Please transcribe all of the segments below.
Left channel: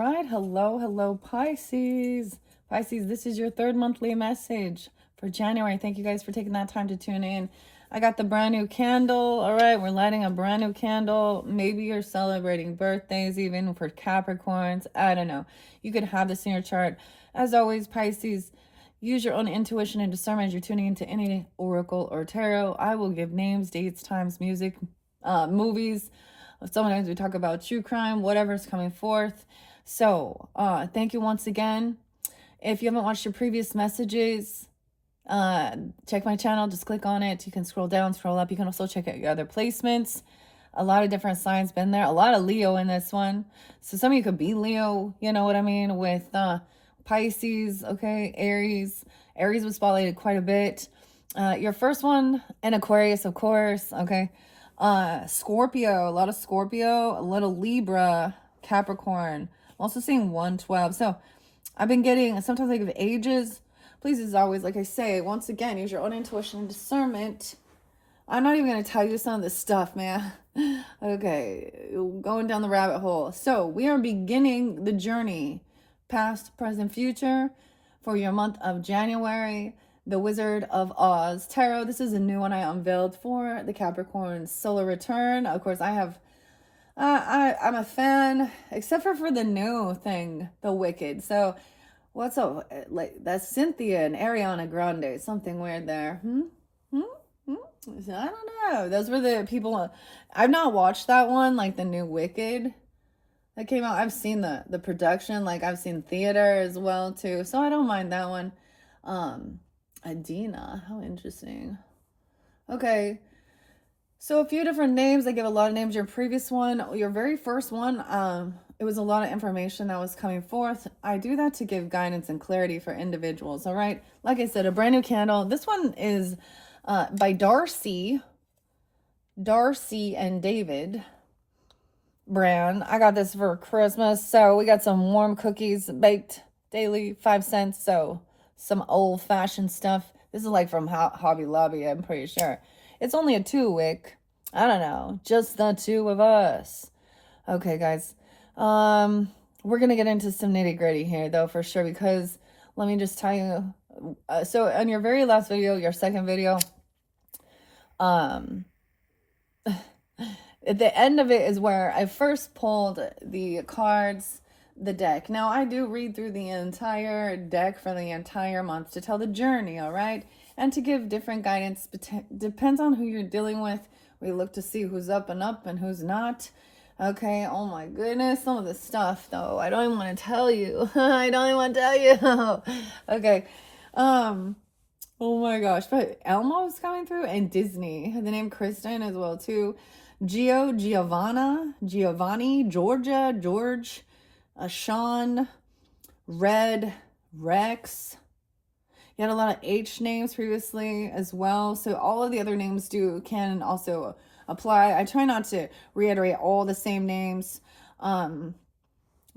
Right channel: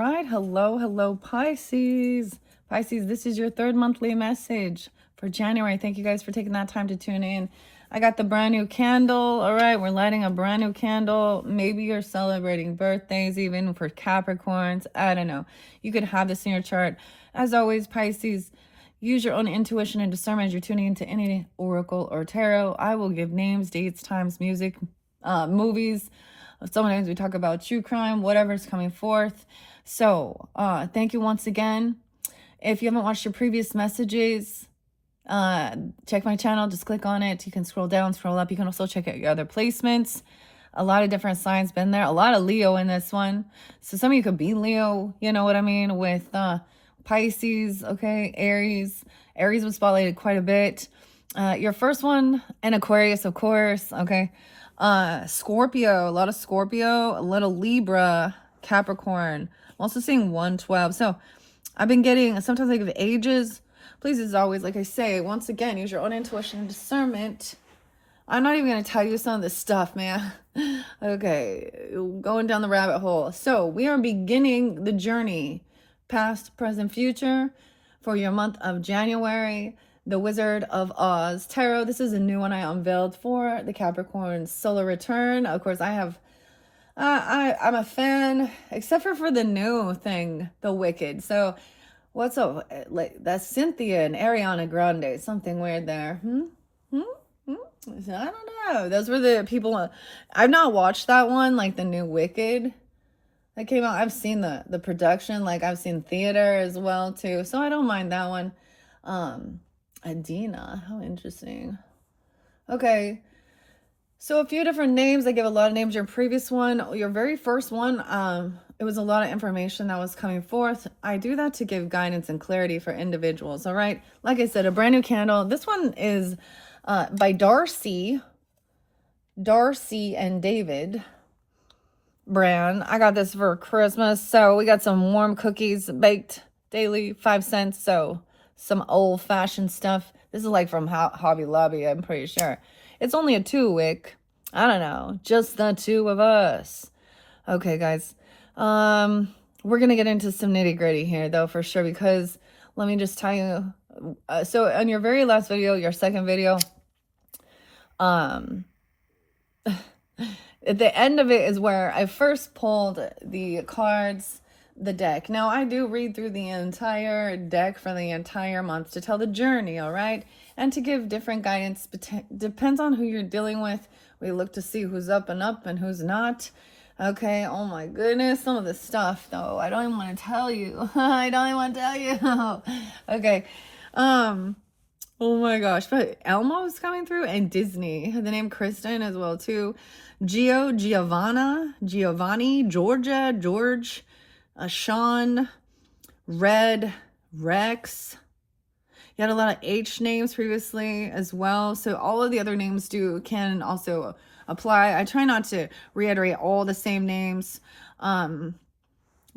right. Hello, Pisces. Pisces, this is your third monthly message for January. Thank you guys for taking that time to tune in. I got the brand new candle. All right, we're lighting a brand new candle. Maybe you're celebrating birthdays, even for Capricorns. I don't know. You could have this in your chart. As always, Pisces, use your own intuition and discernment as you're tuning into any oracle or tarot. I will give names, dates, times, music, movies. Sometimes we talk about true crime, whatever's coming forth. So thank you once again. If you haven't watched your previous messages, check my channel. Just click on it. You can scroll down, scroll up. You can also check out your other placements. A lot of different signs been there. A lot of Leo in this one. So some of you could be Leo, you know what I mean, with Pisces, okay, Aries. Aries was spotlighted quite a bit. Your first one, and Aquarius, of course, okay. Scorpio, a lot of Scorpio, a little Libra, Capricorn. I'm also seeing 112. So I've been getting, sometimes I give ages. Please, as always, like I say, once again, use your own intuition and discernment. I'm not even going to tell you some of this stuff, man. Okay, going down the rabbit hole. So we are beginning the journey, past, present, future, for your month of January. The Wizard of Oz Tarot. This is a new one I unveiled for the Capricorn solar return. Of course, I'm a fan, except for the new thing, the Wicked. So what's up? Like, that's Cynthia and Ariana Grande. Something weird there. I don't know. Those were the people. I've not watched that one, like the new Wicked that came out. I've seen the production, like I've seen theater as well too. So I don't mind that one. Adina, how interesting. Okay, so a few different names. I give a lot of names. Your previous one, your very first one, it was a lot of information that was coming forth. I do that to give guidance and clarity for individuals. All right, like I said, a brand new candle. This one is by Darcy and David brand. I got this for Christmas. So we got some warm cookies baked daily, 5 cents. So some old-fashioned stuff. This is like from Hobby Lobby, I'm pretty sure. It's only a 2-wick. I don't know. Just the two of us. Okay, guys. We're going to get into some nitty-gritty here, though, for sure, because let me just tell you. So on your very last video, your second video, at the end of it is where I first pulled the cards, the deck. Now, I do read through the entire deck for the entire month to tell the journey, all right? And to give different guidance. Depends on who you're dealing with. We look to see who's up and who's not. Okay, oh my goodness. Some of this stuff, though, I don't even want to tell you. I don't even want to tell you. Okay. Oh my gosh. But Elmo is coming through, and Disney. The name Kristen as well, too. Giovanni, Georgia, George, Sean, Red, Rex. You had a lot of H names previously as well. So all of the other names can also apply. I try not to reiterate all the same names.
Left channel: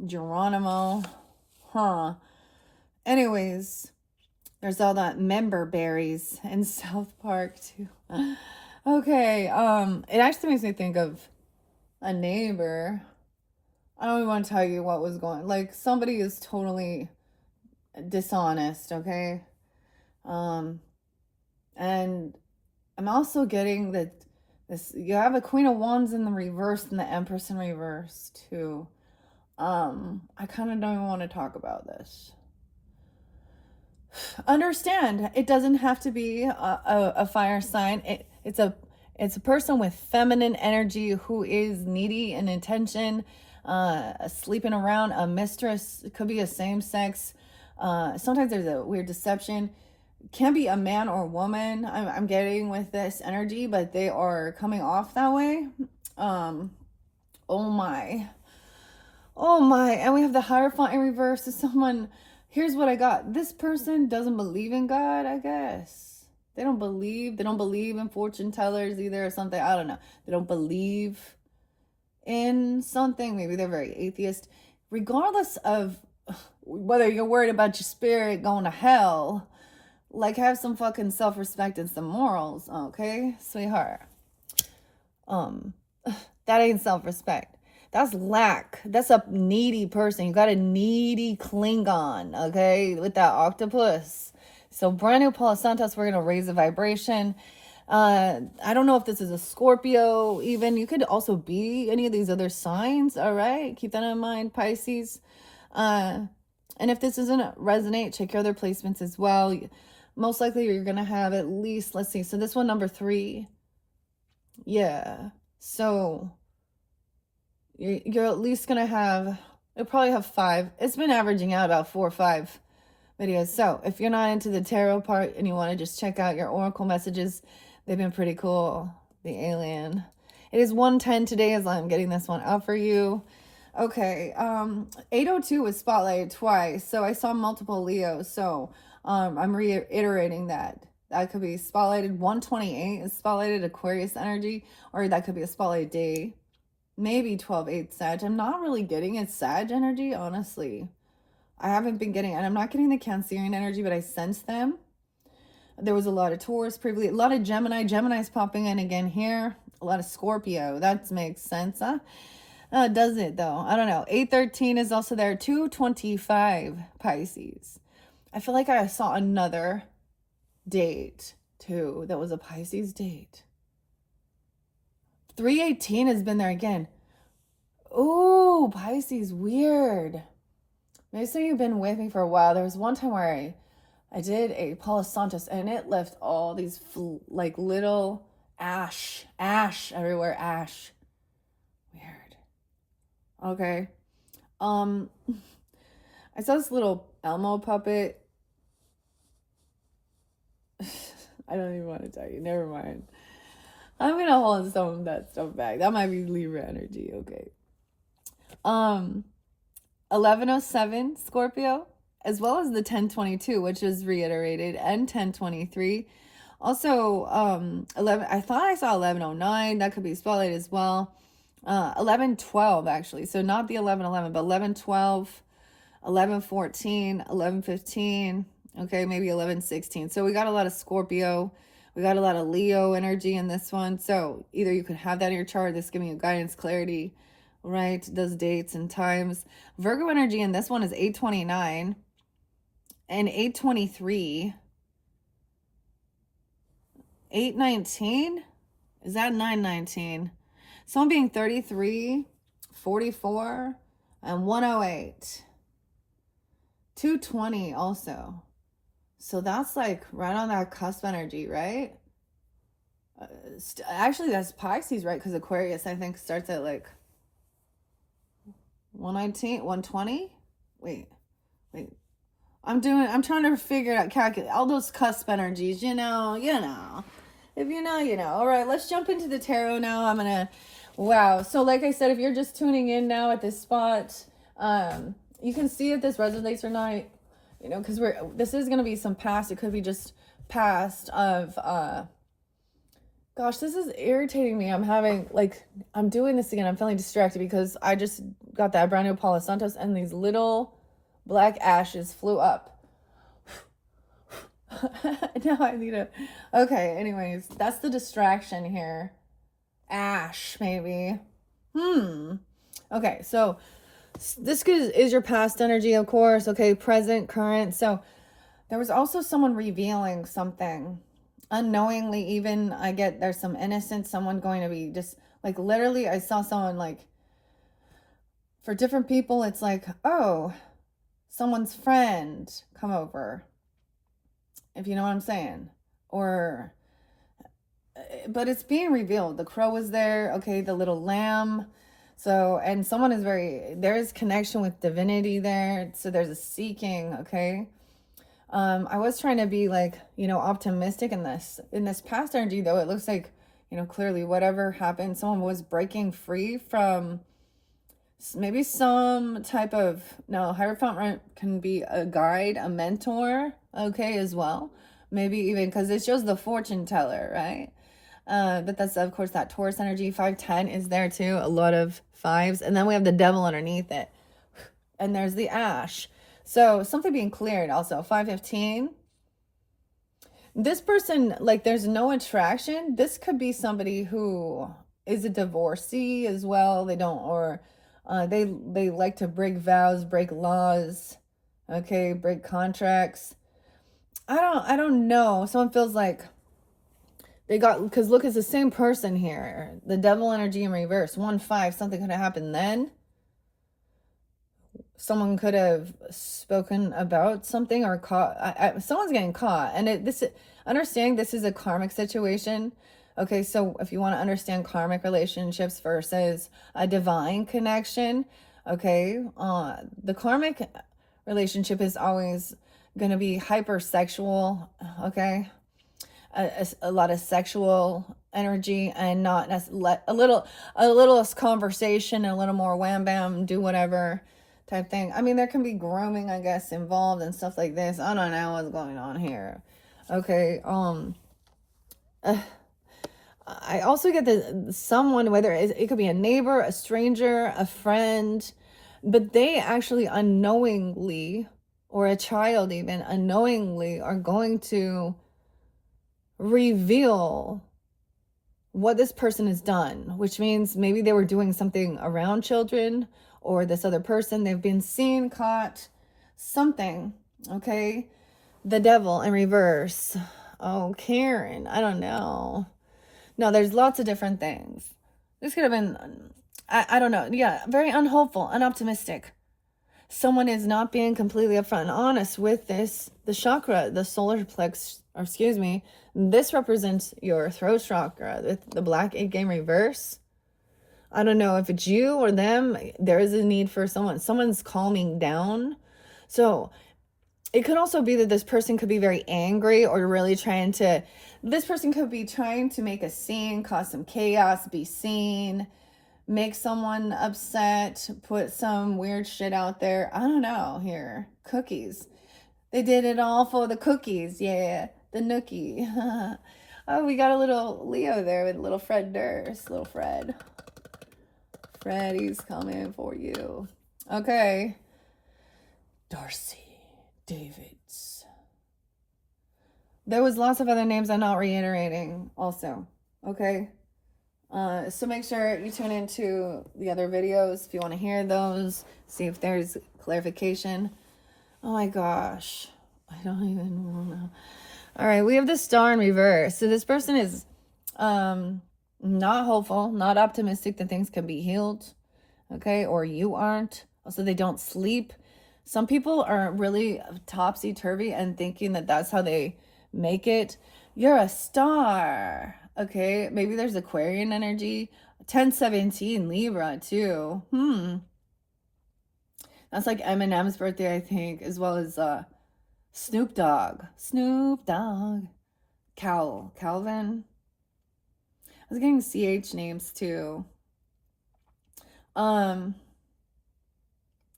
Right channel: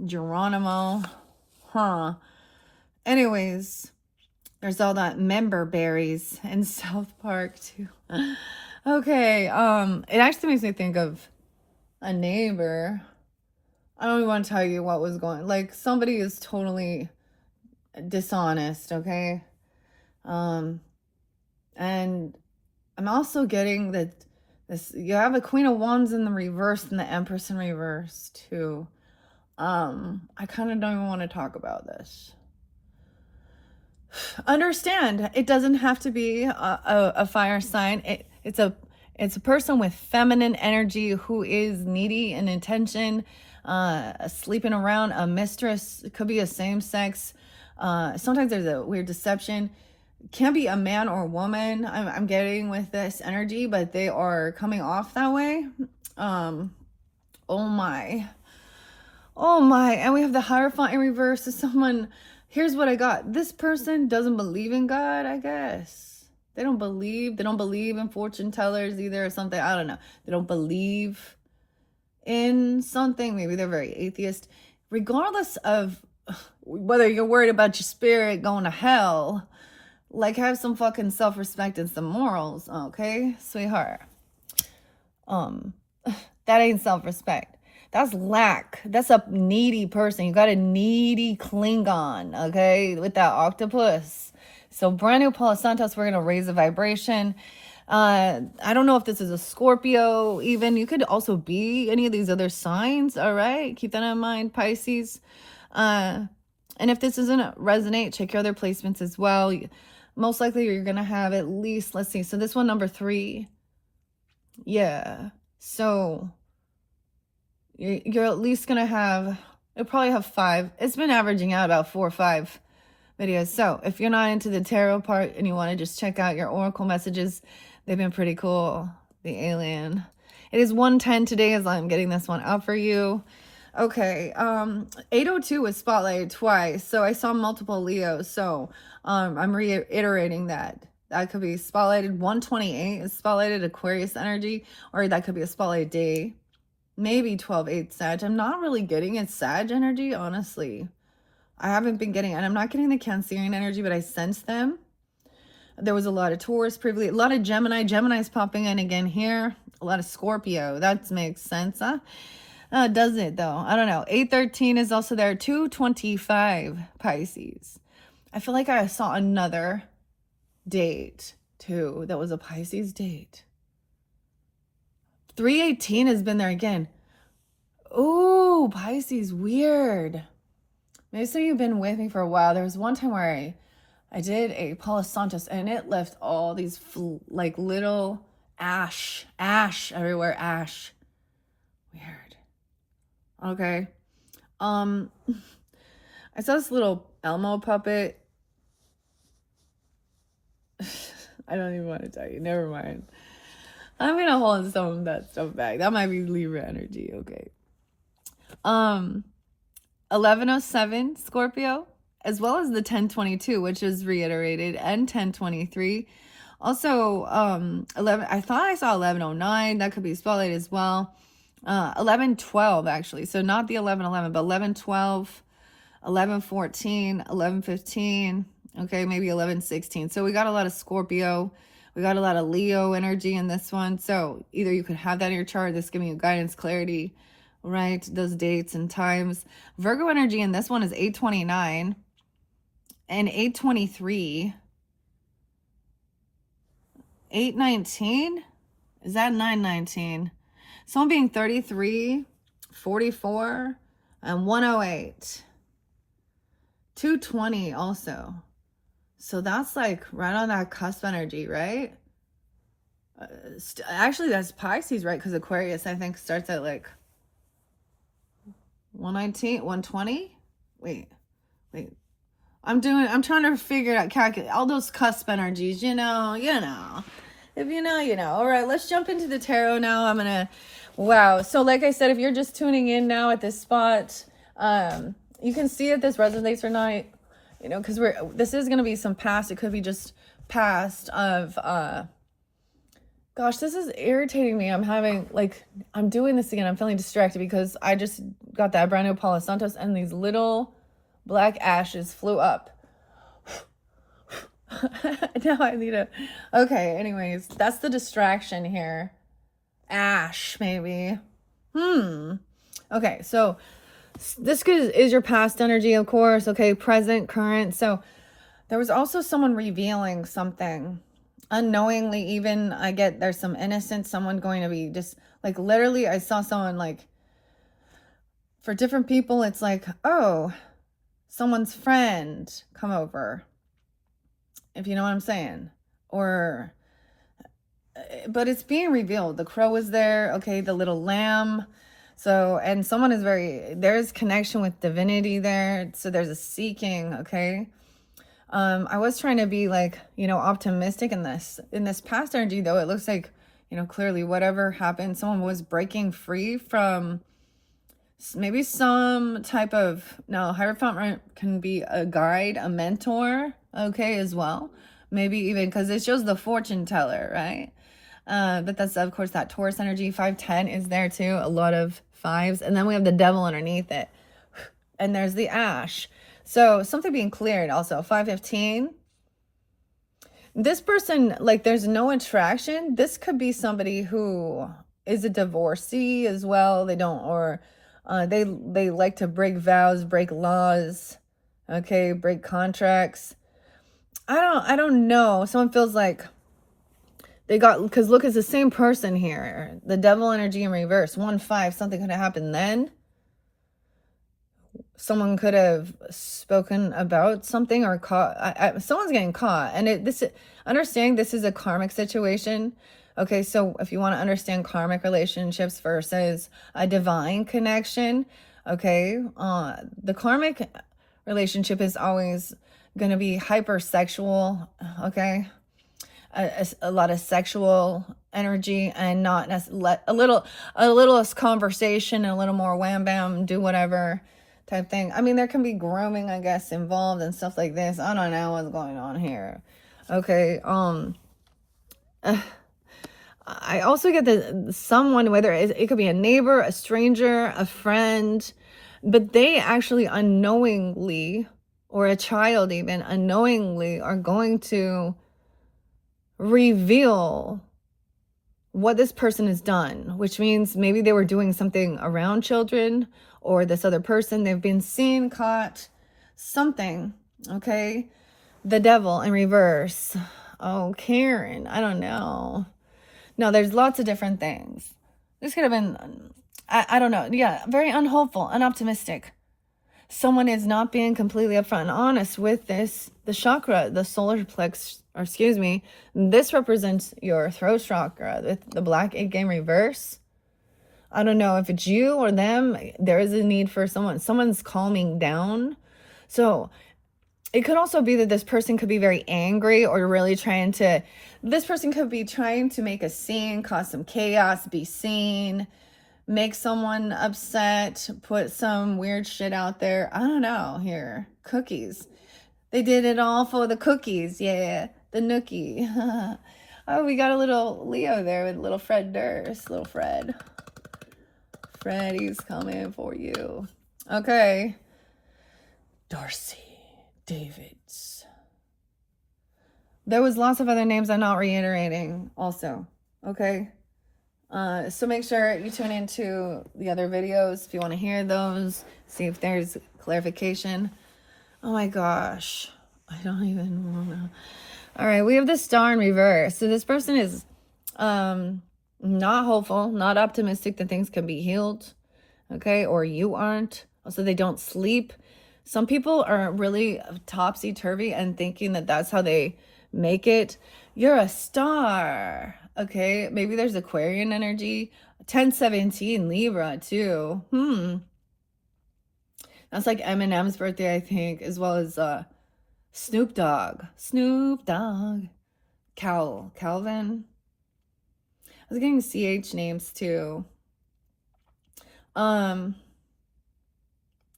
Geronimo. Anyways, there's all that member berries in South Park too. Okay, it actually makes me think of a neighbor. I don't even want to tell you what was going, like somebody is totally dishonest, okay? And I'm also getting that you have the Queen of Wands in the reverse and the Empress in reverse too. I kind of don't even want to talk about this. Understand, it doesn't have to be a fire sign. It's a person with feminine energy who is needy in intention, sleeping around. A mistress, it could be a same sex. Sometimes there's a weird deception. Can be a man or a woman. I'm getting with this energy, but they are coming off that way. Oh my, and we have the Hierophant in reverse. Is someone. Here's what I got. This person doesn't believe in God, I guess. They don't believe in fortune tellers either or something. I don't know. They don't believe in something. Maybe they're very atheist. Regardless of whether you're worried about your spirit going to hell, like, have some fucking self-respect and some morals, okay, sweetheart? That ain't self-respect. That's lack. That's a needy person. You got a needy Klingon, okay, with that octopus. So brand new Palo Santos, we're going to raise the vibration. I don't know if this is a Scorpio even. You could also be any of these other signs, all right? Keep that in mind, Pisces. And if this doesn't resonate, check your other placements as well. Most likely you're going to have at least, let's see, so this one, number 3. Yeah. So you're at least going to have, you'll probably have 5. It's been averaging out about 4 or 5 videos. So if you're not into the tarot part and you want to just check out your oracle messages, they've been pretty cool. The alien. It is 1:10 today as I'm getting this one out for you. Okay, 8:02 was spotlighted twice, so I saw multiple Leos. So I'm reiterating that. That could be spotlighted. 128 is spotlighted Aquarius energy, or that could be a spotlight day. Maybe 12/8 Sag. I'm not really getting it Sag energy, honestly. I haven't been getting, and I'm not getting the Cancerian energy, but I sense them. There was a lot of Taurus previously, a lot of Gemini. Gemini's popping in again here. A lot of Scorpio. That makes sense, huh? Does it though? I don't know. 813 is also there. 225 Pisces. I feel like I saw another date too that was a Pisces date. 318 has been there again. Oh, Pisces, weird. Maybe some of you have been with me for a while. There was one time where I did a Palo Santos and it left all these like little ash everywhere. Ash. Weird. Okay. I saw this little Elmo puppet. I don't even want to tell you. Never mind. I'm gonna hold some of that stuff back. That might be Libra energy. Okay. 1107 Scorpio, as well as the 1022, which is reiterated, and 1023. Also, 11. I thought I saw 1109. That could be spotlight as well. 1112 actually. So not the 1111, but 1112, 1114, 1115. Okay, maybe 1116. So we got a lot of Scorpio. We got a lot of Leo energy in this one. So either you could have that in your chart. This giving you guidance, clarity, right? Those dates and times. Virgo energy in this one is 829 and 823. 819? Is that 919? Someone being 33, 44, and 108. 220 also. So that's like right on that cusp energy, right? Actually, that's Pisces, right? Because Aquarius, I think, starts at like 119, 120. Wait. I'm trying to figure out, calculate all those cusp energies, you know. If you know, you know. All right, let's jump into the tarot now. Wow. So like I said, if you're just tuning in now at this spot, you can see if this resonates or not, you know, because this is going to be some past. It could be just past of, gosh, this is irritating me. I'm doing this again. I'm feeling distracted because I just got that brand new Palo Santos and these little black ashes flew up. Now I need to, okay, anyways, that's the distraction here. Ash, maybe. Okay, so this is your past energy, of course. Okay, present, current. So there was also someone revealing something unknowingly. Even I get there's some innocent someone going to be just like, literally I saw someone, like, for different people it's like, oh, someone's friend come over, if you know what I'm saying. Or but it's being revealed. The crow is there, okay, the little lamb. So, and someone is there's connection with divinity there. So there's a seeking, okay. I was trying to be like, you know, optimistic in this past energy, though. It looks like, you know, clearly whatever happened, someone was breaking free from maybe some type of, no, Hierophant can be a guide, a mentor, okay, as well. Maybe even because it shows the fortune teller, right? But that's, of course, that Taurus energy. 510 is there too. A lot of fives. And then we have the devil underneath it. And there's the ash. So something being cleared also. 515. This person, like, there's no attraction. This could be somebody who is a divorcee as well. They don't, or They like to break vows, break laws, okay, break contracts. I don't know. Someone feels like they got, because look, it's the same person here. The devil energy in reverse. 1-5, something could have happened then. Someone could have spoken about something or caught. Someone's getting caught, and understanding this is a karmic situation. Okay, so if you want to understand karmic relationships versus a divine connection, okay, the karmic relationship is always going to be hypersexual. Okay, a lot of sexual energy, and not a little conversation, a little more wham bam, do whatever type thing. I mean, there can be grooming, I guess, involved and stuff like this. I don't know what's going on here. Okay, I also get that someone, whether it could be a neighbor, a stranger, a friend, but they actually unknowingly, or a child even unknowingly, are going to reveal what this person has done, which means maybe they were doing something around children, or this other person, they've been seen, caught, something, okay? The devil in reverse. Oh, Karen, I don't know. No, there's lots of different things. This could have been, I don't know. Yeah, very unhopeful, unoptimistic. Someone is not being completely upfront and honest with this. The chakra, the solar plex, or excuse me, this represents your throat chakra with the black ink in reverse. I don't know if it's you or them. There is a need for someone's calming down. So it could also be that this person could be very angry, or really this person could be trying to make a scene, cause some chaos, be seen, make someone upset, put some weird shit out there. I don't know here. Cookies. They did it all for the cookies. Yeah, the nookie. Oh, we got a little Leo there with little Fred Durst. Little Fred. Freddy's coming for you. Okay. Darcy. Davids. There was lots of other names I'm not reiterating also. Okay. So make sure you tune into the other videos if you want to hear those, see if there's clarification. Oh my gosh, I don't even want to. All right, we have the star in reverse. So this person is not hopeful, not optimistic that things can be healed, okay, or you aren't. Also, they don't sleep. Some people are really topsy-turvy and thinking that that's how they make it. You're a star. Okay, maybe there's Aquarian energy. 1017 Libra too. That's like Eminem's birthday, I think, as well as Snoop Dogg. Calvin. I was getting CH names too.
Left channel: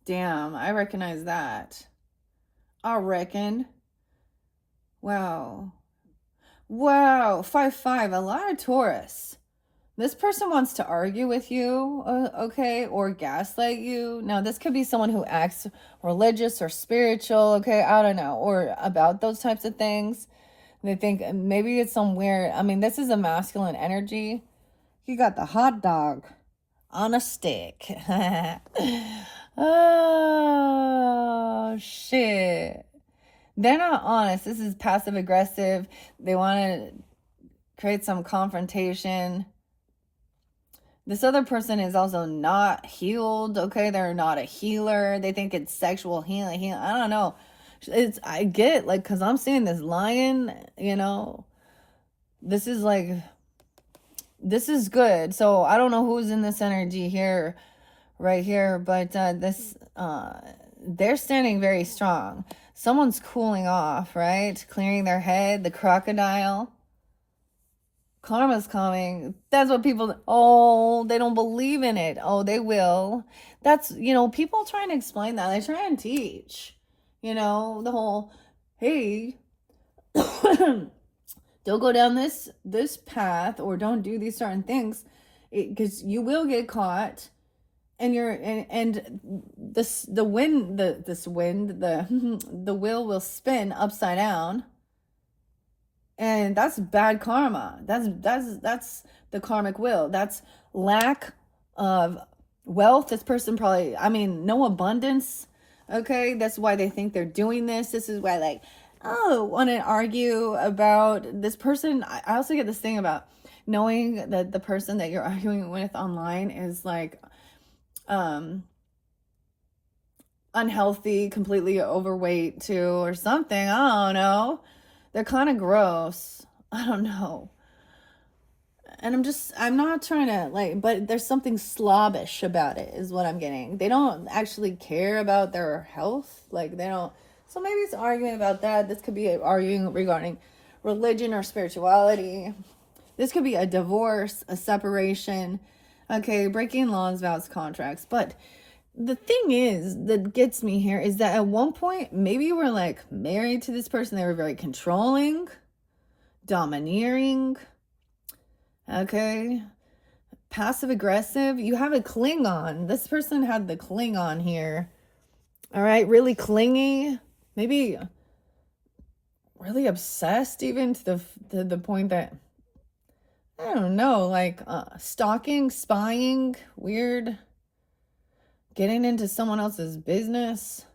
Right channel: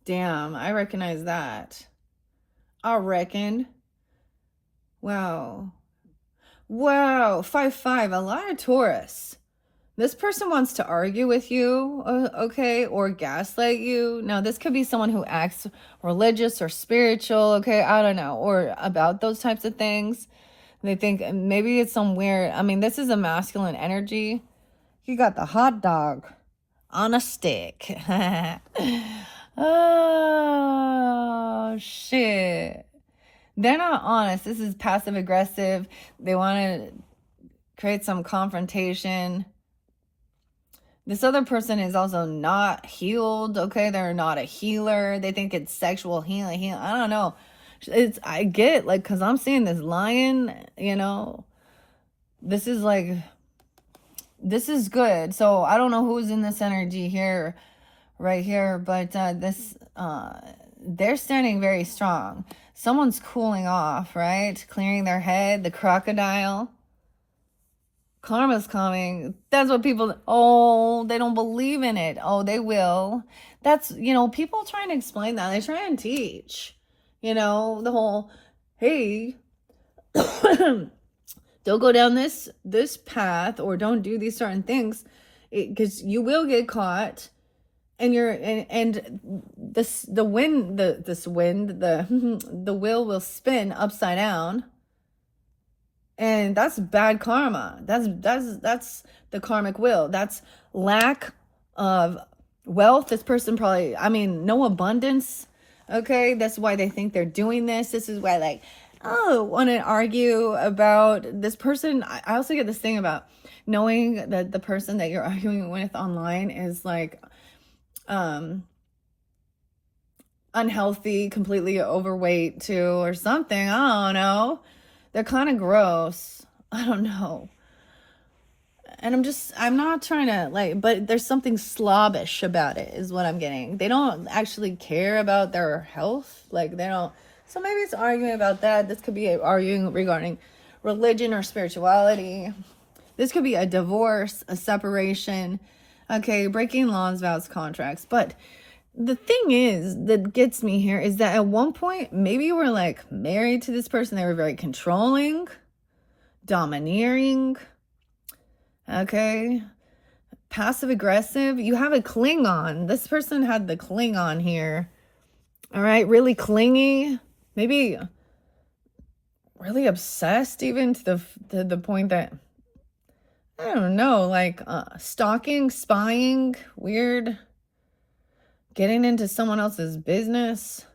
Damn, I recognize that. I reckon. Wow. 5-5, a lot of Taurus. This person wants to argue with you, okay, or gaslight you. Now, this could be someone who acts religious or spiritual, okay, I don't know, or about those types of things. They think maybe it's some weird, I mean, this is a masculine energy. You got the hot dog on a stick. Oh, shit. They're not honest. This is passive aggressive. They want to create some confrontation. This other person is also not healed, okay? They're not a healer. They think it's sexual healing. I don't know. I get, like, because I'm seeing this lion, you know. This is good. So I don't know who's in this energy here, right here, but they're standing very strong. Someone's cooling off, right? Clearing their head, the crocodile. Karma's coming. That's what people, they don't believe in it. Oh, they will. That's, people trying to explain that. They try and teach, the whole, hey, don't go down this path, or don't do these certain things, because you will get caught. And the wheel will spin upside down, and that's bad karma. That's the karmic wheel. That's lack of wealth. This person probably, I mean, no abundance. Okay, that's why they think they're doing this. This is why, like, oh, want to argue about this person. I also get this thing about knowing that the person that you're arguing with online is like unhealthy, completely overweight too, or something. I don't know. They're kind of gross. I don't know. And I'm not trying to like, but there's something slobbish about it is what I'm getting. They don't actually care about their health. Like they don't. So maybe it's arguing about that. This could be arguing regarding religion or spirituality. This could be a divorce, a separation. Okay, breaking laws, vows, contracts. But the thing is that gets me here is that at one point, maybe you were like married to this person. They were very controlling, domineering. Okay, passive aggressive. You have a Klingon. This person had the Klingon here. All right, really clingy. Maybe really obsessed, even to the point that I don't know, like stalking, spying, weird, getting into someone else's business.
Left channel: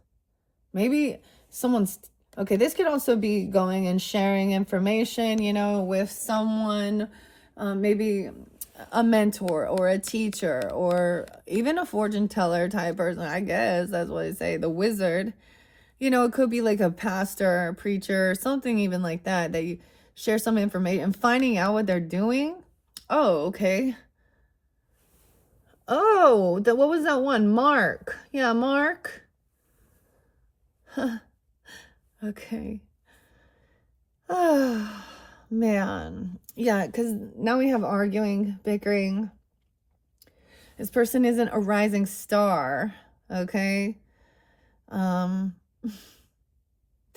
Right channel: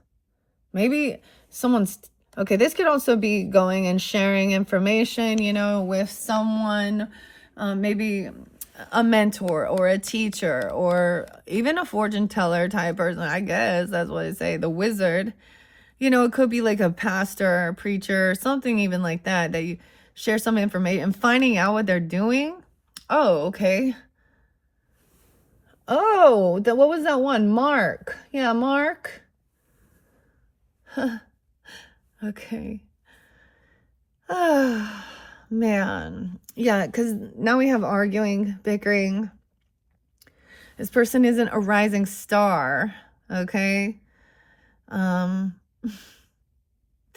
Maybe someone's okay. This could also be going and sharing information, you know, with someone. Maybe a mentor or a teacher or even a fortune teller type person. I guess that's what I say. The wizard, you know, it could be like a pastor or preacher or something even like that, that you share some information and finding out what they're doing. Oh, okay. Oh, what was that one? Mark. Yeah, Mark. Okay. Ah. Man, yeah, because now we have arguing, bickering. This person isn't a rising star, okay? They're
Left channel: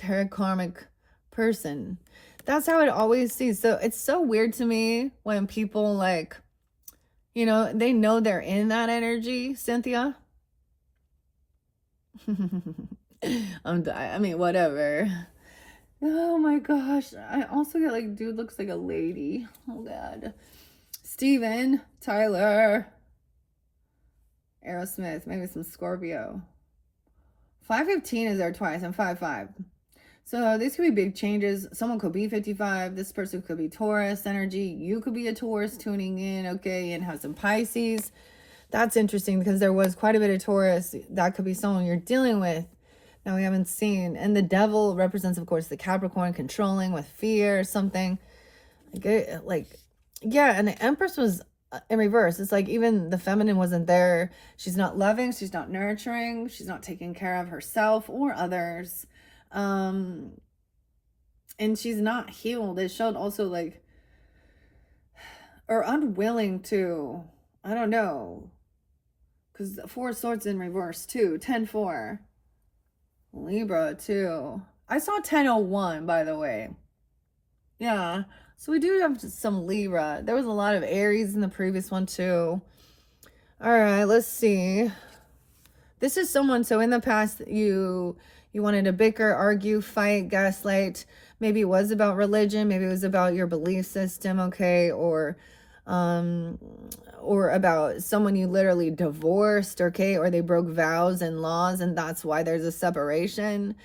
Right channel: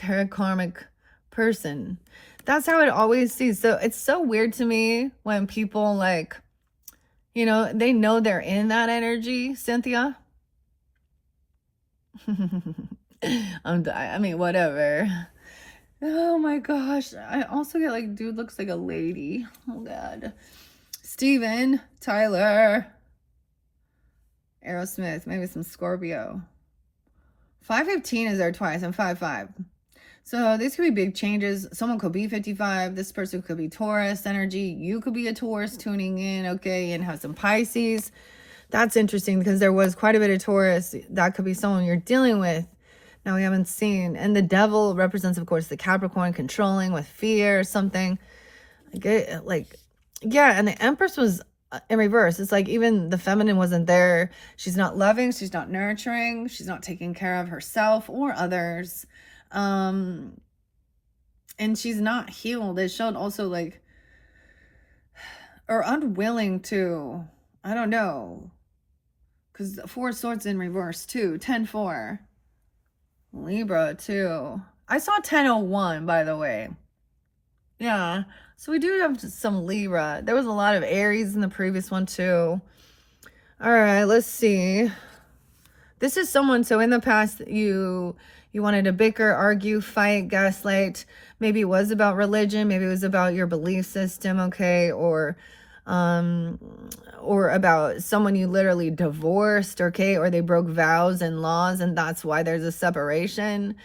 a karmic person. That's how it always sees. So it's so weird to me when people like, you know, they know they're in that energy, Cynthia. I mean, whatever. Oh my gosh. I also get like, dude looks like a lady. Oh God. Steven, Tyler, Aerosmith, maybe some Scorpio. 515 is there twice and 55. So these could be big changes. Someone could be 55. This person could be Taurus energy. You could be a Taurus tuning in, okay, and have some Pisces. That's interesting because there was quite a bit of Taurus. That could be someone you're dealing with. Now we haven't seen. And the devil represents, of course, the Capricorn, controlling with fear or something. Like, yeah, and the Empress was in reverse. It's like even the feminine wasn't there. She's not loving. She's not nurturing. She's not taking care of herself or others. And she's not healed. It showed also like, or unwilling to, I don't know. Because 4 swords in reverse too. 10-4. Libra too. I saw 1001, by the way. Yeah. So we do have some Libra. There was a lot of Aries in the previous one too. All right, let's see. This is someone, so in the past you wanted to bicker, argue, fight, gaslight. Maybe it was about religion, maybe it was about your belief system, okay, or about someone you literally divorced, okay, or they broke vows and laws and that's why there's a separation.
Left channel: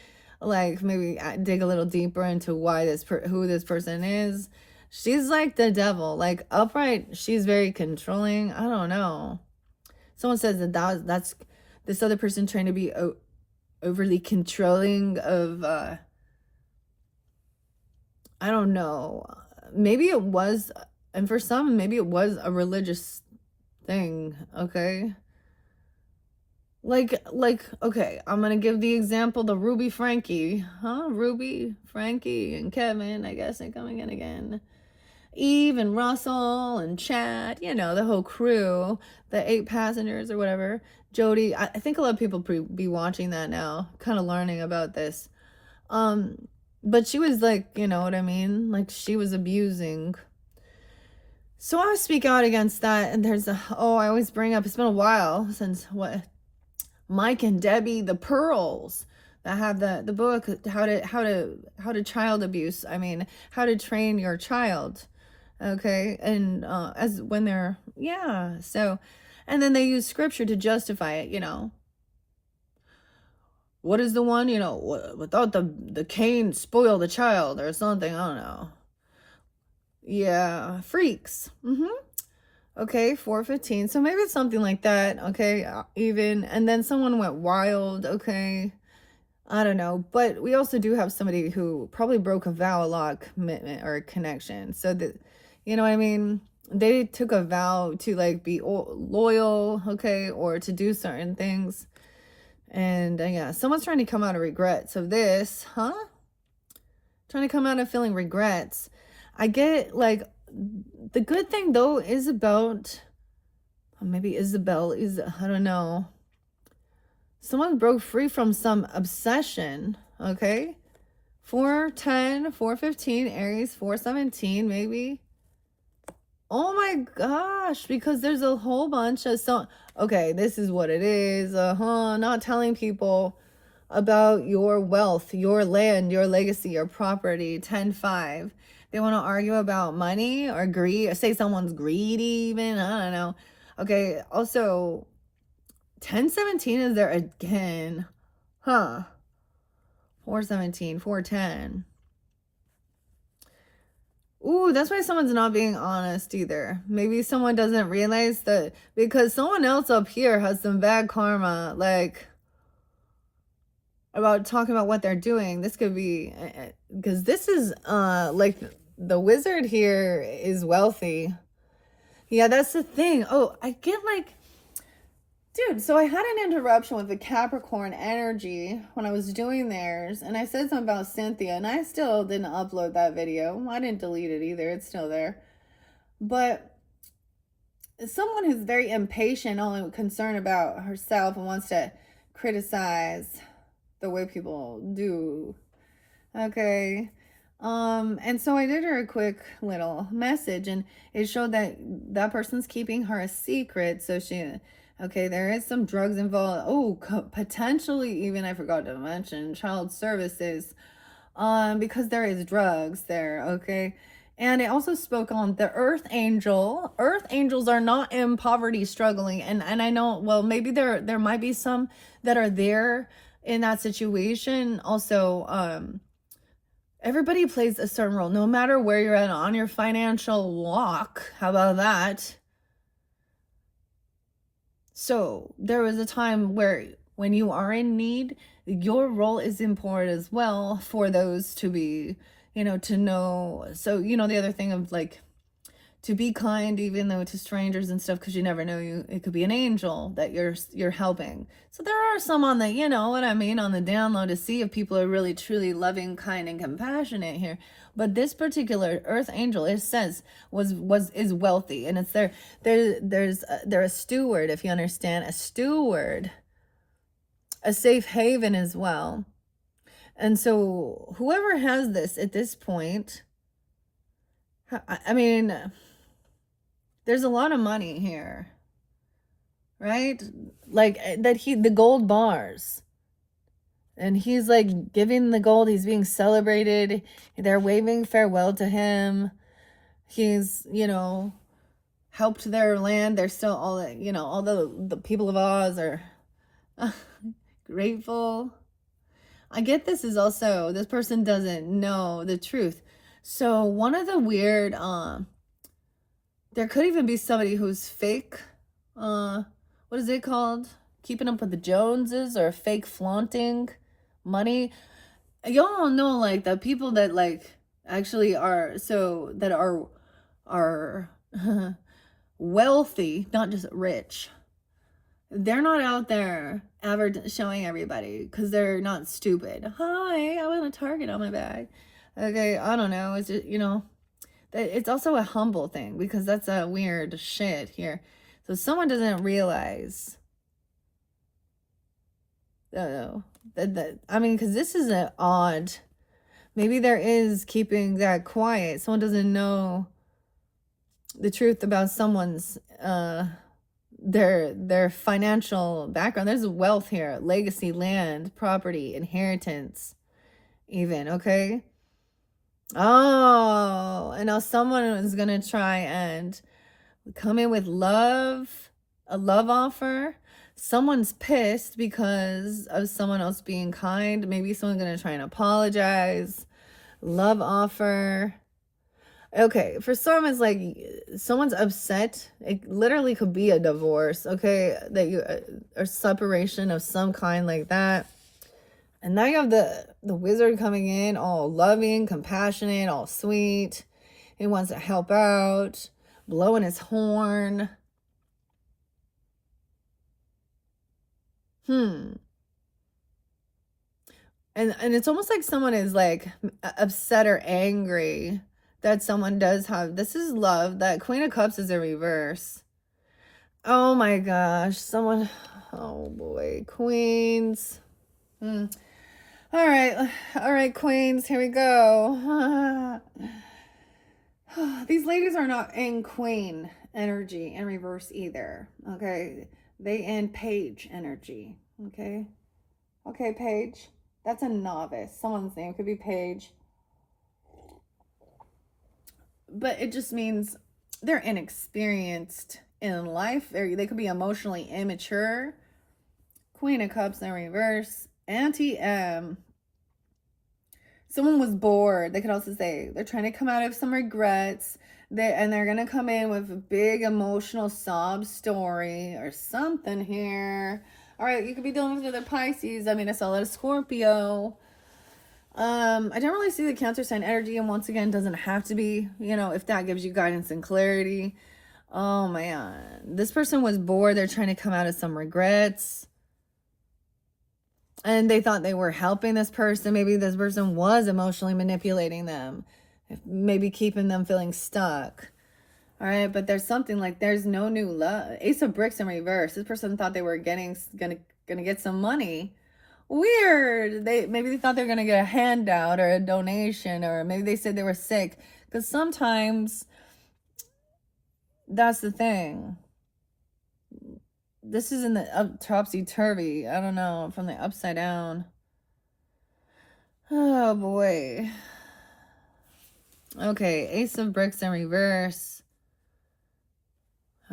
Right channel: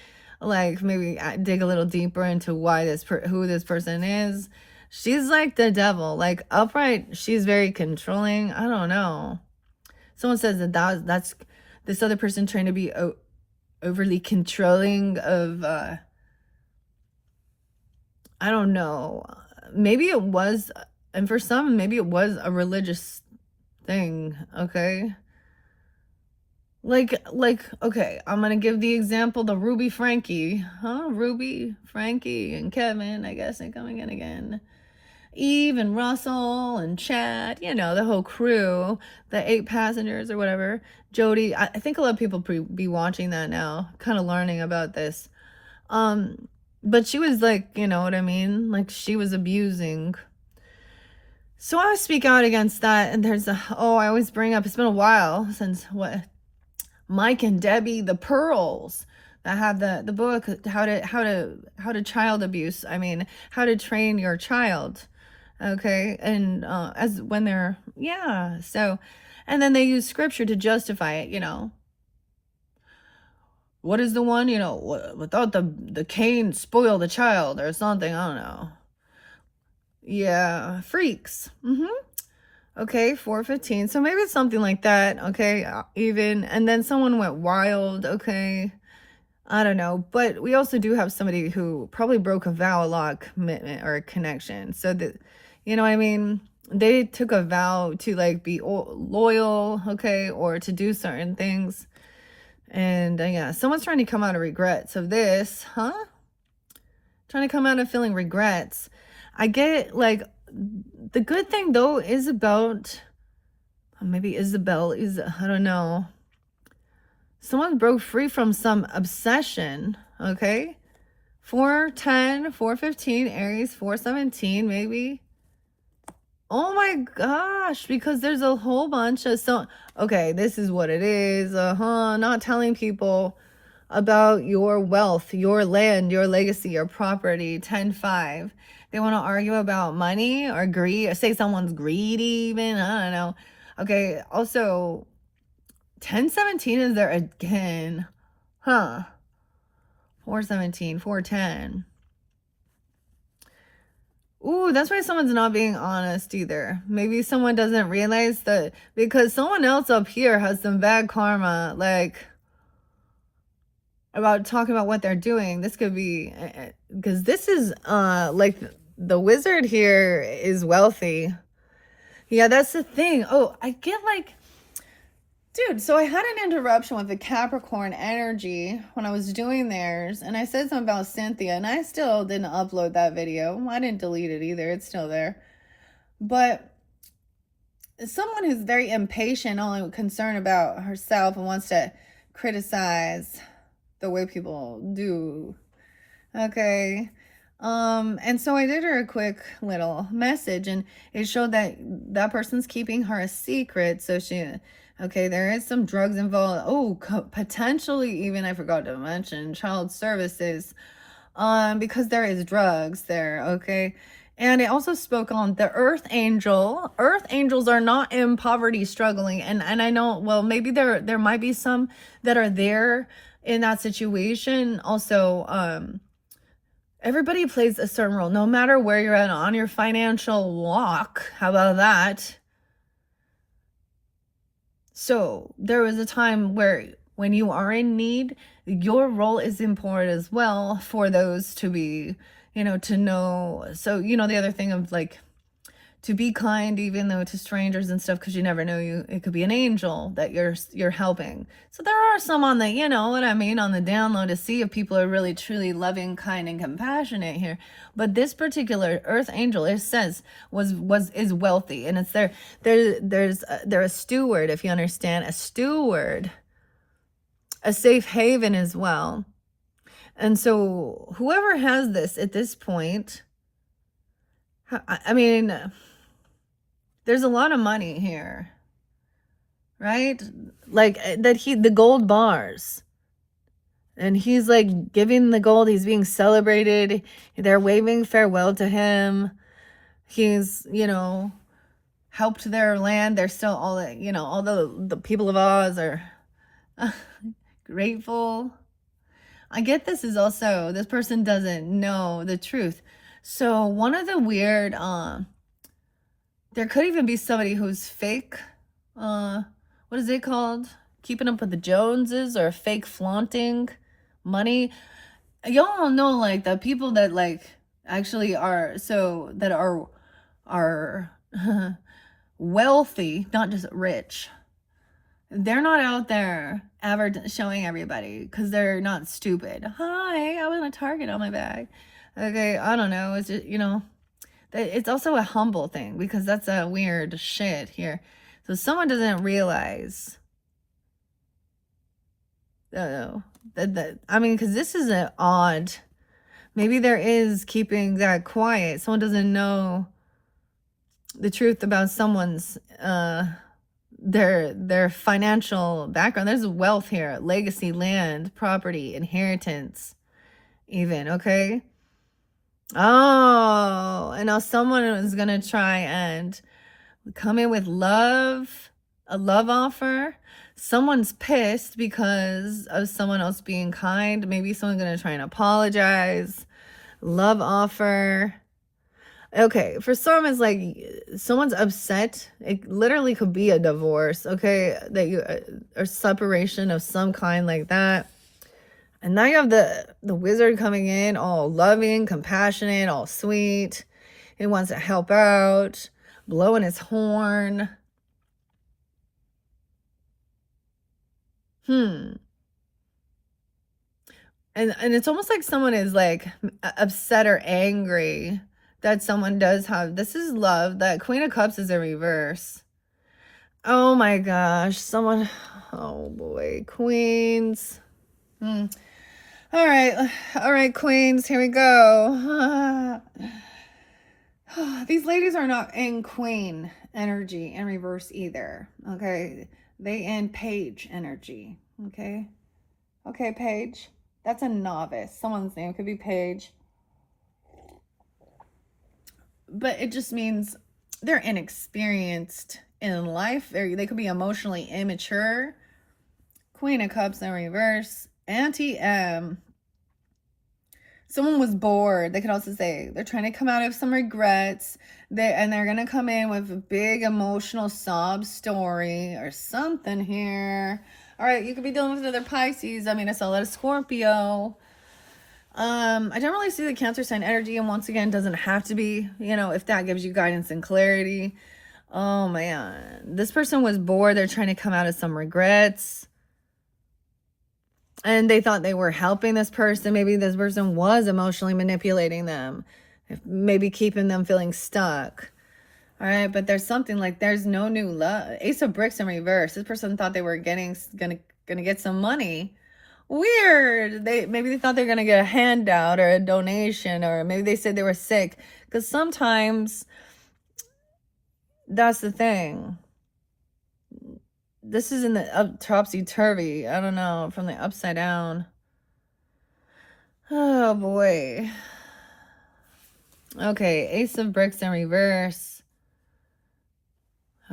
Like maybe dig a little deeper into why who this person is. She's like the devil, like upright. She's very controlling. I don't know. Someone says that's this other person trying to be overly controlling of I don't know. Maybe it was, and for some, maybe it was a religious thing, okay? Like, okay, I'm gonna give the example, the Ruby Frankie. Huh? Ruby, Frankie, and Kevin, I guess they're coming in again. Eve and Russell and Chad, you know, the whole crew, the 8 passengers or whatever. Jody, I think a lot of people be watching that now, kind of learning about this. But she was like, you know what I mean? Like she was abusing. So I speak out against that. And there's I always bring up, it's been a while since Mike and Debbie, the Pearls, that have the book, how to child abuse. I mean, how to train your child. Okay. And as when they're, yeah. So And then they use scripture to justify it, you know. What is the one, you know, without the Cain spoil the child or something, I don't know. Yeah, freaks. Okay, 4:15. So maybe it's something like that, okay? Even, and then someone went wild, okay? I don't know, but we also do have somebody who probably broke a vow, a lot of commitment or a connection. So that, you know what I mean? They took a vow to like be loyal, okay, or to do certain things. And yeah, someone's trying to come out of regrets of this, huh? Trying to come out of feeling regrets. I get it, like, the good thing though is about, maybe Isabel is, I don't know. Someone broke free from some obsession, okay? 4:10, 4:15, Aries, 4:17, maybe. Oh my gosh, because there's a whole bunch of okay, this is what it is. Not telling people about your wealth, your land, your legacy, your property. 10:5. They want to argue about money or greed, or say someone's greedy even. I don't know. Okay, also 10:17 is there again. Huh. 4:17, 4:10. Ooh, that's why someone's not being honest either. Maybe someone doesn't realize that, because someone else up here has some bad karma, like, about talking about what they're doing. This could be, because this is, like, the wizard here is wealthy. Yeah, that's the thing. Oh, I get, like, dude, so I had an interruption with the Capricorn energy when I was doing theirs, and I said something about Cynthia, and I still didn't upload that video. I didn't delete it either. It's still there. But someone who's very impatient, only concerned about herself, and wants to criticize the way people do. Okay. And so I did her a quick little message, and it showed that that person's keeping her a secret. So okay, there is some drugs involved. Oh, potentially even, I forgot to mention, child services, because there is drugs there, okay? And it also spoke on the earth angel. Earth angels are not in poverty struggling. And I know, well, maybe there might be some that are there in that situation. Also, everybody plays a certain role, no matter where you're at on your financial walk. How about that? So there was a time where when you are in need, your role is important as well for those to be, you know, to know. So, you know, the other thing of like, to be kind, even though to strangers and stuff, because you never know, it could be an angel that you're helping. So there are some on the, you know what I mean, on the download to see if people are really truly loving, kind, and compassionate here. But this particular earth angel, it says, is wealthy, and it's they're a steward, if you understand, a steward, a safe haven as well. And so whoever has this at this point, I mean, there's a lot of money here, right? Like that the gold bars, and he's like giving the gold, he's being celebrated, they're waving farewell to him. He's, you know, helped their land. They're still all, you know, all the people of Oz are grateful. I get this is also, this person doesn't know the truth. So one of the weird, there could even be somebody who's fake, what is it called? Keeping up with the Joneses, or fake flaunting money. Y'all know, like, the people that like actually are, so that are wealthy, not just rich. They're not out there ever showing everybody, because they're not stupid. Hi, I want a Target on my bag. Okay, I don't know. It's just, you know, it's also a humble thing, because that's a weird shit here. So someone doesn't realize, I mean, because this is an odd, maybe there is keeping that quiet. Someone doesn't know the truth about someone's, their financial background. There's wealth here, legacy, land, property, inheritance, even, okay? Oh, and now someone is gonna try and come in with love, a love offer. Someone's pissed because of someone else being kind. Maybe someone's going to try and apologize. Love offer. Okay, for some it's like someone's upset. It literally could be a divorce, okay, that you or separation of some kind like that. And now you have the wizard coming in, all loving, compassionate, all sweet. He wants to help out, blowing his horn. And it's almost like someone is like upset or angry that someone does have, this is love. That Queen of Cups is a reverse. Oh my gosh, someone, oh boy, Queens. All right, Queens, here we go. These ladies are not in Queen energy in reverse either, okay? They in Page energy, okay? Okay, Page. That's a novice. Someone's name could be Page. But it just means they're inexperienced in life. They could be emotionally immature. Queen of Cups in reverse. Anti-M. Someone was bored. They could also say they're trying to come out of some regrets. They're going to come in with a big emotional sob story or something here. All right, you could be dealing with other Pisces. I mean, I saw a lot of Scorpio. I don't really see the Cancer sign energy, and once again, doesn't have to be, if that gives you guidance and clarity. Oh man, this person was bored. They're trying to come out of some regrets. And they thought they were helping this person. Maybe this person was emotionally manipulating them, maybe keeping them feeling stuck. All right, but there's something like there's no new love. Ace of Bricks in reverse. This person thought they were gonna get some money. Weird. Maybe they thought they were gonna get a handout or a donation, or maybe they said they were sick. Because sometimes that's the thing. This is in the topsy-turvy. I don't know, from the upside down. Oh boy. Okay, Ace of Bricks in reverse.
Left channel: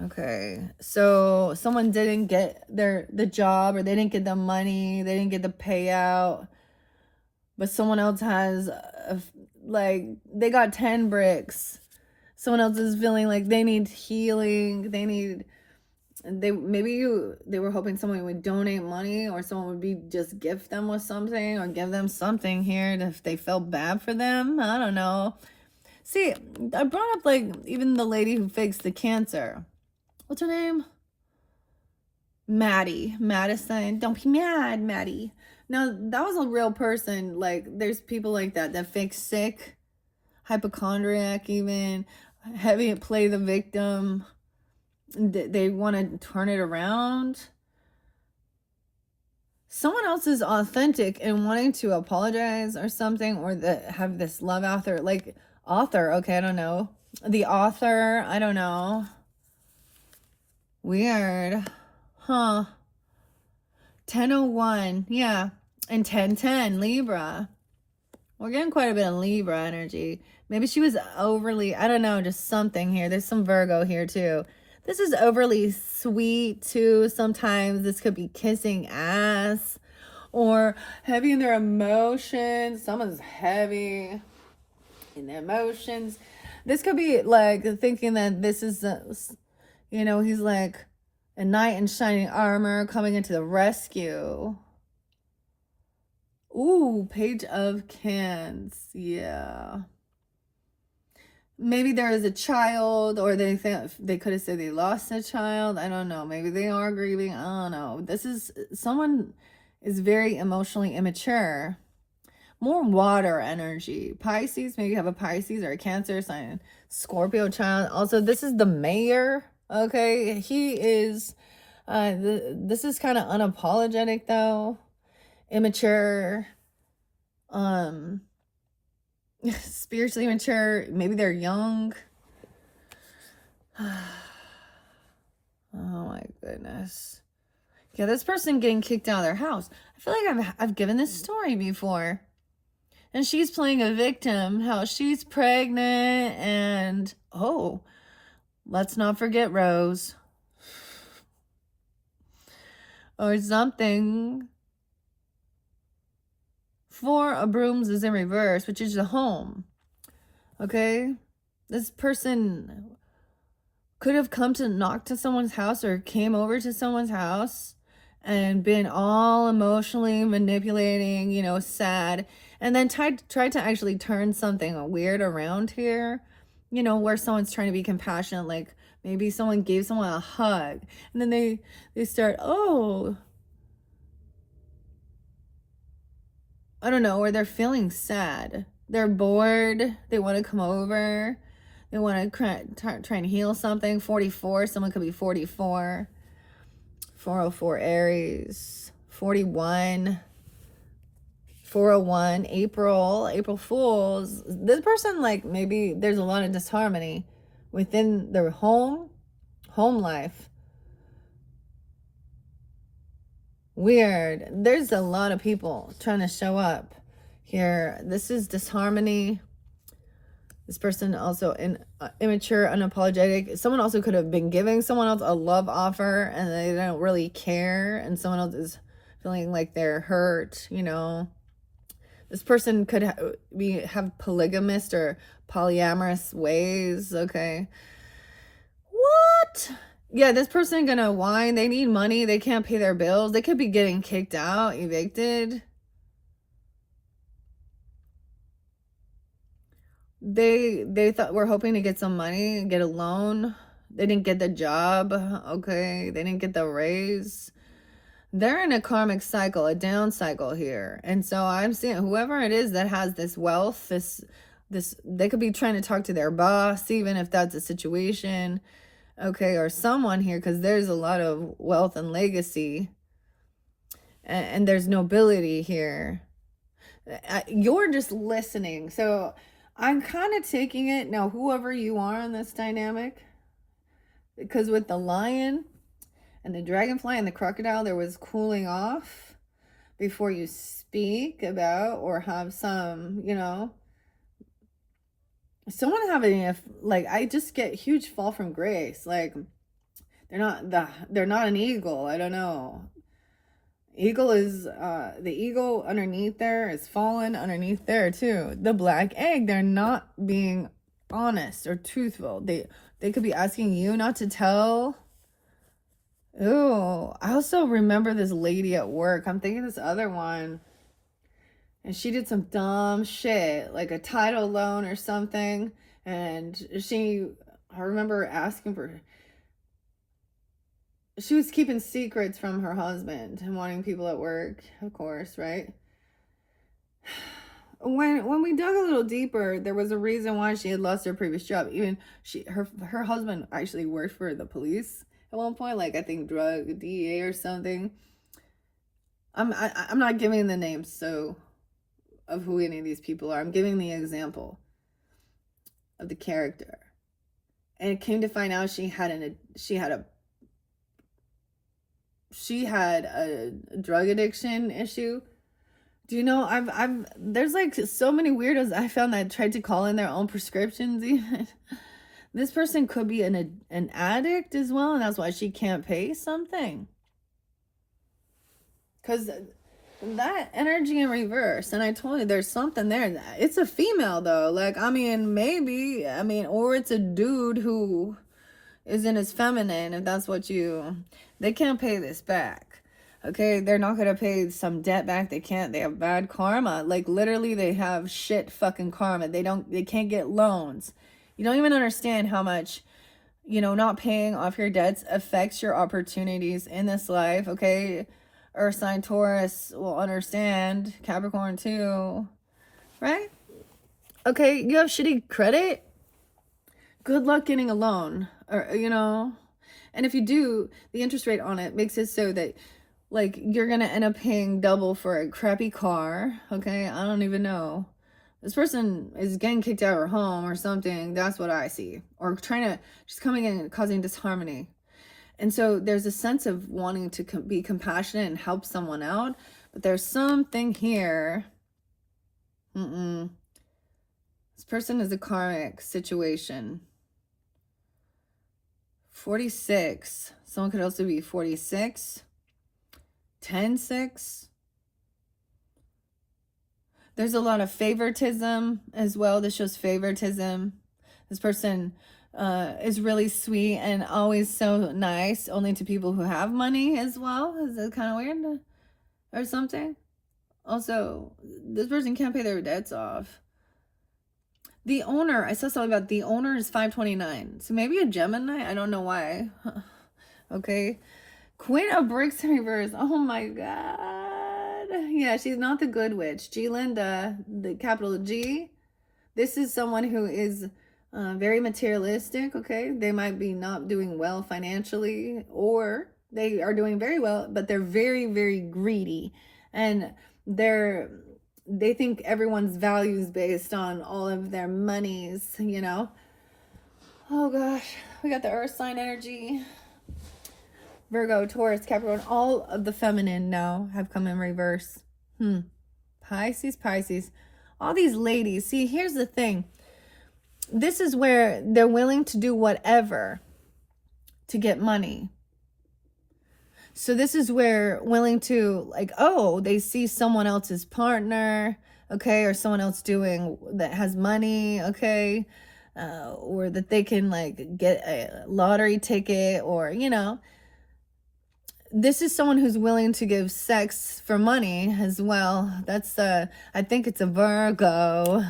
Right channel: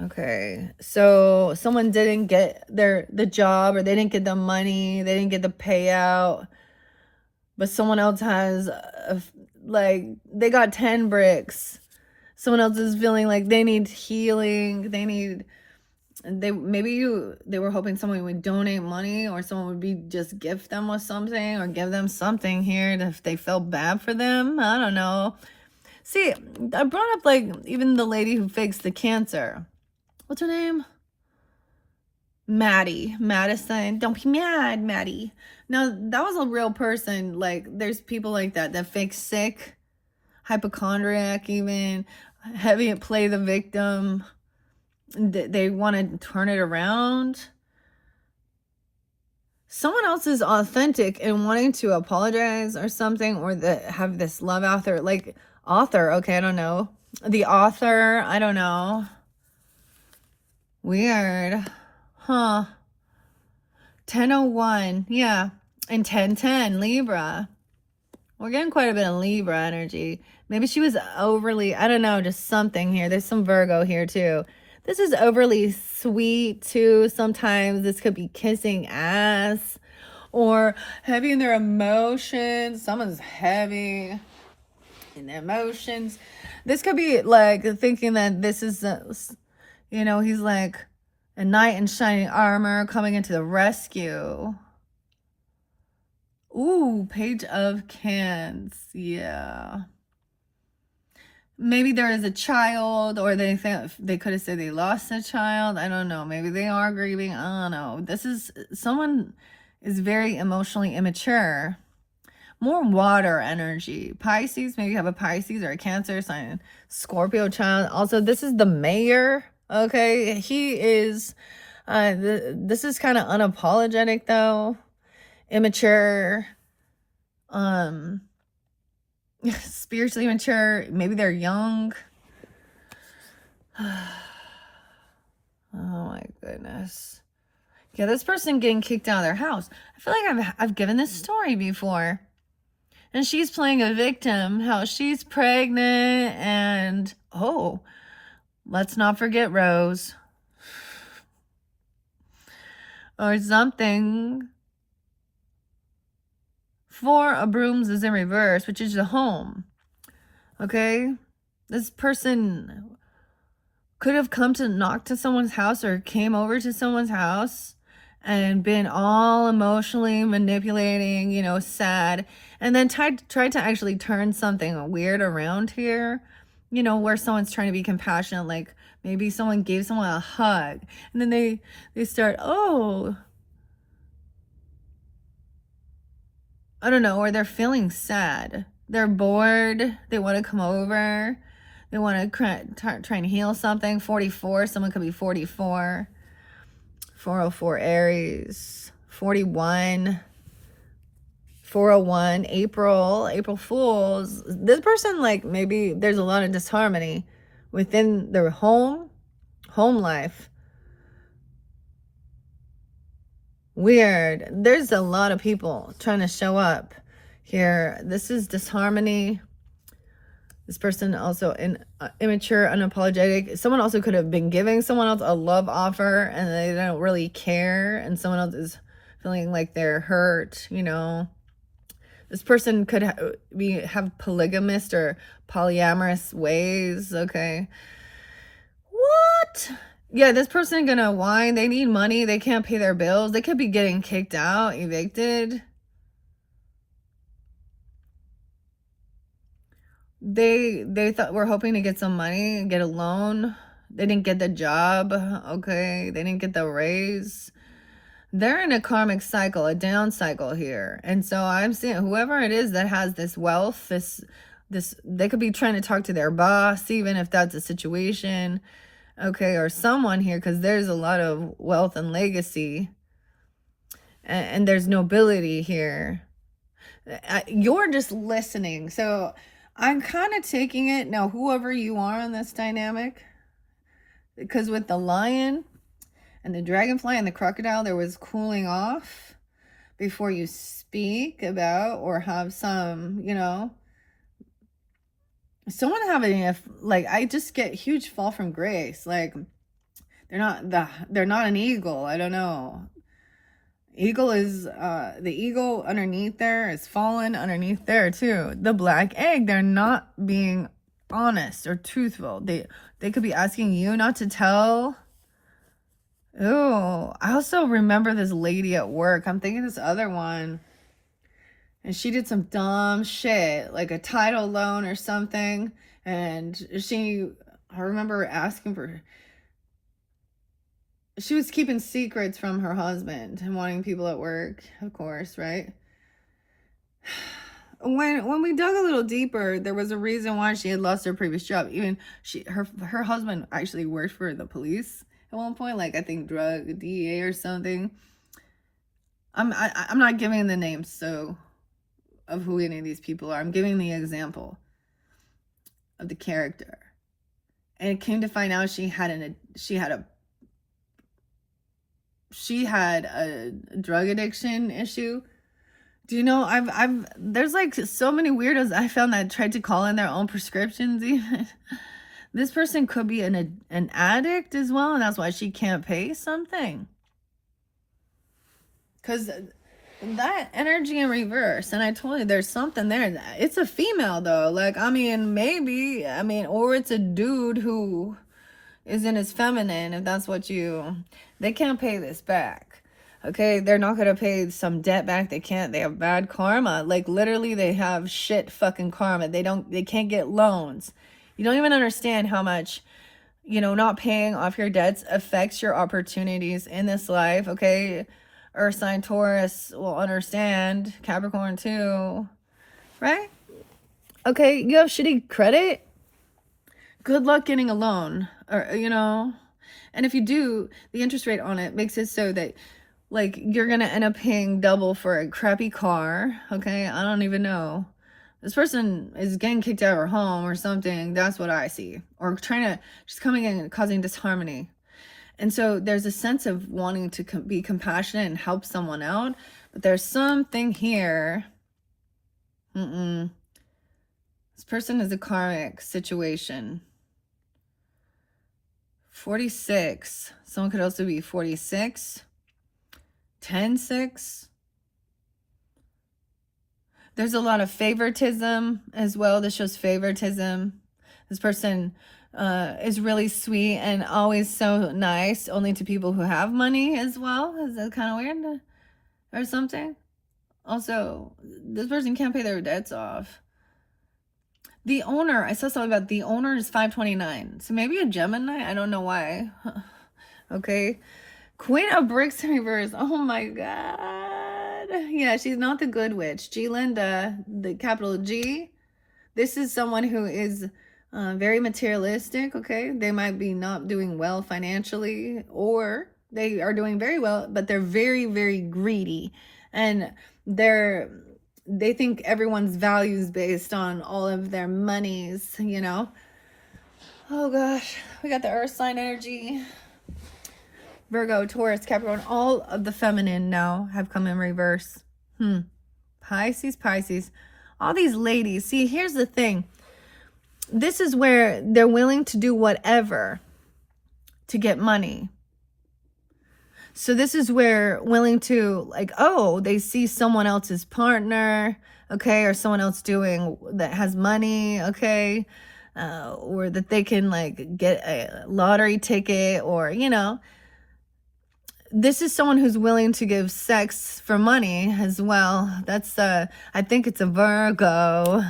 Okay, so someone didn't get the job, or they didn't get the money, they didn't get the payout, but someone else has like they got 10 bricks. Someone else is feeling like they need healing. They were hoping someone would donate money, or someone would just gift them with something, or give them something here if they felt bad for them. I don't know. See, I brought up like even the lady who fakes the cancer. What's her name? Maddie. Madison. Don't be mad, Maddie. Now, that was a real person. Like, there's people like that fake sick, hypochondriac even, heavy play the victim. They want to turn it around. Someone else is authentic and wanting to apologize or something, or have this love author, like author. Okay, I don't know. The author, I don't know. Weird. Huh. 1001. Yeah. And 1010, Libra. We're getting quite a bit of Libra energy. Maybe she was overly, I don't know, just something here. There's some Virgo here too. This is overly sweet too. Sometimes this could be kissing ass, or heavy in their emotions. Someone's heavy in their emotions. This could be like thinking that this is, he's like a knight in shining armor coming into the rescue. Ooh, Page of Wands. Yeah. Maybe there is a child, or they could have said they lost a child. I don't know. Maybe they are grieving. I don't know. Someone is very emotionally immature. More water energy. Pisces, maybe you have a Pisces or a Cancer sign. Scorpio child. Also, this is the mayor. Okay, he is, this is kind of unapologetic though. Immature. Spiritually mature. Maybe they're young. Oh my goodness. Yeah, this person getting kicked out of their house. I feel like I've given this story before. And she's playing a victim, how she's pregnant, and let's not forget Rose. or something. Four of Brooms is in reverse, which is the home. Okay? This person could have come to knock to someone's house or came over to someone's house and been all emotionally manipulating, you know, sad, and then tried to actually turn something weird around here, you know, where someone's trying to be compassionate, like maybe someone gave someone a hug, and then they start, oh, I don't know, or they're feeling sad, they're bored, they want to come over, they want to try and heal something. 44, someone could be 44. 404 Aries, 41, 401 April Fools. This person, like, maybe there's a lot of disharmony within their home life. Weird. There's a lot of people trying to show up here. This is disharmony. This person also immature, unapologetic. Someone also could have been giving someone else a love offer and they don't really care, and someone else is feeling like they're hurt, you know. This person could have polygamist or polyamorous ways, okay. What? Yeah, this person gonna whine. They need money. They can't pay their bills. They could be getting kicked out, evicted. They thought we're hoping to get some money, get a loan. They didn't get the job, okay? They didn't get the raise. They're in a karmic cycle, a down cycle here. And so I'm seeing whoever it is that has this wealth, this they could be trying to talk to their boss, even if that's a situation, okay, or someone here, because there's a lot of wealth and legacy, and there's nobility here. You're just listening. So I'm kind of taking it now, whoever you are in this dynamic, because with the lion and the dragonfly and the crocodile, there was cooling off before you speak about or have some, you know, someone having a, like, I just get huge fall from grace. Like, they're not an eagle. I don't know. Eagle is the eagle underneath there is fallen underneath there too. The black egg, they're not being honest or truthful. They could be asking you not to tell. Oh, I also remember this lady at work. I'm thinking this other one, and she did some dumb shit, like a title loan or something, and I remember asking for, she was keeping secrets from her husband and wanting people at work, of course, right? When we dug a little deeper, there was a reason why she had lost her previous job. Even her husband actually worked for the police at one point, like I think drug DEA or something. I'm not giving the names so of who any of these people are. I'm giving the example of the character. And it came to find out she had a drug addiction issue. Do you know, there's like so many weirdos I found that tried to call in their own prescriptions even. This person could be an addict as well, and that's why she can't pay something. Because that energy in reverse, and I told you there's something there. It's a female though, like, I mean, maybe, or it's a dude who is in his feminine, if that's what they can't pay this back. Okay, they're not gonna pay some debt back. They can't. They have bad karma. Like, literally, they have shit fucking karma. They can't get loans. You don't even understand how much, you know, not paying off your debts affects your opportunities in this life. Okay, Earth sign Taurus will understand. Capricorn too, right? Okay, you have shitty credit. Good luck getting a loan, or, you know, and if you do, the interest rate on it makes it so that, like, you're gonna end up paying double for a crappy car. Okay, I don't even know. This person is getting kicked out of her home or something. That's what I see. Or trying to, just coming in and causing disharmony. And so there's a sense of wanting to be compassionate and help someone out. But there's something here. This person is a karmic situation. 46. Someone could also be 46. 10-6. There's a lot of favoritism as well. This shows favoritism. This person is really sweet and always so nice, only to people who have money as well. Is that kind of weird or something? Also, this person can't pay their debts off. The owner, I saw something about the owner is 529. So maybe a Gemini? I don't know why. Okay. Queen of Bricks in reverse. Oh my God. Yeah, she's not the good witch. G Linda, the capital G. This is someone who is very materialistic, okay? They might be not doing well financially, or they are doing very well, but they're very, very greedy. And they think everyone's value is based on all of their monies, you know? Oh gosh, we got the earth sign energy. Virgo, Taurus, Capricorn, all of the feminine now have come in reverse. Pisces. All these ladies. See, here's the thing. This is where they're willing to do whatever to get money. So this is where willing to, like, oh, they see someone else's partner, okay, or someone else doing that has money, okay, or that they can like get a lottery ticket, or, you know, this is someone who's willing to give sex for money as well. That's I think it's a Virgo.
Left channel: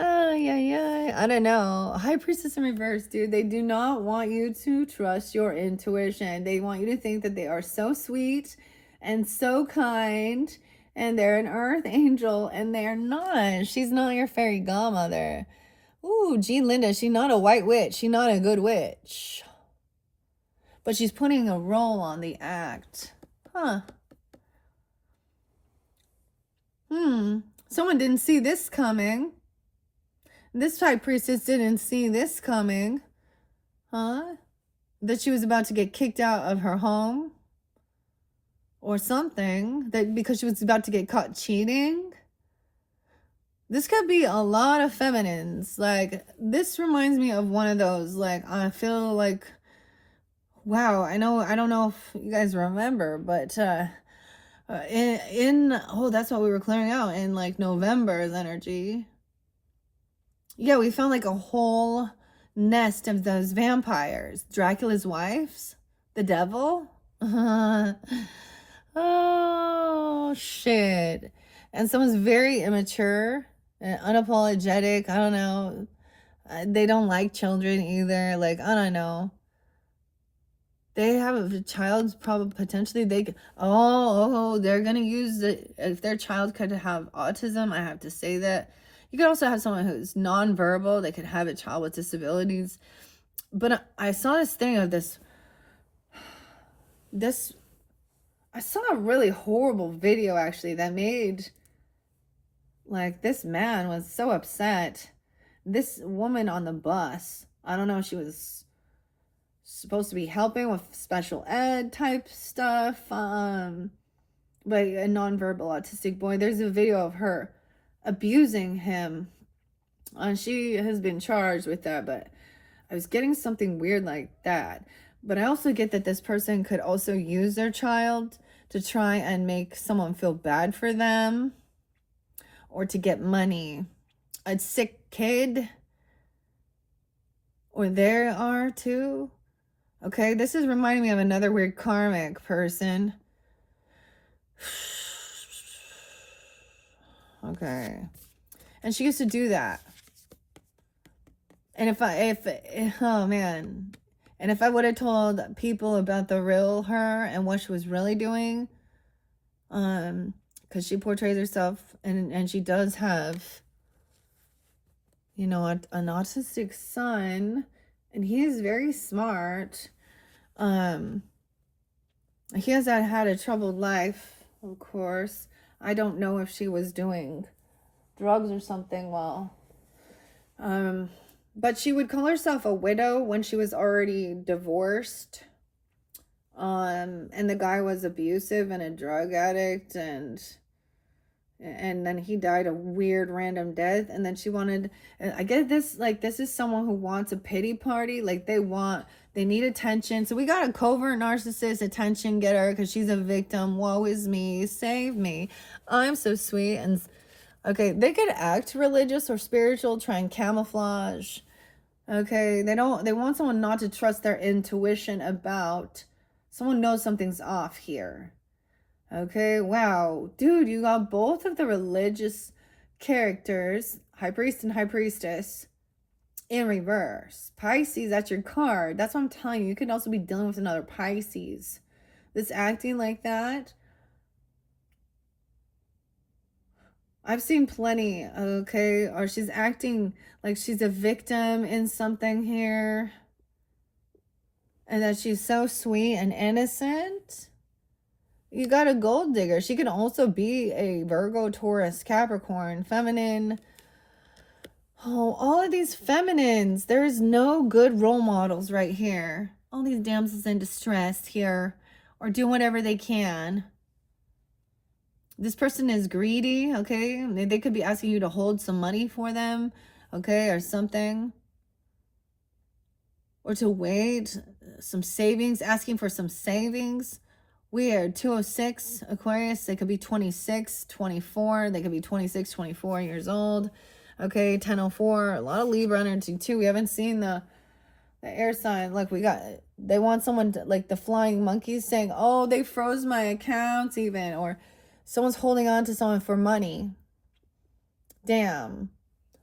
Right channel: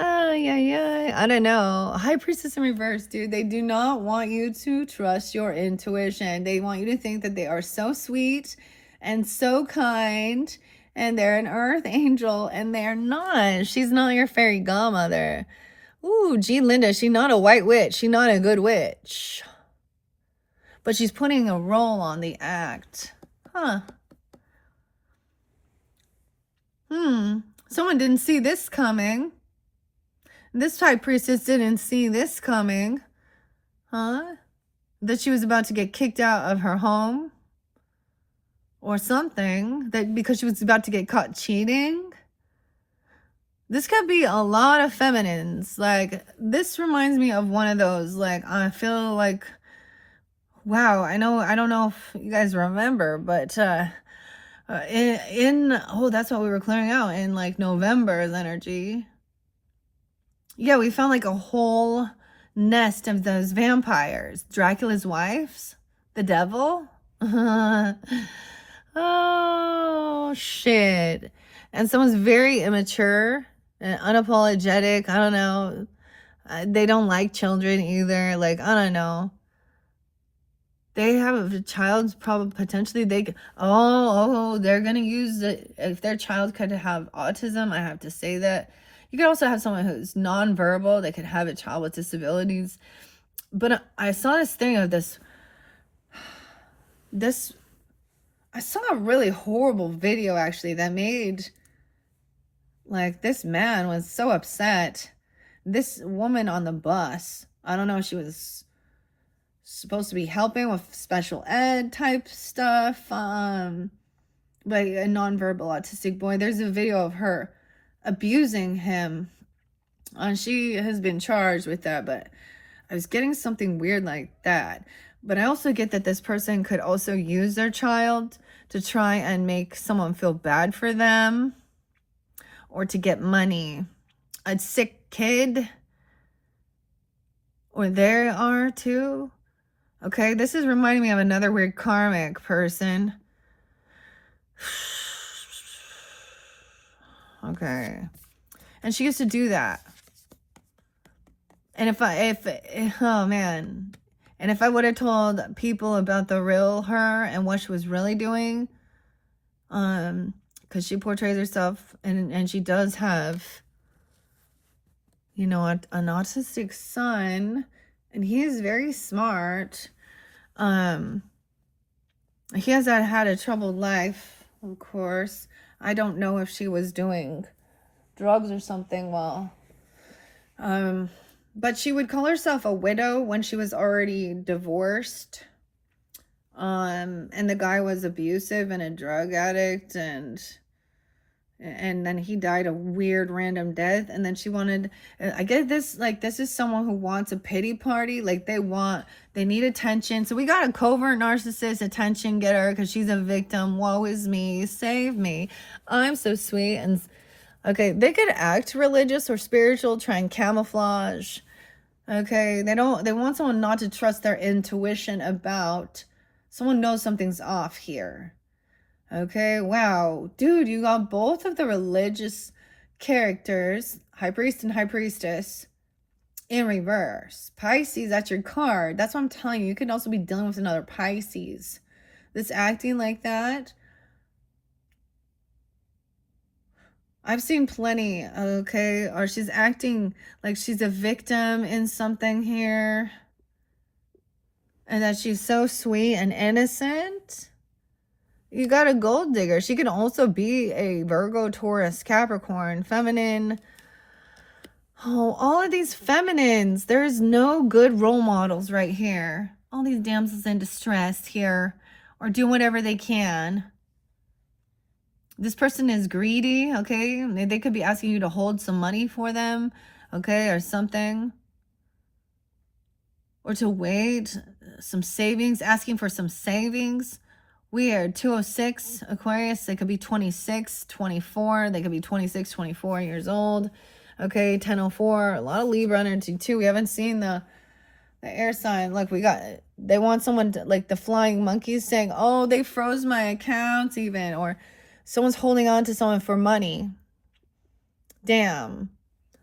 I don't know. High Priestess in reverse, dude. They do not want you to trust your intuition. They want you to think that they are so sweet and so kind, and they're an earth angel, and they're not. She's not your fairy godmother. Ooh, G Linda, she's not a white witch. She's not a good witch. But she's putting a role on the act. Someone didn't see this coming. This High Priestess didn't see this coming. That she was about to get kicked out of her home. Or something. That because she was about to get caught cheating. This could be a lot of feminines. Like, this reminds me of one of those. Like, I feel like... Wow, I don't know if you guys remember, but that's what we were clearing out in like November's energy. Yeah, we found like a whole nest of those vampires. Dracula's wives, the devil. Oh, shit. And someone's very immature and unapologetic. I don't know. They don't like children either. Like, I don't know. They have a child, probably potentially they're gonna use it if their child could have autism. I have to say that. You could also have someone who's nonverbal. They could have a child with disabilities. But I saw this thing of this. I saw a really horrible video actually that made, like, this man was so upset. This woman on the bus, I don't know if she was supposed to be helping with special ed type stuff, but a nonverbal autistic boy. There's a video of her abusing him, and she has been charged with that. But I was getting something weird like that. But I also get that this person could also use their child to try and make someone feel bad for them, or to get money. A sick kid, or there are too. Okay, this is reminding me of another weird karmic person. Okay. And she used to do that. And if I would have told people about the real her and what she was really doing, because she portrays herself, and she does have, you know, an autistic son. And he is very smart. He has had a troubled life, of course. I don't know if she was doing drugs or something while. But she would call herself a widow when she was already divorced. And the guy was abusive and a drug addict, and and then he died a weird random death, and then she wanted, I get this, like, this is someone who wants a pity party, like they need attention. So we got a covert narcissist attention getter because she's a victim. Woe is me, save me, I'm so sweet. And okay, they could act religious or spiritual, try and camouflage. Okay, they want someone not to trust their intuition about, someone knows something's off here. Okay, wow. Dude, you got both of the religious characters, High Priest and High Priestess, in reverse. Pisces, that's your card. That's what I'm telling you. You could also be dealing with another Pisces. This acting like that. I've seen plenty, okay? Or she's acting like she's a victim in something here. And that she's so sweet and innocent. You got a gold digger. She can also be a Virgo, Taurus, Capricorn, feminine. Oh, all of these feminines. There's no good role models right here. All these damsels in distress here are doing whatever they can. This person is greedy, okay? They could be asking you to hold some money for them, okay, or something. Or to wait, some savings, asking for some savings. Weird. 206 Aquarius. They could be 26, 24. They could be 26, 24 years old. Okay, 1004. A lot of Libra energy too. We haven't seen the air sign. Look, they want someone to, like the flying monkeys saying, oh, they froze my accounts even. Or someone's holding on to someone for money. Damn.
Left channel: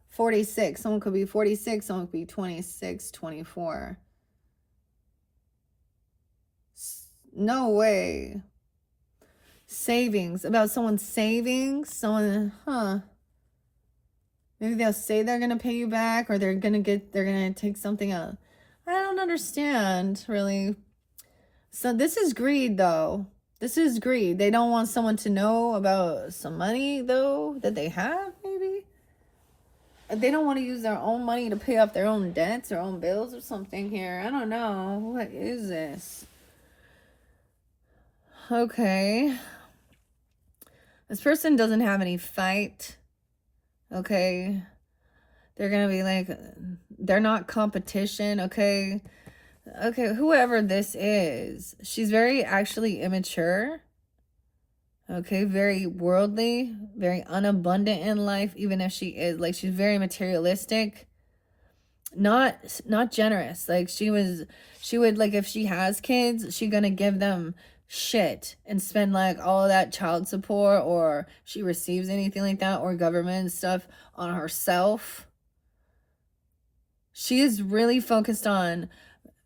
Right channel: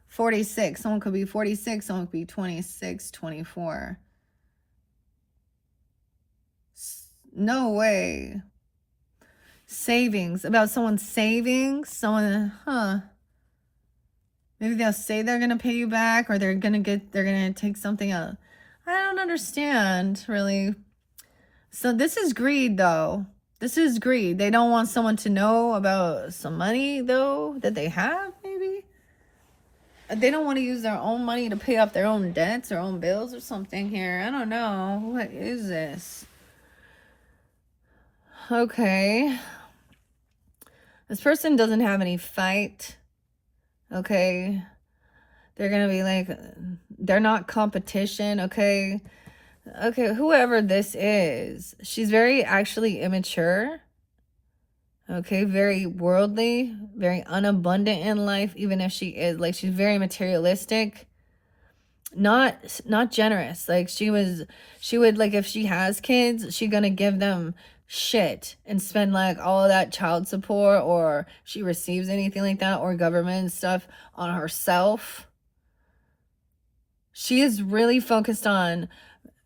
46. Someone could be 46. Someone could be 26, 24. No way. Savings. About someone's savings. Someone, maybe they'll say they're going to pay you back, or they're going to take something out. I don't understand, really. So this is greed, though. This is greed. They don't want someone to know about some money, though, that they have, maybe. They don't want to use their own money to pay off their own debts or own bills or something here. I don't know. What is this? Okay. This person doesn't have any fight. Okay. They're going to be like, they're not competition. Okay. Okay. Whoever this is, she's very actually immature. Okay. Very worldly, very unabundant in life, even if she is like, she's very materialistic. Not generous. Like she would like, if she has kids, she's going to give them shit and spend like all of that child support, or she receives anything like that, or government stuff on herself. She is really focused on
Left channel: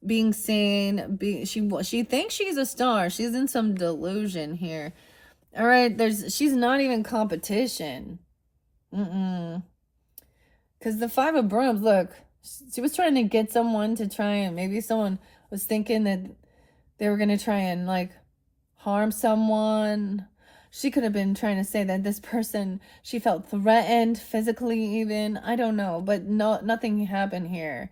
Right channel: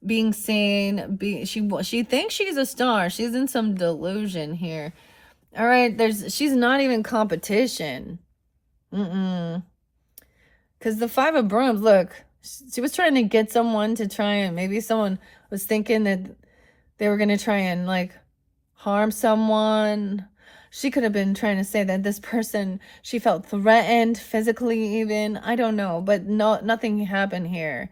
being seen. She thinks she's a star. She's in some delusion here. All right, she's not even competition. Because the Five of Brooms, look, she was trying to get someone to try, and maybe someone was thinking that they were going to try and like harm someone. She could have been trying to say that this person, she felt threatened physically even. I don't know, but no, nothing happened here.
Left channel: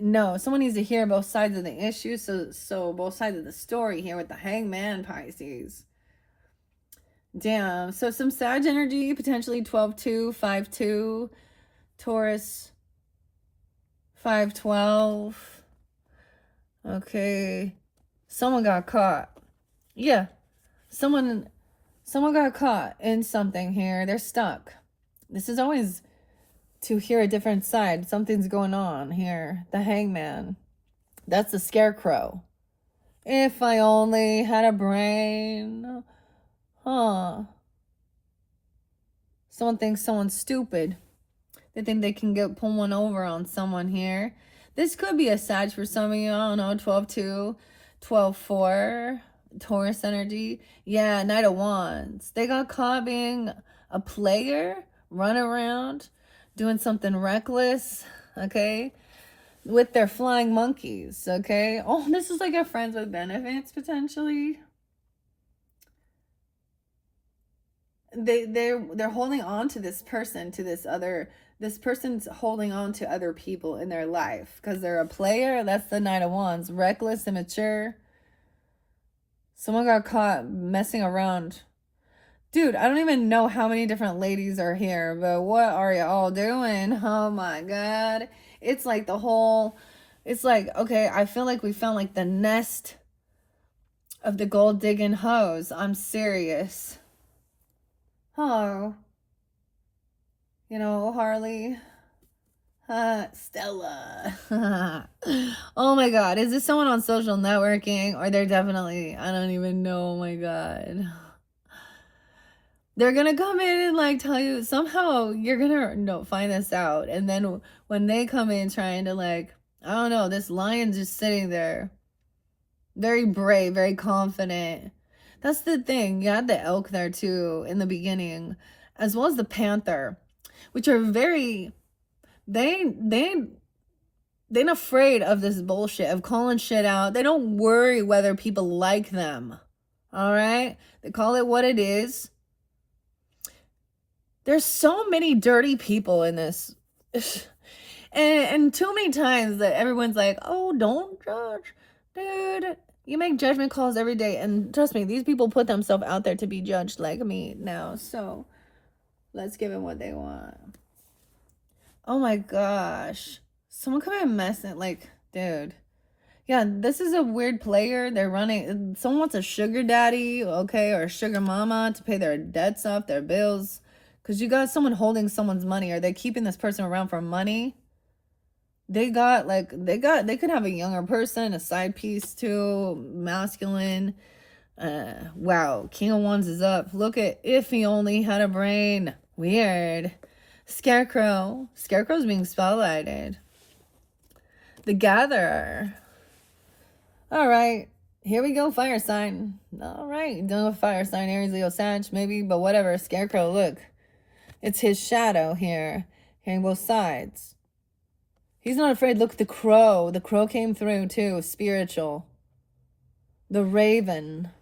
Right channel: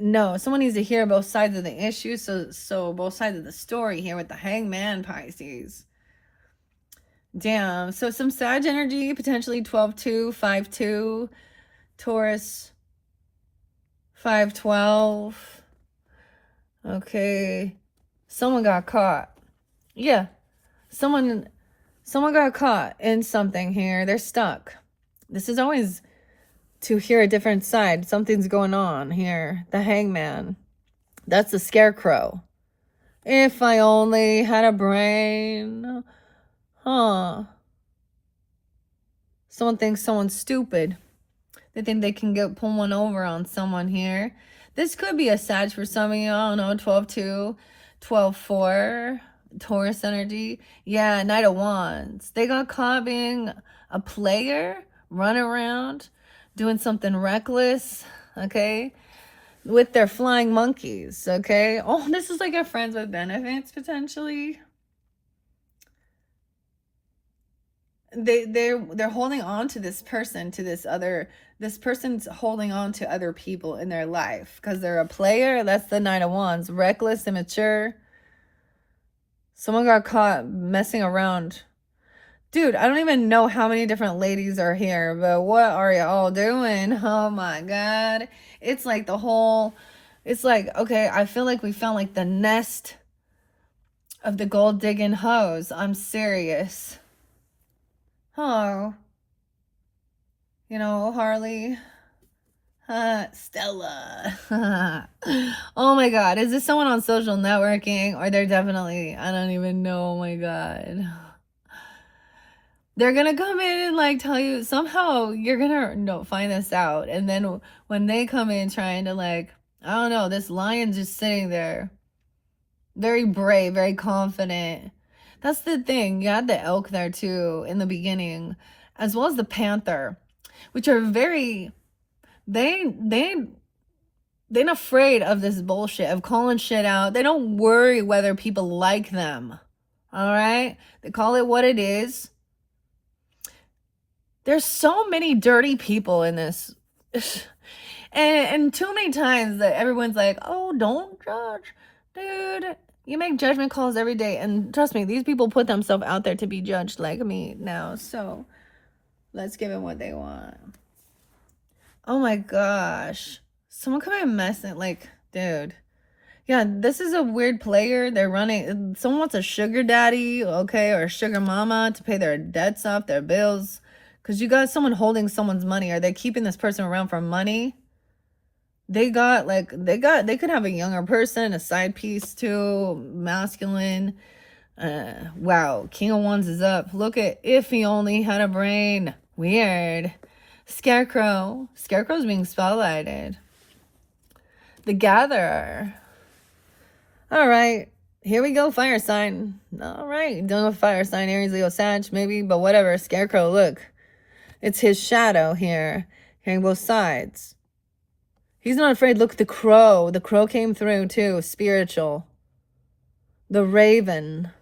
No, someone needs to hear both sides of the issue. So both sides of the story here with the Hangman, Pisces. Damn. So some Sag energy, potentially 12-2, 5-2, Taurus, 5-12. Okay. Someone got caught. Yeah. Someone got caught in something here. They're stuck. This is always to hear a different side. Something's going on here. The Hangman. That's the Scarecrow. If I only had a brain. Huh. Someone thinks someone's stupid. They think they can pull one over on someone here. This could be a Sag for some of you. I don't know. 12-2, 12-4. Taurus energy. Yeah, Knight of Wands. They got caught being a player, running around, doing something reckless, okay, with their flying monkeys, okay? Oh, this is like a friends with benefits, potentially. They're holding on to this person, to this person's holding on to other people in their life because they're a player. That's the Knight of Wands. Reckless, immature. Someone got caught messing around. Dude, I don't even know how many different ladies are here, but what are y'all doing? Oh my God. It's like it's like, okay, I feel like we found like the nest of the gold digging hoes. I'm serious. Oh, Harley. Stella. Oh my God. Is this someone on social networking? Or they're definitely, I don't even know. Oh my God. They're gonna come in and like tell you, somehow you're gonna find this out. And then when they come in trying to like, I don't know, this lion's just sitting there. Very brave, very confident. That's the thing. You had the elk there too in the beginning, as well as the panther, which are very, they're not afraid of this bullshit, of calling shit out. They don't worry whether people like them. All right? They call it what it is. There's so many dirty people in this. And too many times that everyone's like, oh, don't judge. Dude, you make judgment calls every day. And trust me, these people put themselves out there to be judged like me now. So let's give them what they want. Oh my gosh. Someone come and mess it. Like, dude. Yeah, this is a weird player. They're running. Someone wants a sugar daddy, okay, or a sugar mama to pay their debts off, their bills. Because you got someone holding someone's money. Are they keeping this person around for money? They could have a younger person, a side piece too, masculine. Wow, King of Wands is up. Look at if he only had a brain. Weird. Scarecrow. Scarecrow's being spotlighted. The Gatherer. All right. Here we go, fire sign. All right. Done with fire sign, Aries, Leo, Sag, maybe, but whatever. Scarecrow, look. It's his shadow here. Hearing both sides. He's not afraid. Look, the crow. The crow came through, too. Spiritual. The raven.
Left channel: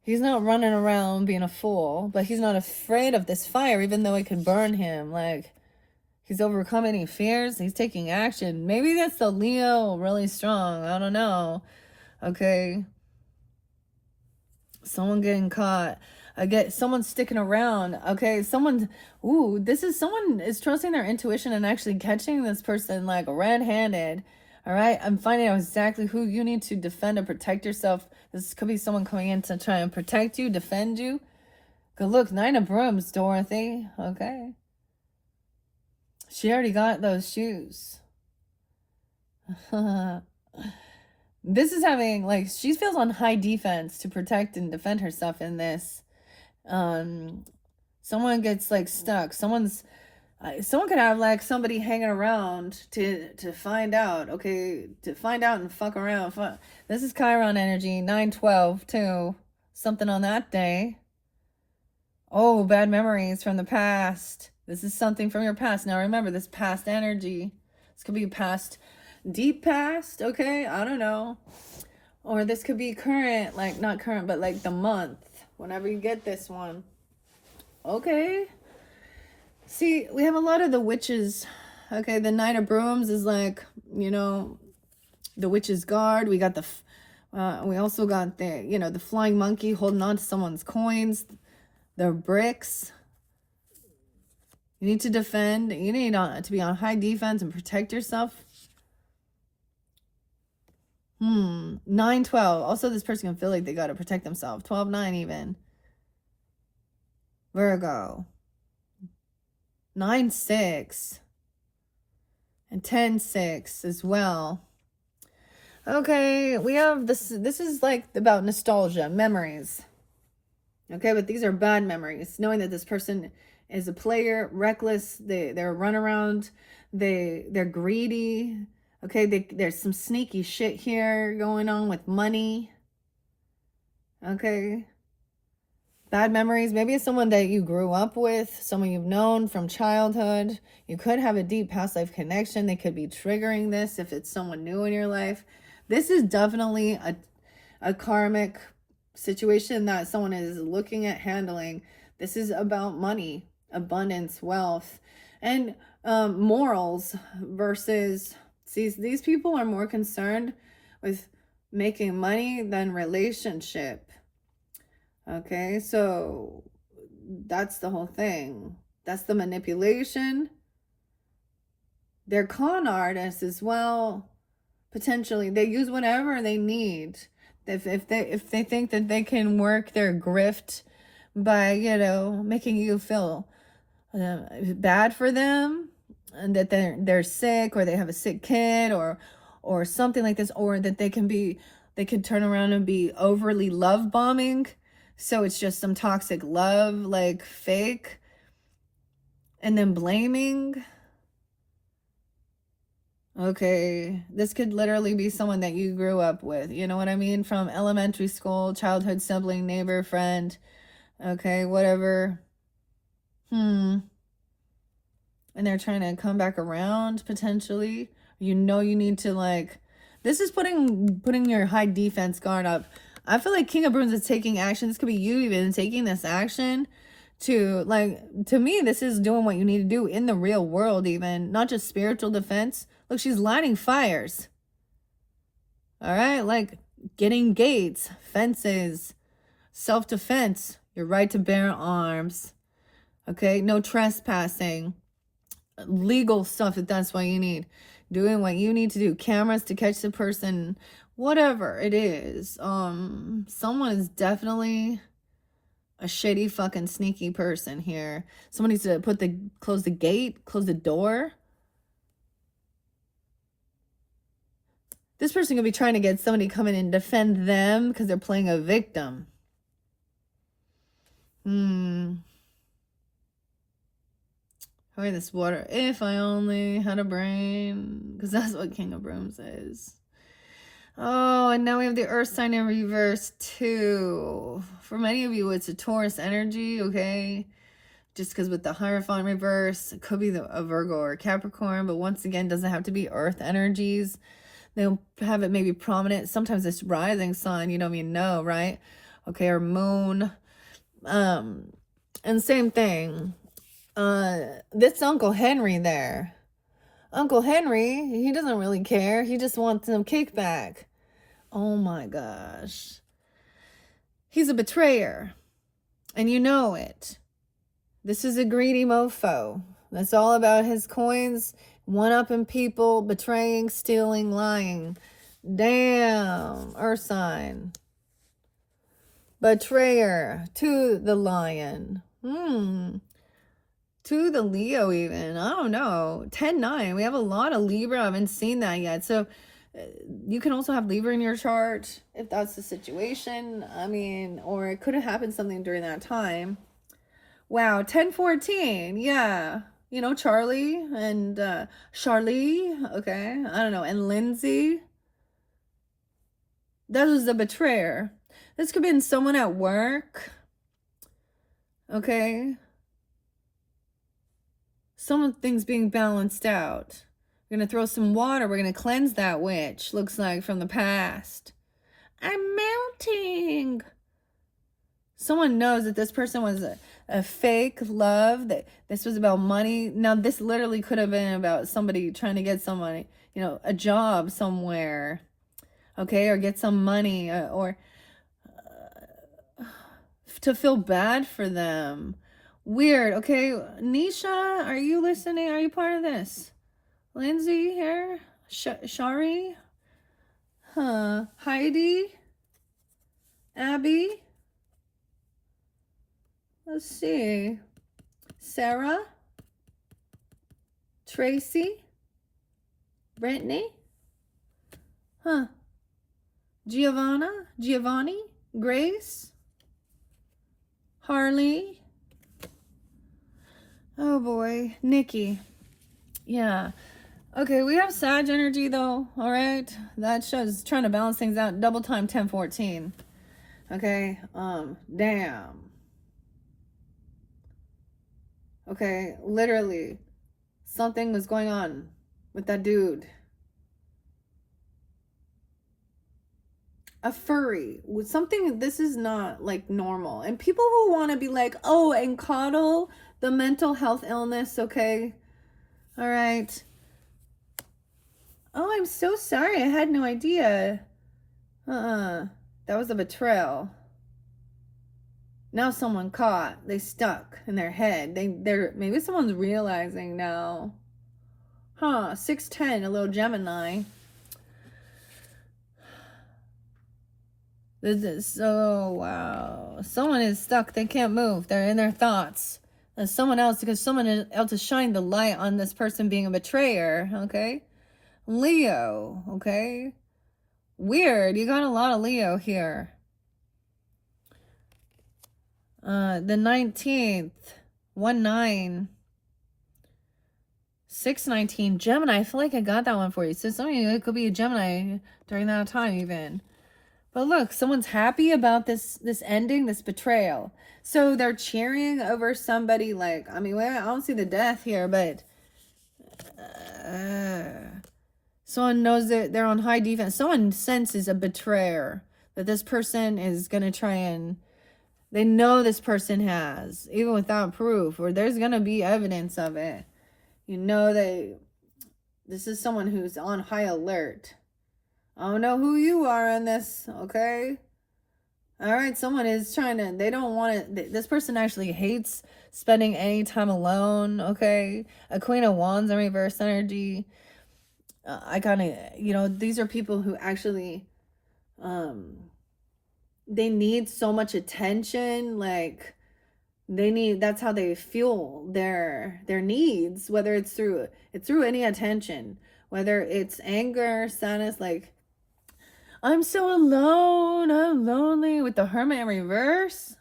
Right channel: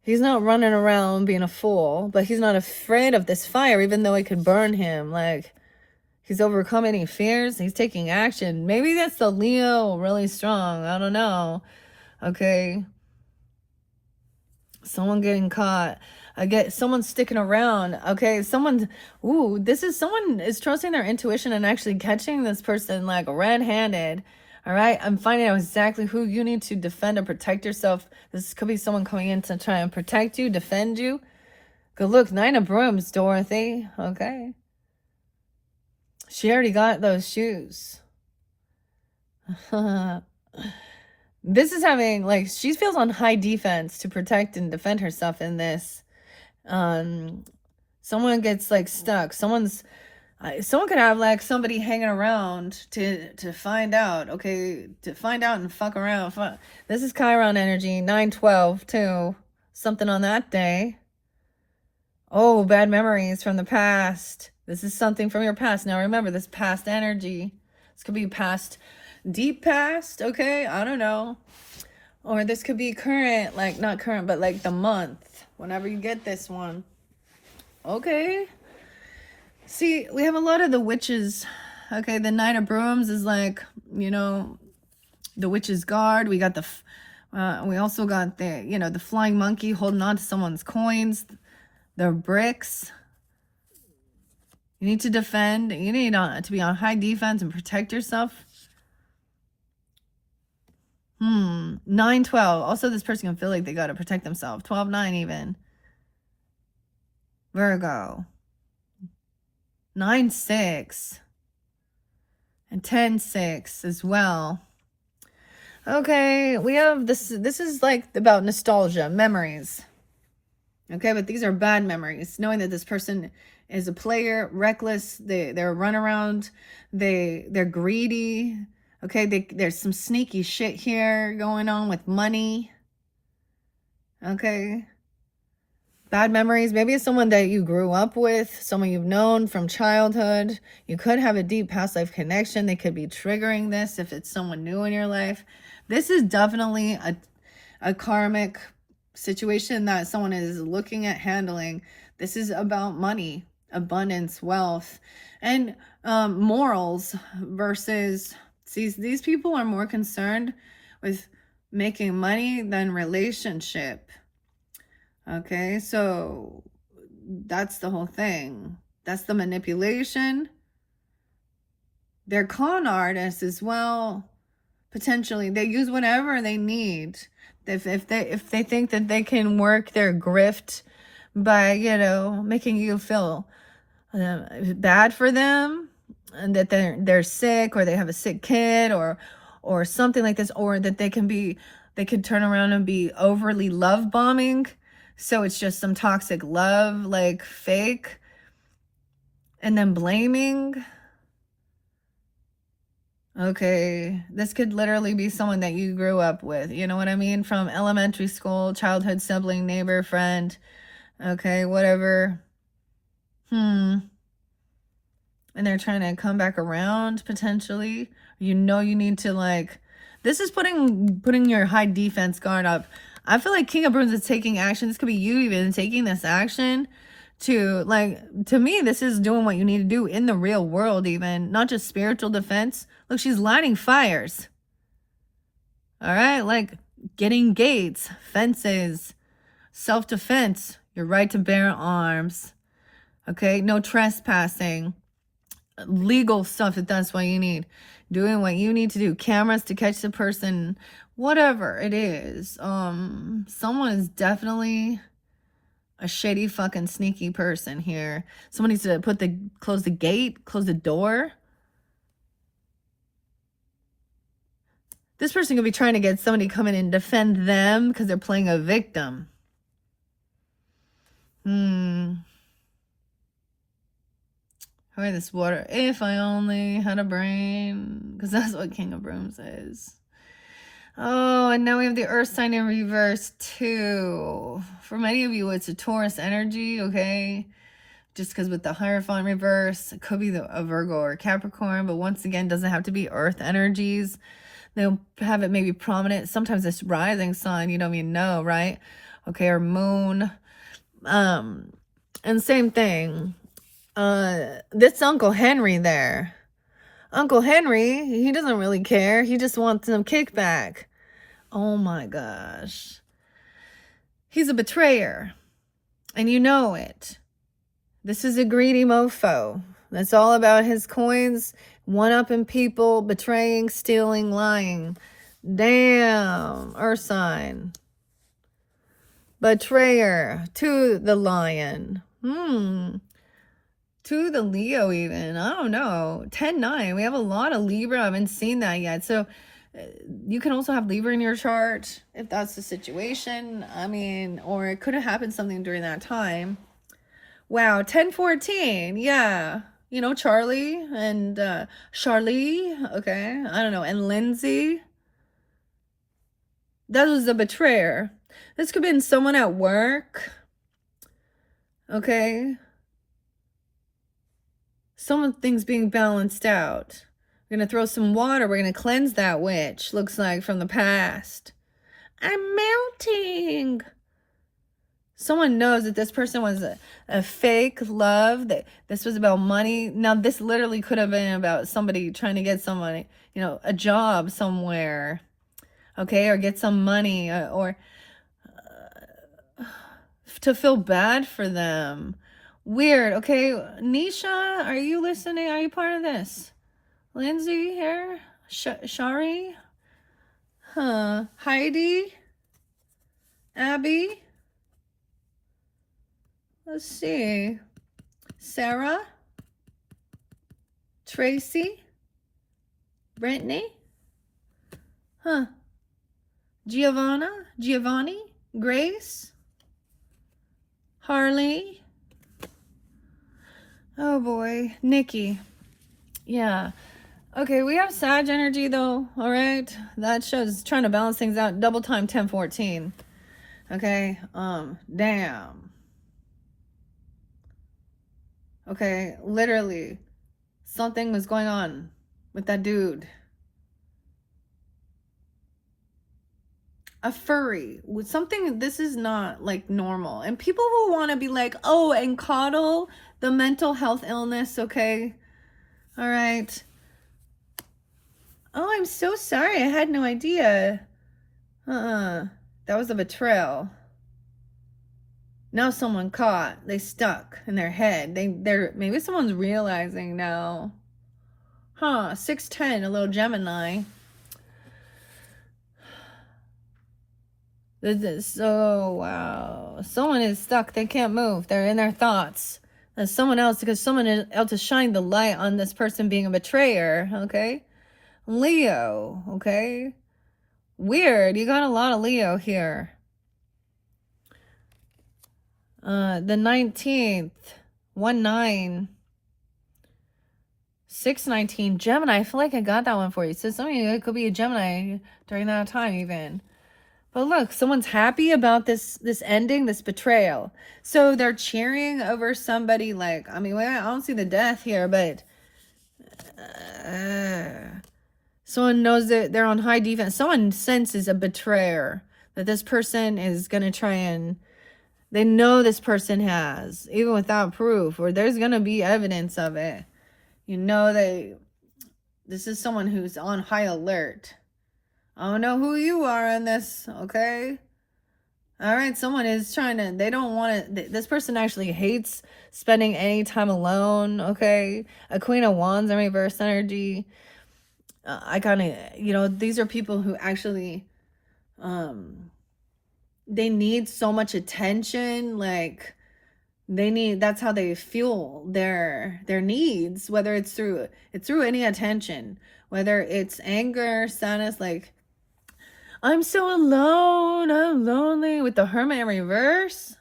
He's not running around being a fool, but he's not afraid of this fire, even though it could burn him. Like, he's overcome any fears. He's taking action. Maybe that's the Leo really strong. I don't know. Okay. Someone getting caught. I get someone sticking around. Okay. Someone is trusting their intuition and actually catching this person like red-handed. All right. I'm finding out exactly who you need to defend and protect yourself. This could be someone coming in to try and protect you, defend you. Good look. 9 of Brooms, Dorothy. Okay. She already got those shoes. This is having, like, she feels on high defense to protect and defend herself in this. Someone gets, like, stuck. Someone could have, like, somebody hanging around to find out, okay? To find out and fuck around. This is Chiron energy, 9/12, too. Something on that day. Oh, bad memories from the past. This is something from your past. Now remember, this past energy. This could be past, deep past, okay? I don't know. Or this could be current, like not current, but like the month. Whenever you get this one. Okay. See, we have a lot of the witches. Okay, the Knight of Brooms is like, the witch's guard. We got we also got the flying monkey holding on to someone's coins. Their bricks. You need to defend. You need to be on high defense and protect yourself. 9/12. Also, this person can feel like they got to protect themselves. 12/9 even. Virgo. 9/6. And 10/6 as well. Okay, we have this. This is like about nostalgia, memories. Okay, but these are bad memories. Knowing that this person is a player, reckless, they're runaround, they're greedy. Okay, there's some sneaky shit here going on with money. Okay. Bad memories. Maybe it's someone that you grew up with, someone you've known from childhood. You could have a deep past life connection. They could be triggering this if it's someone new in your life. This is definitely a karmic situation that someone is looking at handling. This is about money, abundance, wealth, and morals versus, see, these people are more concerned with making money than relationship. Okay, so that's the whole thing. That's the manipulation. They're con artists as well. Potentially, they use whatever they need. If they think that they can work their grift by, you know, making you feel bad for them, and that they're sick, or they have a sick kid, or something like this, or that they can turn around and be overly love bombing, so it's just some toxic love, like fake, and then blaming. Okay, this could literally be someone that you grew up with, you know what I mean, from elementary school, childhood sibling, neighbor, friend, okay, whatever. And they're trying to come back around potentially. You know, you need to, like, this is putting your high defense guard up. I feel like King of Brooms is taking action. This could be you even taking this action to, like, to me, this is doing what you need to do in the real world, even not just spiritual defense. Look, she's lighting fires. All right, like getting gates, fences, self-defense, your right to bear arms. Okay, no trespassing, legal stuff if that's what you need, doing what you need to do, cameras to catch the person, whatever it is. Someone is definitely a shady fucking sneaky person here. Someone needs to close the gate, close the door. This person could be trying to get somebody to come in and defend them because they're playing a victim. All right, this water. If I only had a brain, because that's what King of Brooms is. Oh, and now we have the Earth sign in reverse too. For many of you, it's a Taurus energy, okay? Just because with the Hierophant reverse, it could be a Virgo or a Capricorn, but once again, doesn't have to be Earth energies. They'll have it maybe prominent. Sometimes it's rising sun, you don't even know, right? Okay, or moon. And same thing. This Uncle Henry there. Uncle Henry, he doesn't really care. He just wants some kickback. Oh my gosh. He's a betrayer. And you know it. This is a greedy mofo. That's all about his coins, one-upping people, betraying, stealing, lying. Damn, Earth sign. Betrayer to the lion. To the Leo even. I don't know. 10-9. We have a lot of Libra. I haven't seen that yet. So you can also have Libra in your chart if that's the situation. I mean, or it could have happened something during that time. Wow, 10-14. Yeah. You know, Charlie and Charlie. Okay. I don't know. And Lindsay. That was the betrayer. This could have been someone at work. Okay. Something's being balanced out. We're going to throw some water. We're going to cleanse that witch. Looks like from the past. I'm melting. Someone knows that this person was a fake love. That this was about money. Now, this literally could have been about somebody trying to get somebody, you know, a job somewhere. Okay, or get some money, or to feel bad for them. Weird. Okay, Nisha, are you listening? Are you part of this? Lindsay here? Shari? Heidi? Abby? Let's see. Sarah? Tracy? Brittany? Giovanni? Grace? Harley? Oh boy. Nikki. Yeah. Okay, we have Sag energy though, all right? That shows trying to balance things out. Double time 10-14. Okay, damn. Okay, literally, something was going on with that dude. A furry with something. This is not like normal. And people who want to be like, oh, and coddle the mental health illness, okay? All right. Oh, I'm so sorry. I had no idea. That was a betrayal. Now someone caught. They stuck in their head. They're maybe someone's realizing now. Huh, 610, a little Gemini. Oh, wow. Someone is stuck. They can't move. They're in their thoughts. And someone else, because someone else is shining the light on this person being a betrayer, okay? Leo, okay? Weird. You got a lot of Leo here. The 19th, 1-9, 6-19, Gemini. I feel like I got that one for you. So some of you, it could be a Gemini during that time even. But look, someone's happy about this ending, this betrayal. So they're cheering over somebody like, I mean, I don't see the death here, but someone knows that they're on high defense. Someone senses a betrayer, that this person is going to try and, they know this person has, even without proof, or there's going to be evidence of it. You know that this is someone who's on high alert. I don't know who you are in this, okay? All right, someone is trying to, they don't want to, this person actually hates spending any time alone, okay? A Queen of Wands in reverse energy. I kind of, you know, these are people who actually, they need so much attention, like, they need, that's how they fuel their needs, whether it's through any attention, whether it's anger, sadness, like, I'm so alone, I'm lonely, with the Hermit in reverse.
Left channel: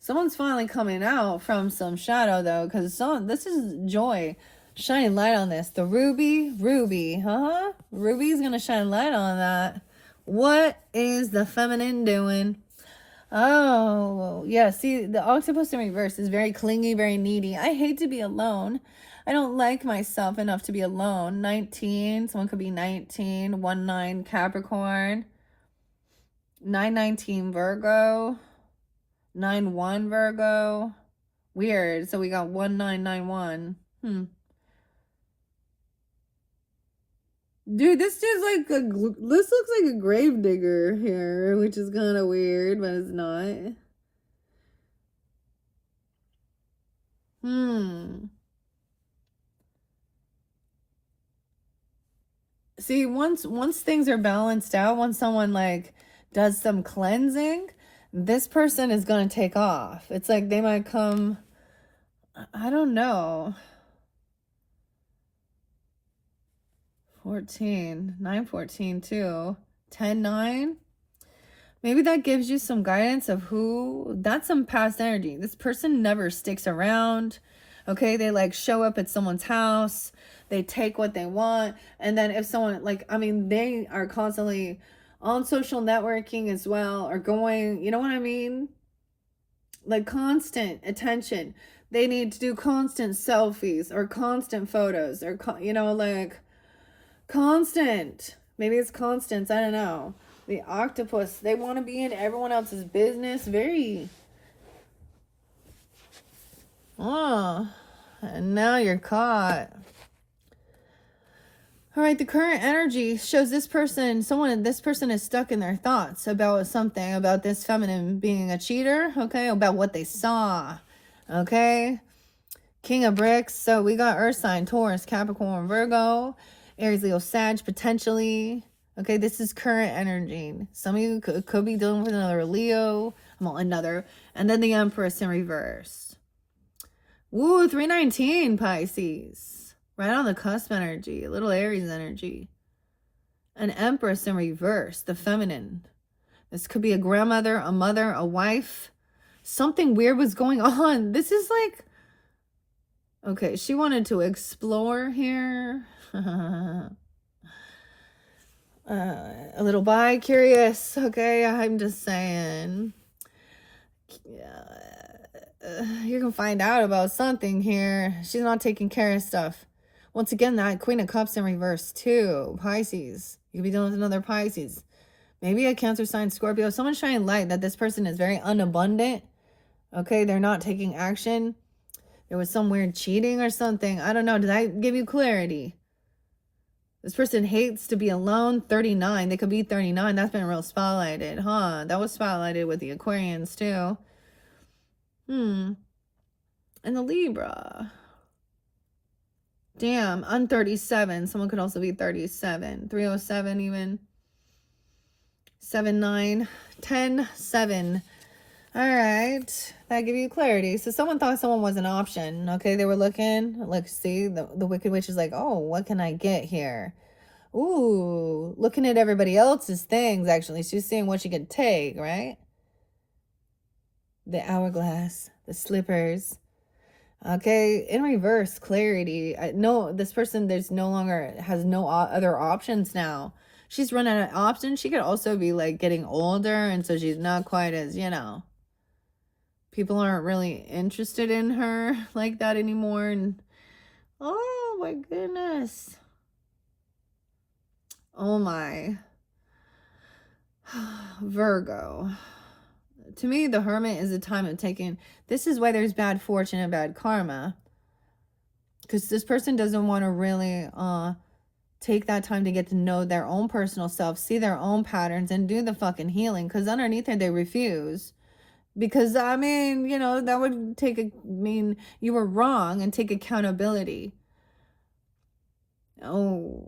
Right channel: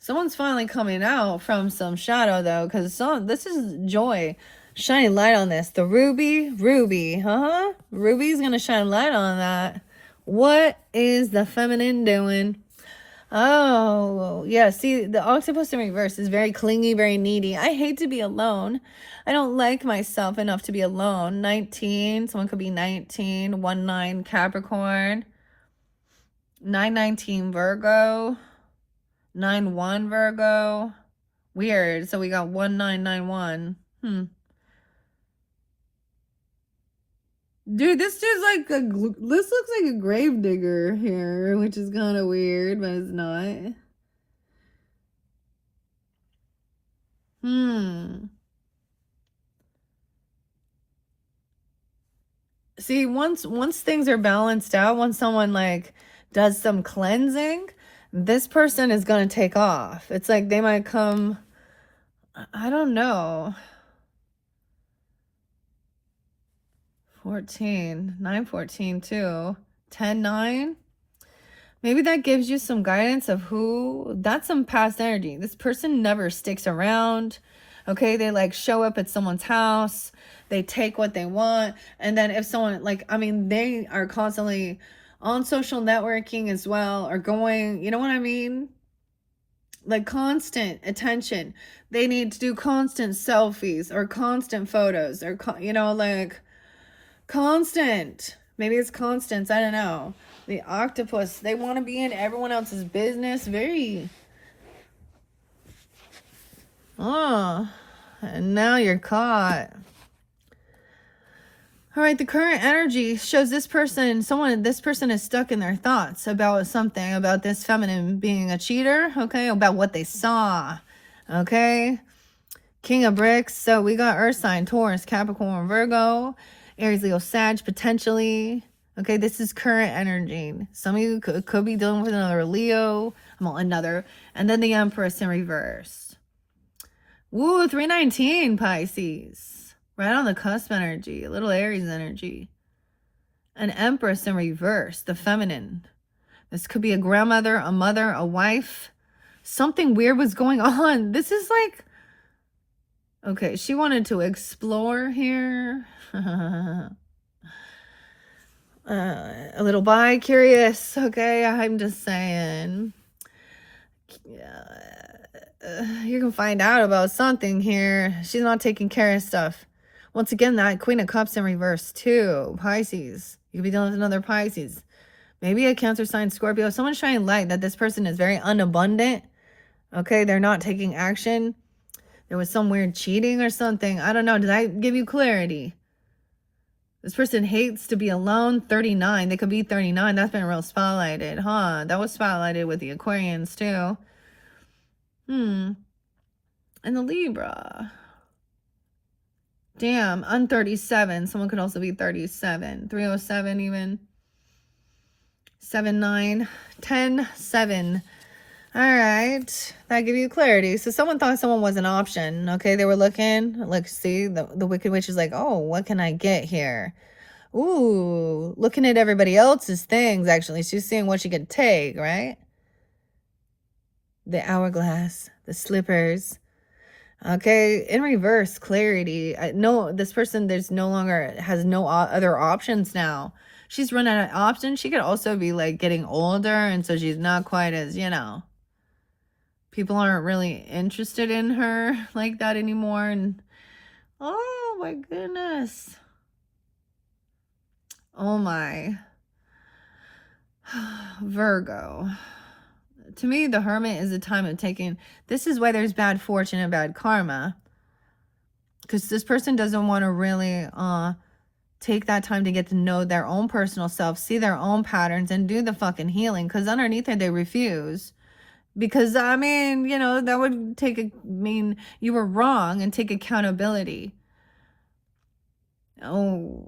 Someone's finally coming out from some shadow though, because this is joy. Shine light on this. The Ruby, Ruby's gonna shine light on that. What is the feminine doing? Oh, yeah. See, the octopus in reverse is very clingy, very needy. I hate to be alone. I don't like myself enough to be alone. 19. Someone could be 19. 1-9 Capricorn. 9-19 Virgo. 9-1 Virgo. Weird. So we got 1-9-9-1. Dude, this dude's like this looks like a grave digger here, which is kind of weird, but it's not. See, once things are balanced out, once someone like does some cleansing, this person is gonna take off. It's like they might come, I don't know. 14, 9-14 too. 10-9. Maybe that gives you some guidance of who, that's some past energy. This person never sticks around. Okay, they like show up at someone's house, they take what they want, and then if someone like, I mean, they are constantly on social networking as well, or going, you know what I mean? Like constant attention. They need to do constant selfies or constant photos or, you know, like constant. Maybe it's constants. I don't know. The octopus, they want to be in everyone else's business. Very. Oh, and now you're caught. All right, the current energy shows this person is stuck in their thoughts about something, about this feminine being a cheater, okay, about what they saw, okay? King of Bricks, so we got Earth sign, Taurus, Capricorn, Virgo, Aries, Leo, Sag, potentially. Okay, this is current energy. Some of you could be dealing with another Leo, and then the Empress in reverse. Woo, 319 Pisces. Right on the cusp energy, a little Aries energy. An Empress in reverse, the feminine. This could be a grandmother, a mother, a wife. Something weird was going on. This is like, okay, she wanted to explore here. A little bi-curious, okay? I'm just saying. You can find out about something here. She's not taking care of stuff. Once again, that Queen of Cups in reverse too. Pisces. You could be dealing with another Pisces. Maybe a Cancer sign, Scorpio. Someone's shining light that this person is very unabundant. Okay, they're not taking action. There was some weird cheating or something. I don't know. Did I give you clarity? This person hates to be alone. 39. They could be 39. That's been real spotlighted, huh? That was spotlighted with the Aquarians too. And the Libra. Damn, I'm 37. Someone could also be 37. 307 even. 79. 10, 7. All right. That give you clarity. So someone thought someone was an option. Okay, they were looking. Like, see, the Wicked Witch is like, oh, what can I get here? Ooh, looking at everybody else's things, actually. She's seeing what she can take, right? The hourglass, the slippers. Okay, in reverse, clarity. No, this person, there's no longer, has no other options now. She's run out of options. She could also be like getting older, and so she's not quite as, people aren't really interested in her like that anymore. And oh my goodness. Oh my. Virgo. To me, the Hermit is a time of taking. This is why there's bad fortune and bad karma. Because this person doesn't want to really take that time to get to know their own personal self, see their own patterns, and do the fucking healing. Because underneath it, they refuse. Because, I mean, that would mean you were wrong and take accountability. Oh,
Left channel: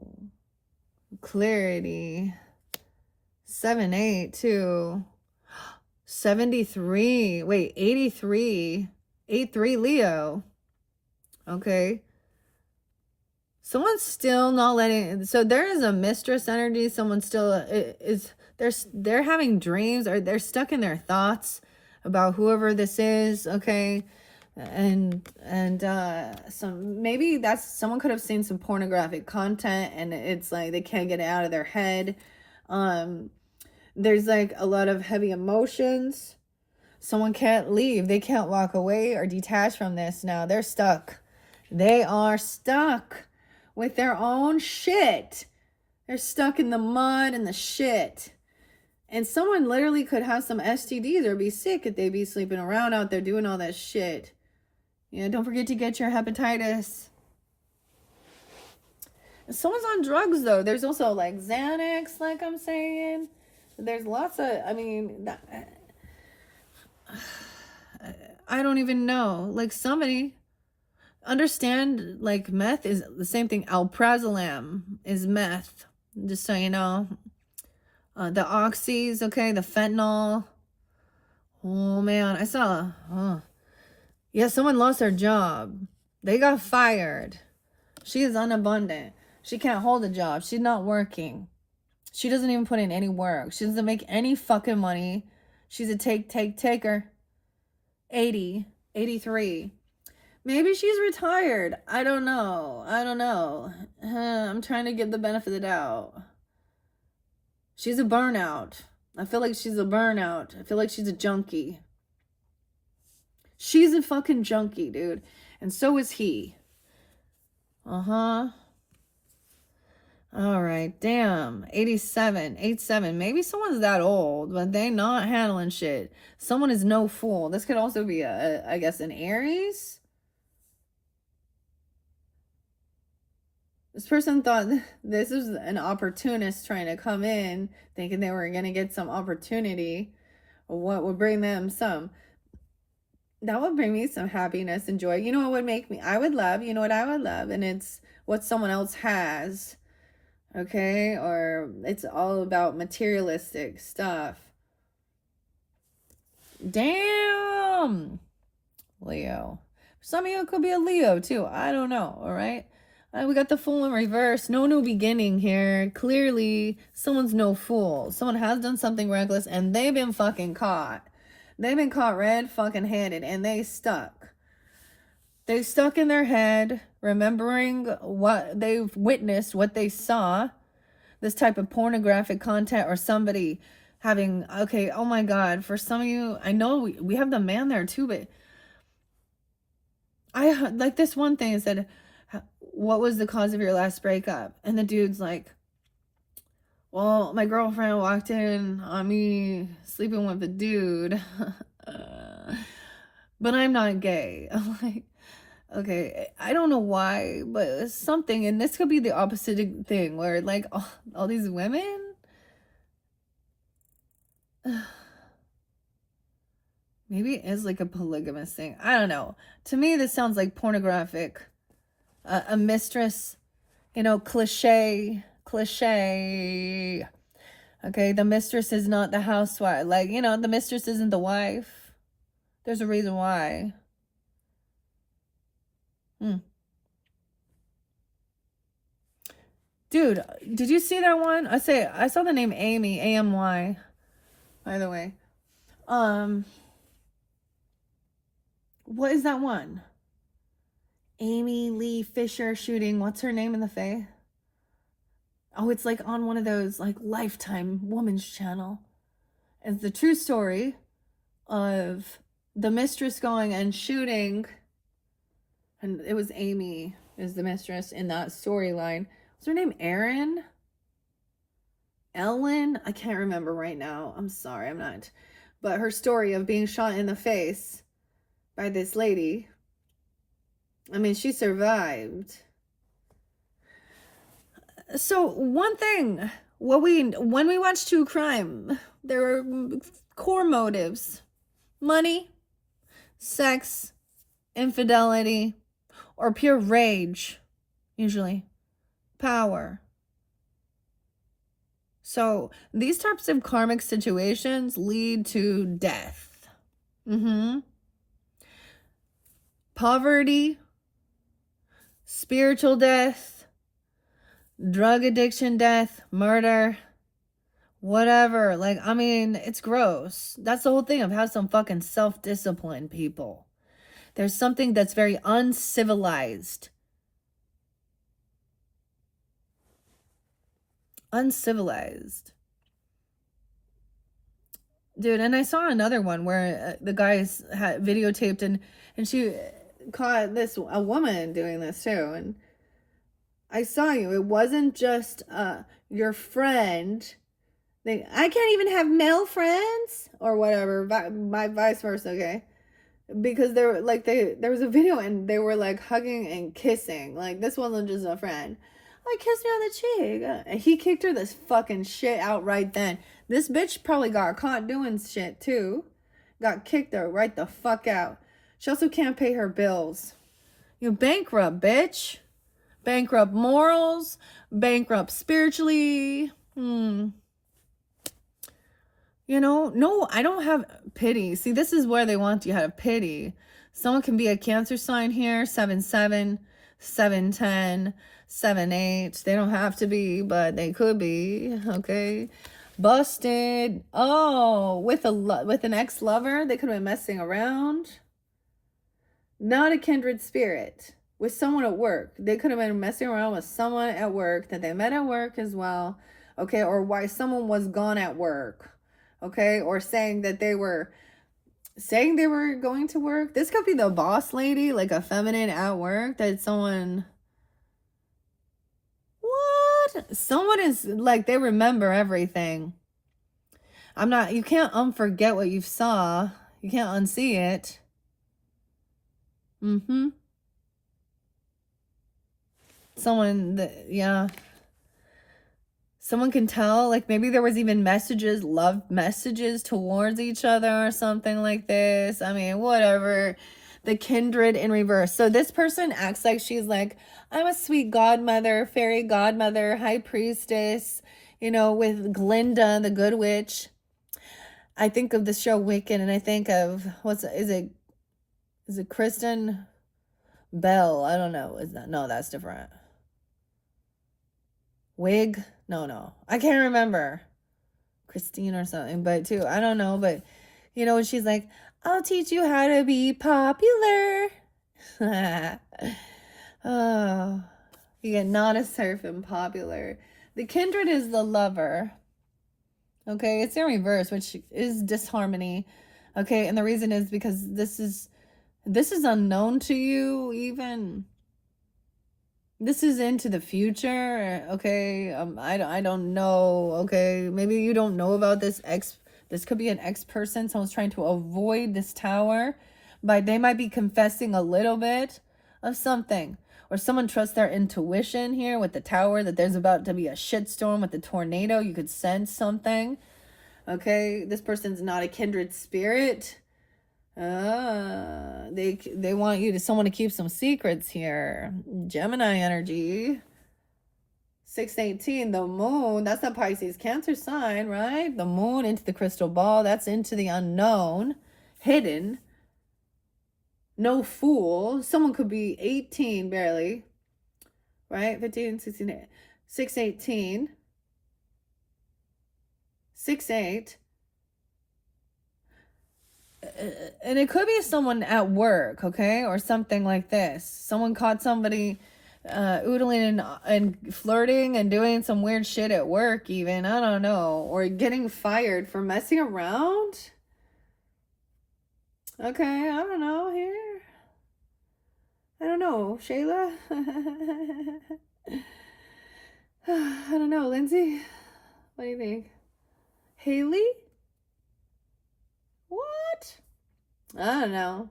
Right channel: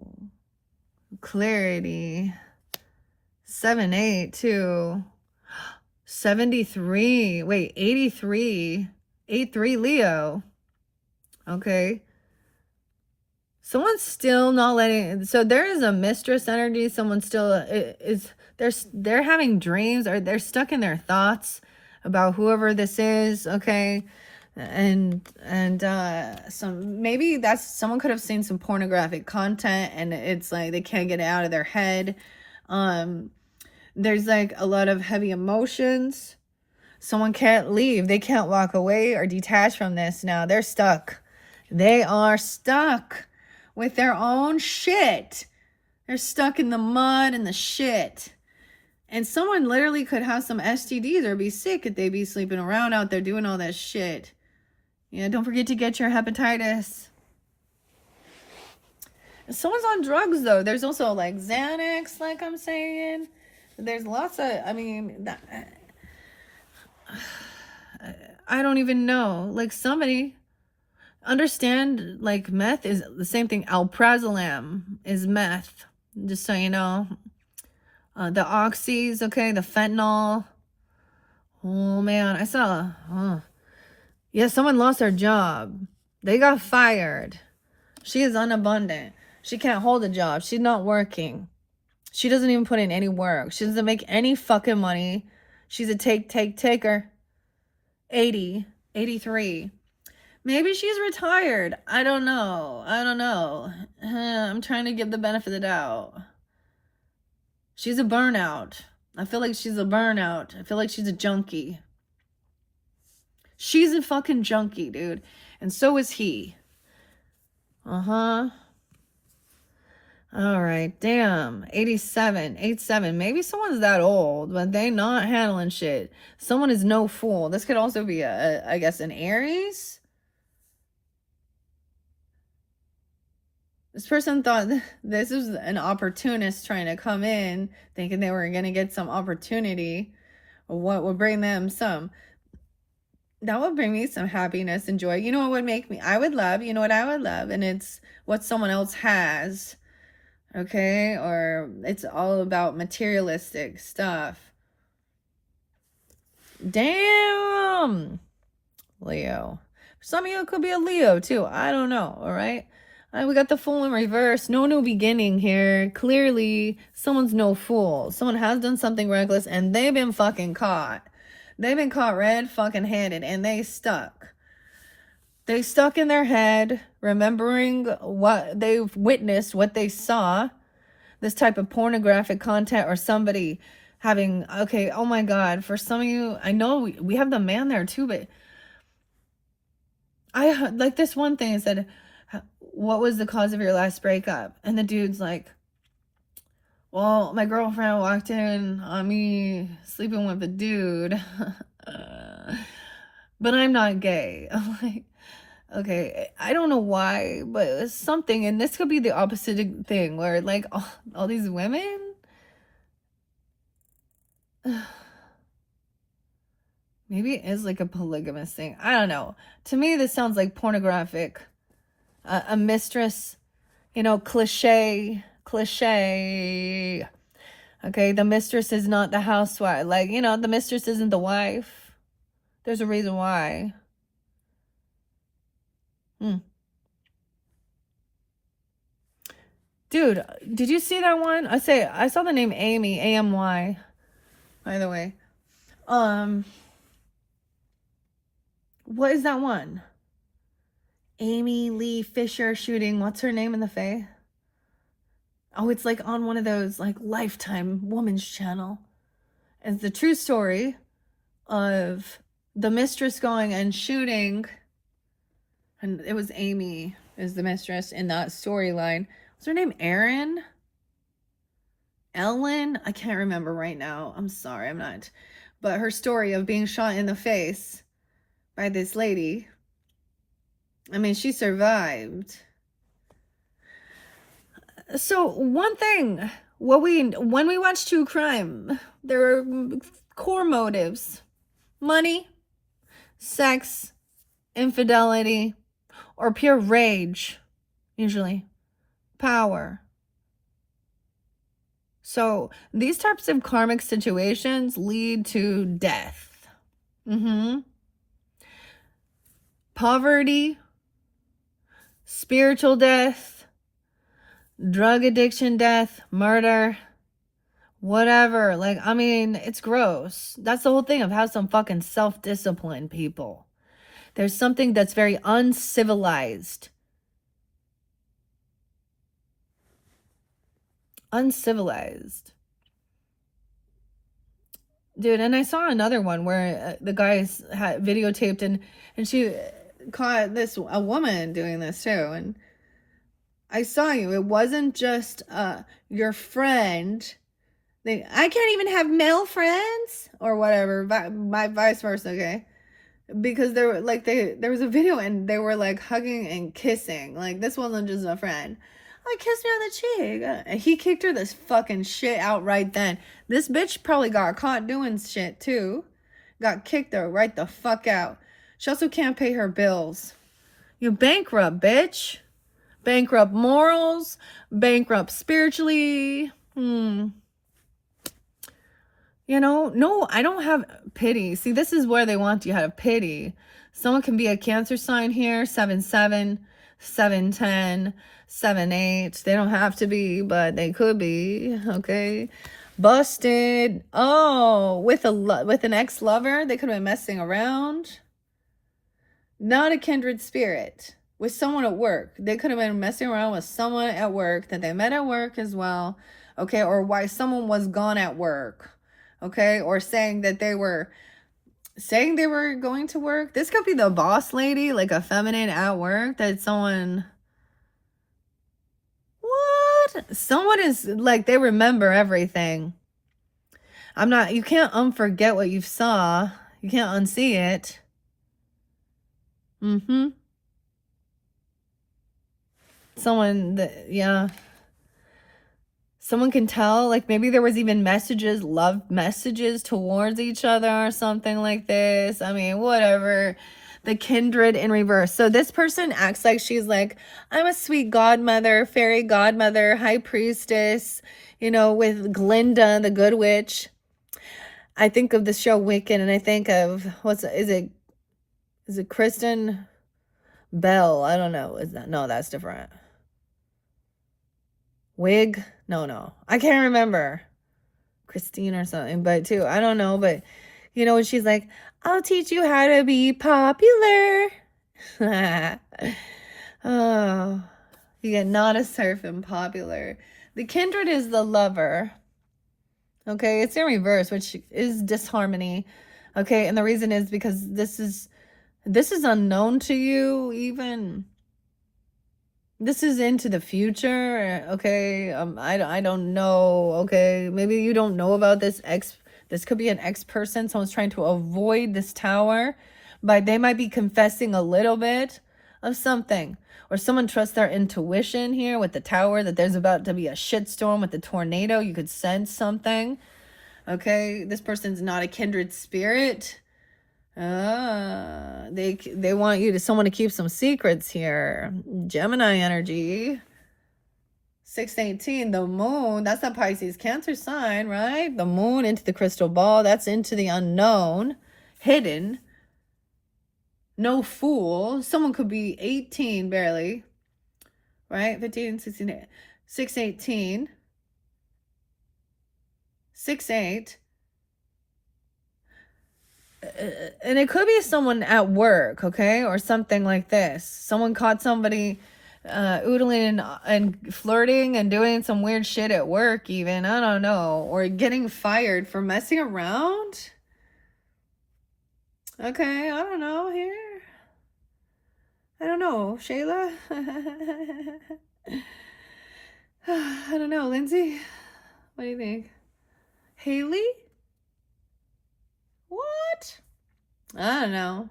clarity. 7, 8, 2. 73. Wait, 83. 83 Leo. Okay. Someone's still not letting. So there is a mistress energy. Someone still is. They're having dreams, or they're stuck in their thoughts about whoever this is. Okay. And so maybe that's, someone could have seen some pornographic content, and it's like they can't get it out of their head. There's like a lot of heavy emotions. Someone can't leave. They can't walk away or detach from this now. They're stuck. They are stuck with their own shit. They're stuck in the mud and the shit. And someone literally could have some STDs or be sick if they be sleeping around out there doing all that shit. Yeah, don't forget to get your hepatitis. Someone's on drugs, though. There's also like Xanax, like I'm saying. There's lots of, I don't even know. Like, somebody understand, like, meth is the same thing. Alprazolam is meth, just so you know. The oxys, okay, the fentanyl. Oh man, I saw, yeah, someone lost their job. They got fired. She is unabundant. She can't hold a job. She's not working. She doesn't even put in any work. She doesn't make any fucking money. She's a taker. 80, 83. Maybe she's retired. I don't know. I'm trying to give the benefit of the doubt. She's a burnout. I feel like she's a burnout. I feel like she's a junkie. She's a fucking junkie, dude. And so is he. All right, damn. 87, 87. Maybe someone's that old, but they not handling shit. Someone is no fool. This could also be I guess, an Aries. This person thought this was an opportunist trying to come in, thinking they were going to get some opportunity. What would bring them some? That would bring me some happiness and joy. You know what would make me? I would love, you know what I would love? And it's what someone else has. Okay? Or it's all about materialistic stuff. Damn! Leo. Some of you could be a Leo too. I don't know. All right? We got the Fool in reverse. No new beginning here. Clearly, someone's no fool. Someone has done something reckless and they've been fucking caught. They've been caught red fucking handed and they stuck. They stuck in their head, remembering what they've witnessed, what they saw. This type of pornographic content, or somebody having, okay, oh my God, for some of you, I know we have the man there too, but I like this one thing. It said, what was the cause of your last breakup? And the dude's like, well, my girlfriend walked in on me sleeping with a dude, but I'm not gay. I'm like, Okay, I don't know why, but it's something, and this could be the opposite thing where like all these women. Maybe it is like a polygamous thing. I don't know. To me, this sounds like pornographic. A mistress, you know, cliche. Okay, the mistress is not the housewife. Like, you know, the mistress isn't the wife. There's a reason why. Dude, did you see that one? I saw the name Amy, AMY, by the way. What is that one? Amy Lee Fisher shooting. What's her name in the Fae? Oh, it's like on one of those like Lifetime Woman's channel. It's the true story of the mistress going and shooting. And it was Amy is the mistress in that storyline. Was her name Ellen? I can't remember right now. I'm sorry, I'm not. But her story of being shot in the face by this lady. I mean, she survived. So one thing, when we watch true crime, there are core motives: money, sex, infidelity, or pure rage, usually power. So these types of karmic situations lead to death. Poverty, spiritual death, drug addiction death, murder, whatever. Like, I mean, it's gross. That's the whole thing of have some fucking self-discipline, people. There's something that's very uncivilized. Dude, and I saw another one where the guys had videotaped and she caught a woman doing this too. And I saw you. It wasn't just your friend. I can't even have male friends or whatever. My vice versa, okay? Because there was a video and they were like hugging and kissing. Like, this wasn't just a friend. I kissed me on the cheek. He kicked her this fucking shit out right then. This bitch probably got caught doing shit too. Got kicked her right the fuck out. She also can't pay her bills. You bankrupt, bitch. Bankrupt morals. Bankrupt spiritually. You know, no, I don't have pity. See, this is where they want you to have pity. Someone can be a Cancer sign here. 7/7, 7/10, 7/8. They don't have to be, but they could be. Okay. Busted. Oh, with an ex-lover. They could have been messing around. Not a kindred spirit. With someone at work. They could have been messing around with someone at work that they met at work as well. Okay. Or why someone was gone at work. Okay. Or saying they were going to work. This could be the boss lady, like a feminine at work, that someone is like, they remember everything. You can't unforget what you saw. You can't unsee it. Someone can tell, like, maybe there was even love messages towards each other or something like this. I mean, whatever. The kindred in reverse. So this person acts like she's like, I'm a sweet godmother, fairy godmother, high priestess, you know, with Glinda, the good witch. I think of the show Wiccan, and I think of, is it Kristen Bell? I don't know. No, that's different. Wig? No. I can't remember. Christine or something, but too, I don't know, but you know, she's like, I'll teach you how to be popular. Oh, you get not a surf and popular. The kindred is the lover. Okay, it's in reverse, which is disharmony. Okay, and the reason is because this is unknown to you even. This is into the future, okay? I don't know, okay? Maybe you don't know about this this could be an ex-person. Someone's trying to avoid this tower, but they might be confessing a little bit of something. Or someone trusts their intuition here with the Tower, that there's about to be a shitstorm with the tornado. You could sense something. Okay, this person's not a kindred spirit. They want you to someone to keep some secrets here. Gemini energy. 618, the moon. That's not Pisces, Cancer sign, right? The moon into the crystal ball. That's into the unknown, hidden. No fool. Someone could be 18 barely, right? 15, 16, 618, 68. And it could be someone at work, okay? Or something like this. Someone caught somebody oodling and flirting and doing some weird shit at work even. I don't know. Or getting fired for messing around. Okay, I don't know here. I don't know, Shayla. I don't know, Lindsay. What do you think? Haley? What? I don't know.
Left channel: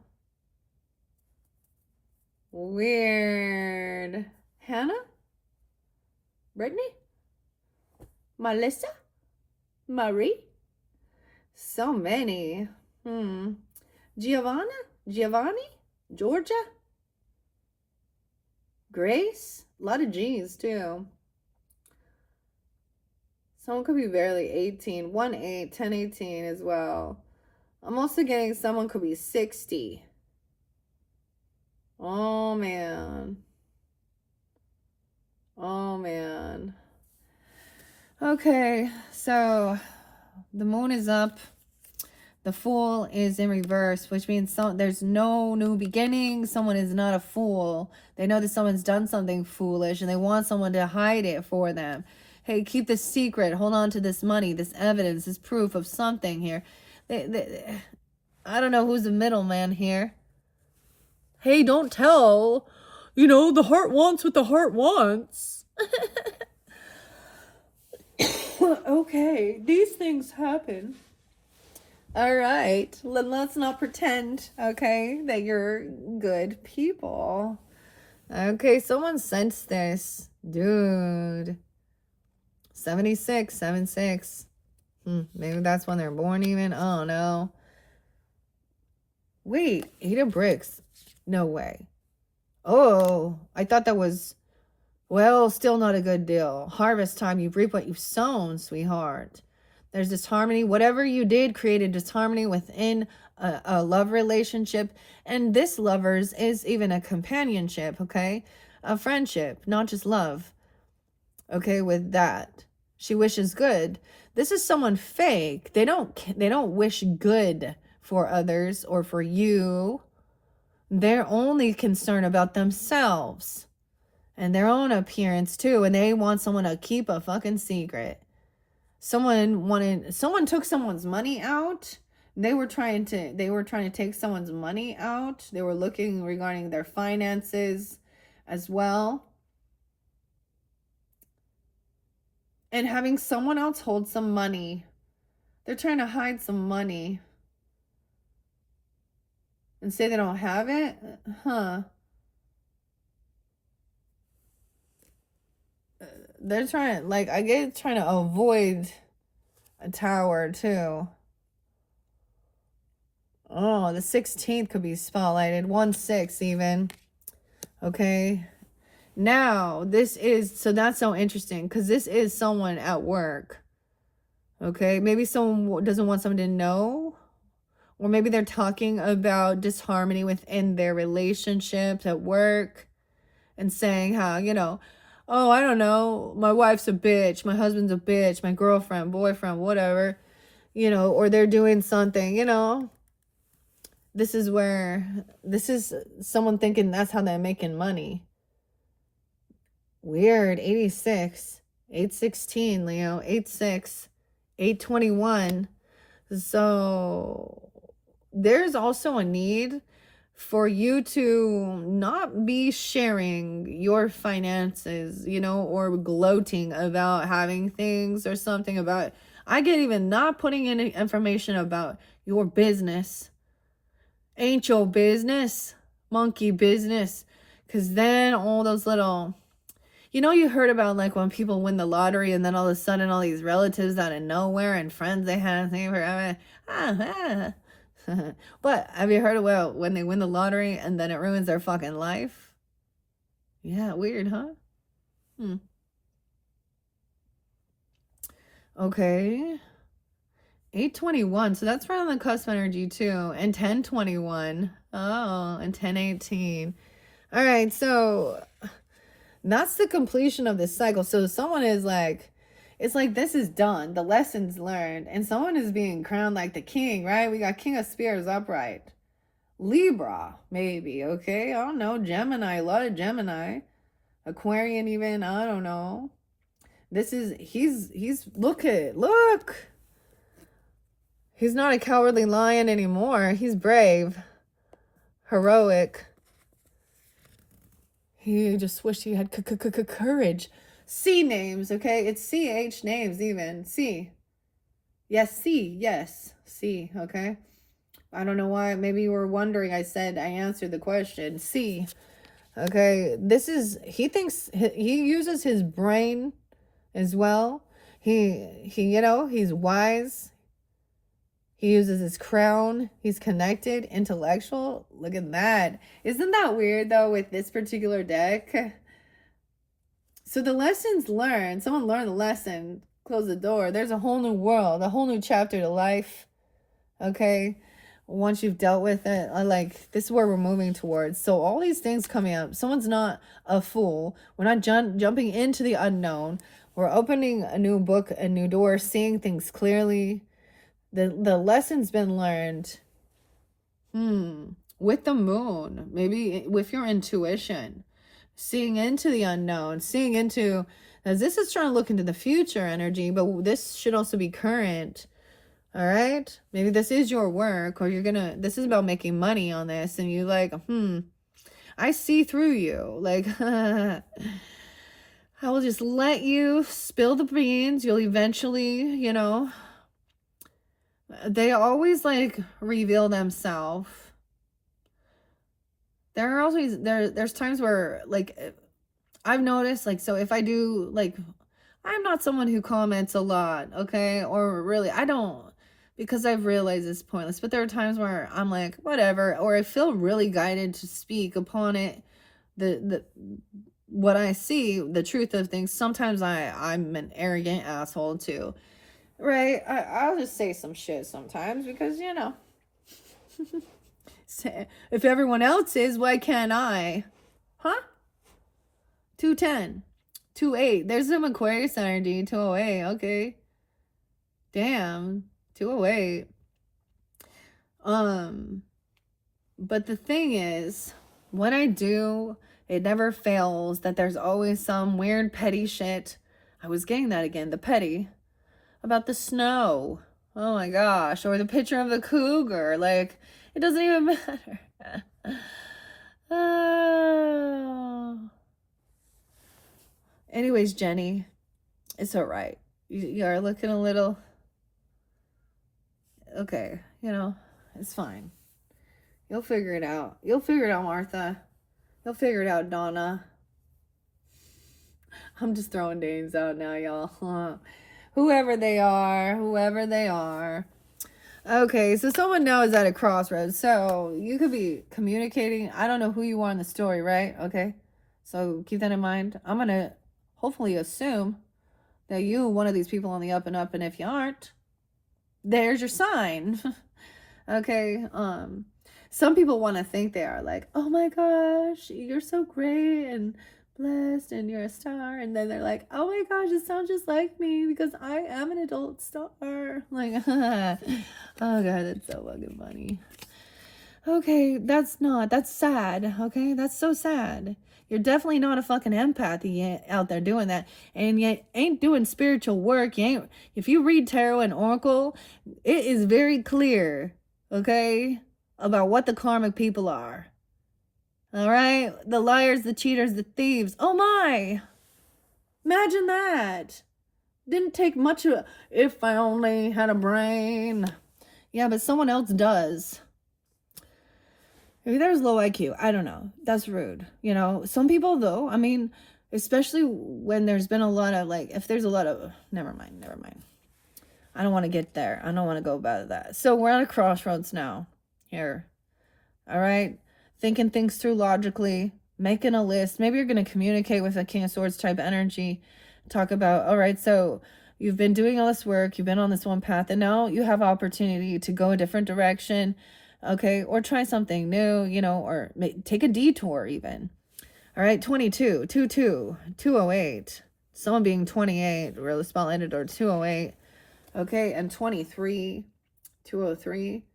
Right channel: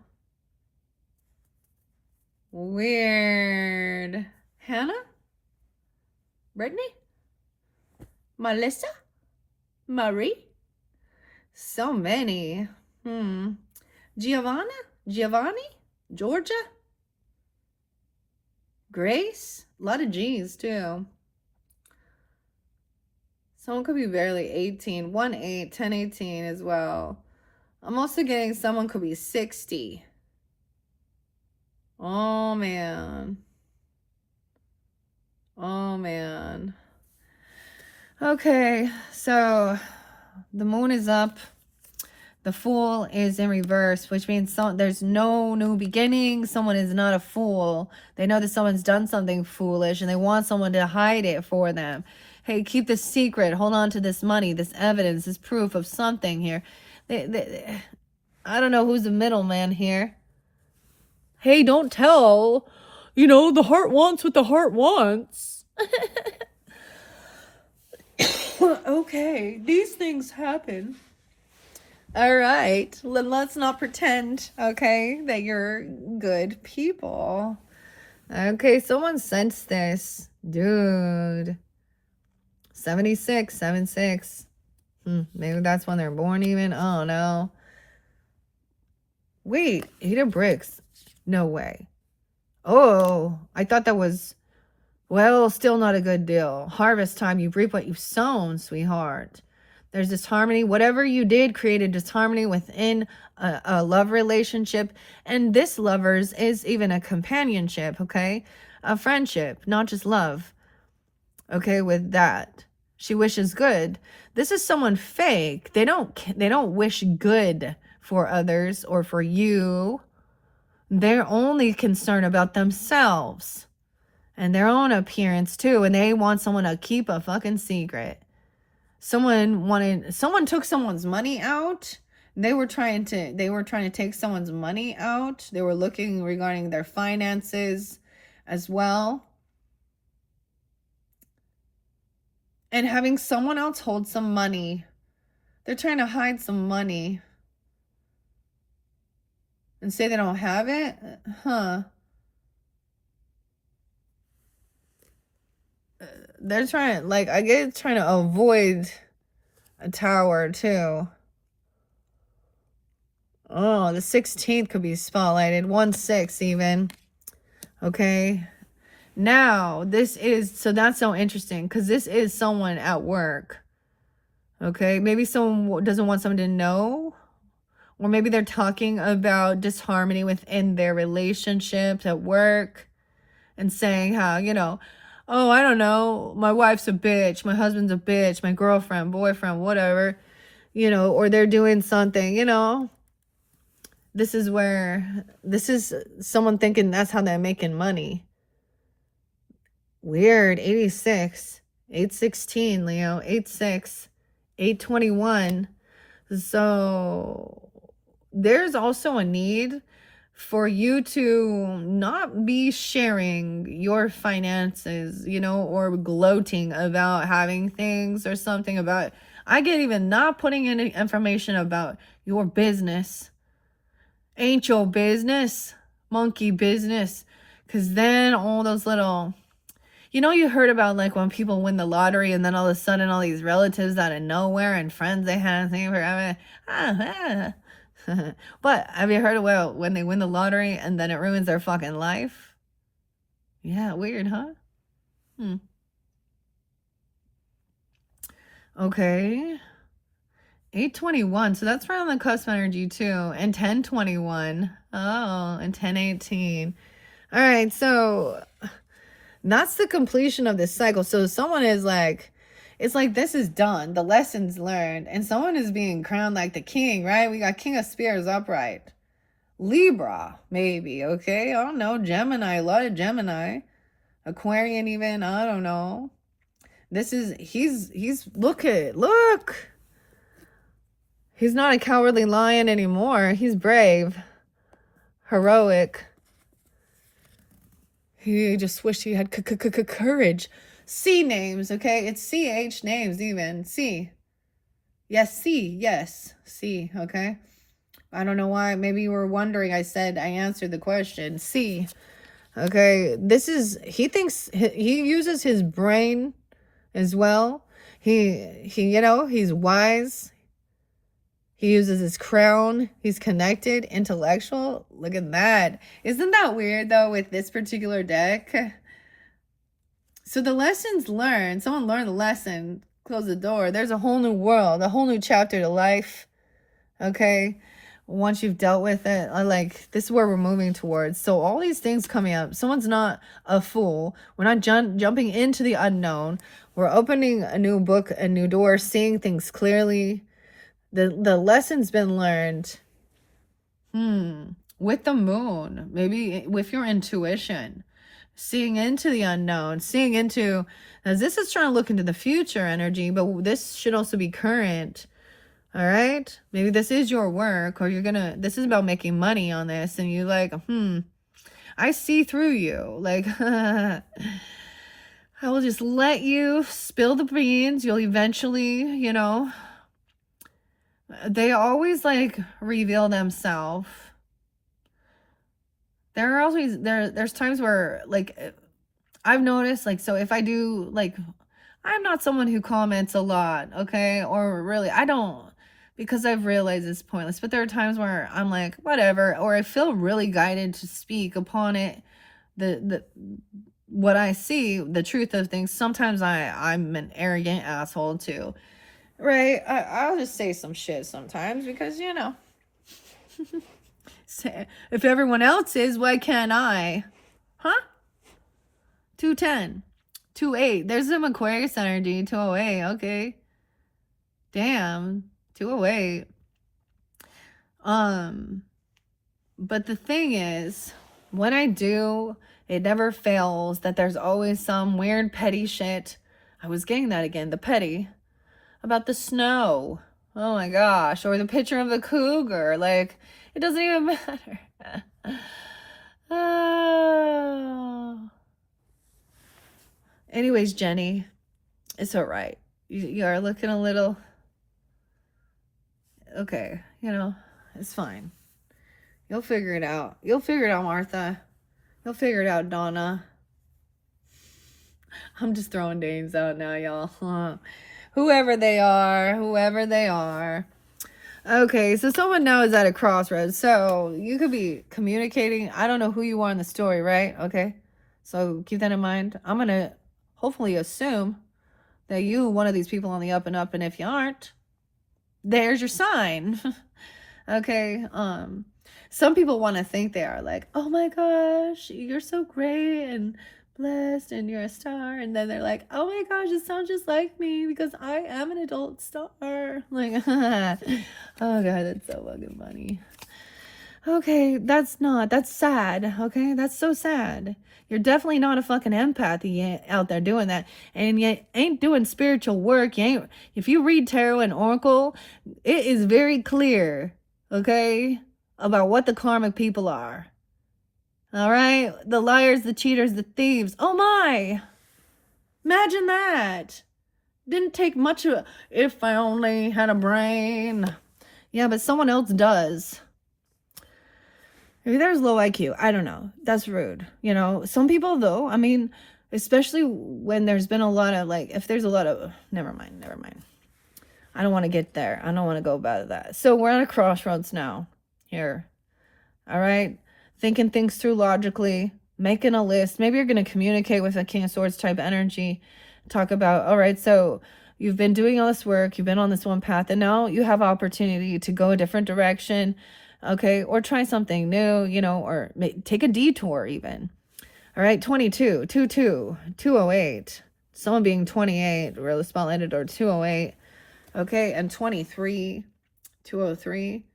Weird. Hannah? Brittany? Melissa? Marie? So many. Giovanni? Georgia? Grace? A lot of G's too. Someone could be barely 18. 1-8, 10-18 as well. I'm also getting someone could be 60. Oh, man. Oh, man. Okay, so the moon is up. The Fool is in reverse, which means there's no new beginning. Someone is not a fool. They know that someone's done something foolish, and they want someone to hide it for them. Hey, keep this secret. Hold on to this money, this evidence, this proof of something here. I don't know who's the middleman here. Hey, don't tell. You know, the heart wants what the heart wants. Okay, these things happen. All right, let's not pretend, okay, that you're good people. Okay, someone sensed this. Dude. 76, 76. Maybe that's when they're born even. Oh, no. Wait, 8 of bricks. No way. Oh, I thought that was, well, still not a good deal. Harvest time, you reap what you've sown, sweetheart. There's disharmony. Whatever you did created disharmony within a love relationship. And this lovers is even a companionship, okay? A friendship, not just love. Okay, with that. She wishes good. This is someone fake. They don't wish good for others or for you. They're only concerned about themselves and their own appearance too. And they want someone to keep a fucking secret. Someone took someone's money out. They were trying to take someone's money out. They were looking regarding their finances as well. And having someone else hold some money. They're trying to hide some money. And say they don't have it? Huh. They're trying, like, I guess trying to avoid a tower too. Oh, the 16th could be spotlighted. 1-6 even. Okay. Now, so that's so interesting because this is someone at work. Okay. Maybe someone doesn't want someone to know. Or maybe they're talking about disharmony within their relationships at work and saying how, you know, oh, I don't know, my wife's a bitch, my husband's a bitch, my girlfriend, boyfriend, whatever, you know, or they're doing something, you know. This is someone thinking that's how they're making money. Weird. 86, 816, Leo, 86, 821. So there's also a need for you to not be sharing your finances, you know, or gloating about having things or something about, I get even not putting any information about your business. Ain't your business, monkey business. Because then all those little, you know, you heard about like when people win the lottery and then all of a sudden all these relatives out of nowhere and friends they hadn't seen forever. But have you heard about when they win the lottery and then it ruins their fucking life? Yeah, weird, huh? Okay. 821. So that's right on the cusp energy too. And 1021. Oh, and 1018. All right, so that's the completion of this cycle. So someone is like, it's like this is done. The lessons learned. And someone is being crowned like the king, right? We got King of Spears upright. Libra, maybe, okay? I don't know. Gemini, a lot of Gemini. Aquarian even, I don't know. This is, look. He's not a cowardly lion anymore. He's brave. Heroic. He just wished he had courage. C names, okay? It's CH names even. C. Yes, C. Yes. C, okay? I don't know why. Maybe you were wondering. I answered the question. C. Okay? This is, he uses his brain as well. He, you know, he's wise. He uses his crown. He's connected, intellectual. Look at that. Isn't that weird, though, with this particular deck? So the lessons learned. Someone learned the lesson. Close the door. There's a whole new world. A whole new chapter to life. Okay? Once you've dealt with it. Like, this is where we're moving towards. So all these things coming up. Someone's not a fool. We're not jumping into the unknown. We're opening a new book, a new door, seeing things clearly. The lesson's been learned with the moon, maybe with your intuition, seeing into the unknown, seeing into, as this is trying to look into the future energy, but this should also be current. All right, maybe this is your work, or this is about making money on this, and you like, I see through you, like, I will just let you spill the beans. You'll eventually, you know, they always like reveal themselves. There are always there's times where like I've noticed, like, so if I do, like, I'm not someone who comments a lot, okay, or really I don't, because I've realized it's pointless, but there are times where I'm like, whatever, or I feel really guided to speak upon it, what I see, the truth of things. Sometimes I'm an arrogant asshole too. Right, I'll just say some shit sometimes because, you know, if everyone else is, why can't I? Huh? 210, 28. There's some Aquarius energy. 208. Okay. Damn. 208. But the thing is, when I do, it never fails that there's always some weird petty shit. I was getting that again. The petty. About the snow. Oh my gosh. Or the picture of a cougar. Like, it doesn't even matter. Oh. Anyways, Jenny, it's all right. You are looking a little, okay, you know, it's fine. You'll figure it out. You'll figure it out, Martha. You'll figure it out, Donna. I'm just throwing names out now, y'all. Whoever they are. Okay, so someone knows at a crossroads. So you could be communicating. I don't know who you are in the story, right? Okay, so keep that in mind. I'm going to hopefully assume that you, one of these people on the up and up, and if you aren't, there's your sign. Okay, some people want to think they are like, oh my gosh, you're so great and blessed and you're a star, and then they're like, oh my gosh, it sounds just like me because I am an adult star. Like, oh god, that's so fucking funny. Okay, that's sad. Okay, that's so sad. You're definitely not a fucking empath out there doing that, and you ain't doing spiritual work. If you read tarot and oracle, it is very clear, okay, about what the karmic people are. All right, the liars, the cheaters, the thieves. Oh my, imagine that. Didn't take much of, if I only had a brain. Yeah, but someone else does. Maybe there's low IQ. I don't know. That's rude. You know, some people though, I mean, especially when there's been a lot of like, if there's a lot of, never mind. I don't want to get there. I don't want to go about that. So we're at a crossroads now here. All right. Thinking things through logically, making a list. Maybe you're going to communicate with a King of Swords type energy. Talk about, all right, so you've been doing all this work. You've been on this one path, and now you have opportunity to go a different direction. Okay. Or try something new, you know, or take a detour even. All right. 22, 22, 208. Someone being 28, or the spotlighted, or 208. Okay. And 23, 203.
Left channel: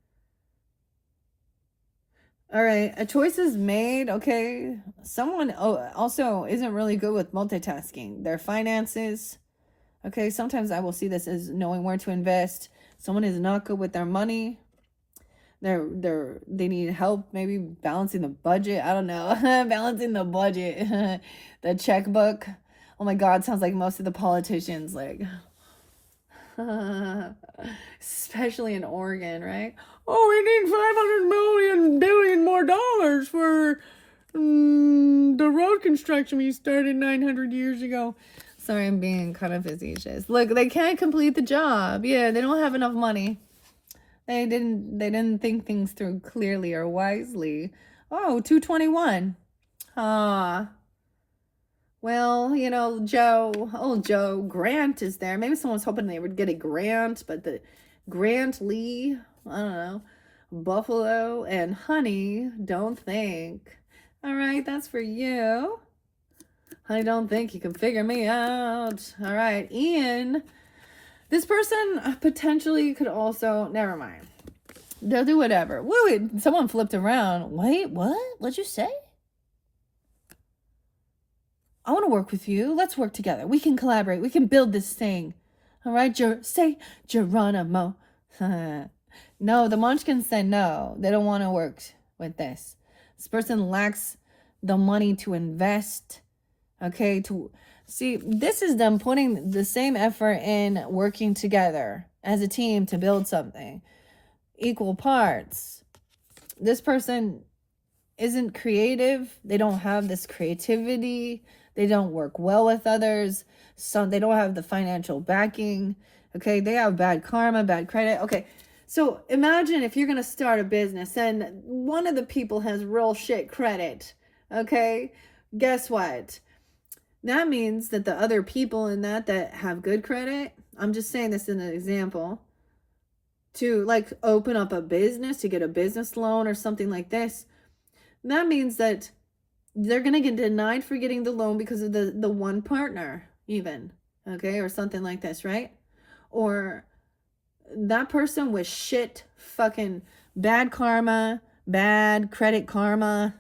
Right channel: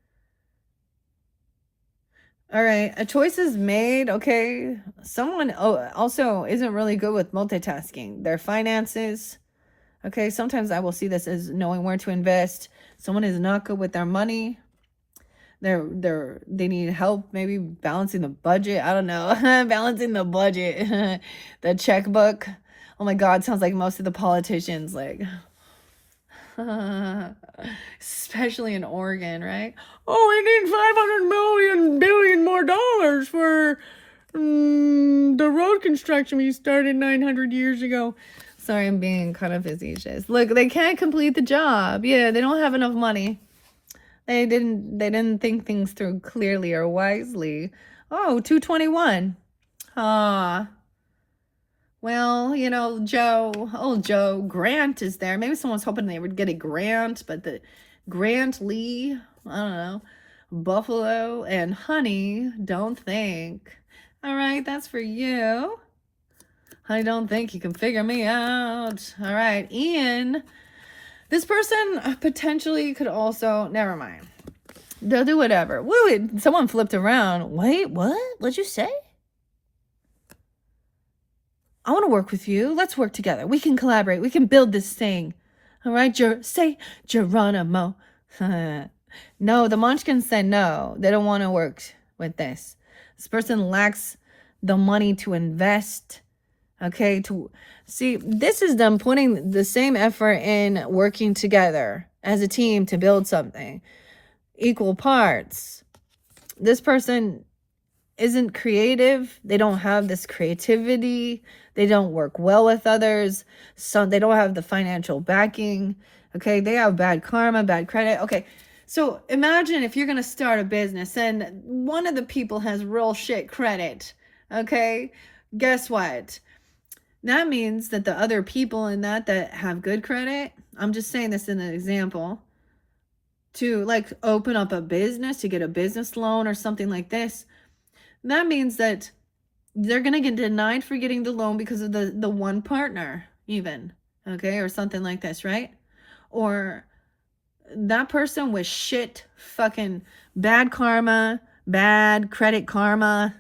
All right, a choice is made. Okay, someone also isn't really good with multitasking. Their finances. Okay, sometimes I will see this as knowing where to invest. Someone is not good with their money. They need help maybe balancing the budget. I don't know. Balancing the budget. The checkbook. Oh my God, sounds like most of the politicians, like especially in Oregon, right? Oh, we need 500 million billion more dollars for the road construction we started 900 years ago. Sorry, I'm being kind of facetious. Look, they can't complete the job. Yeah, they don't have enough money. They didn't think things through clearly or wisely. Oh, 221. Well, you know, Joe Grant is there. Maybe someone's hoping they would get a grant, but the Grant Lee, I don't know, Buffalo and Honey, don't think. All right, that's for you. I don't think you can figure me out. All right, Ian. This person potentially could also, never mind. They'll do whatever. Wait, someone flipped around. Wait, what? What'd you say? I want to work with you. Let's work together. We can collaborate. We can build this thing. All right, say Geronimo. No, the Munchkins said no. They don't want to work with this. This person lacks the money to invest. Okay, to see, this is them putting the same effort in working together as a team to build something. Equal parts. This person isn't creative. They don't have this creativity. They don't work well with others. So they don't have the financial backing. Okay, they have bad karma, bad credit. Okay, so imagine if you're going to start a business and one of the people has real shit credit. Okay, guess what? That means that the other people in that have good credit, I'm just saying this in an example, to like open up a business, to get a business loan or something like this, that means that they're going to get denied for getting the loan because of the one partner even, okay, or something like this, right? Or that person with shit fucking bad karma, bad credit karma.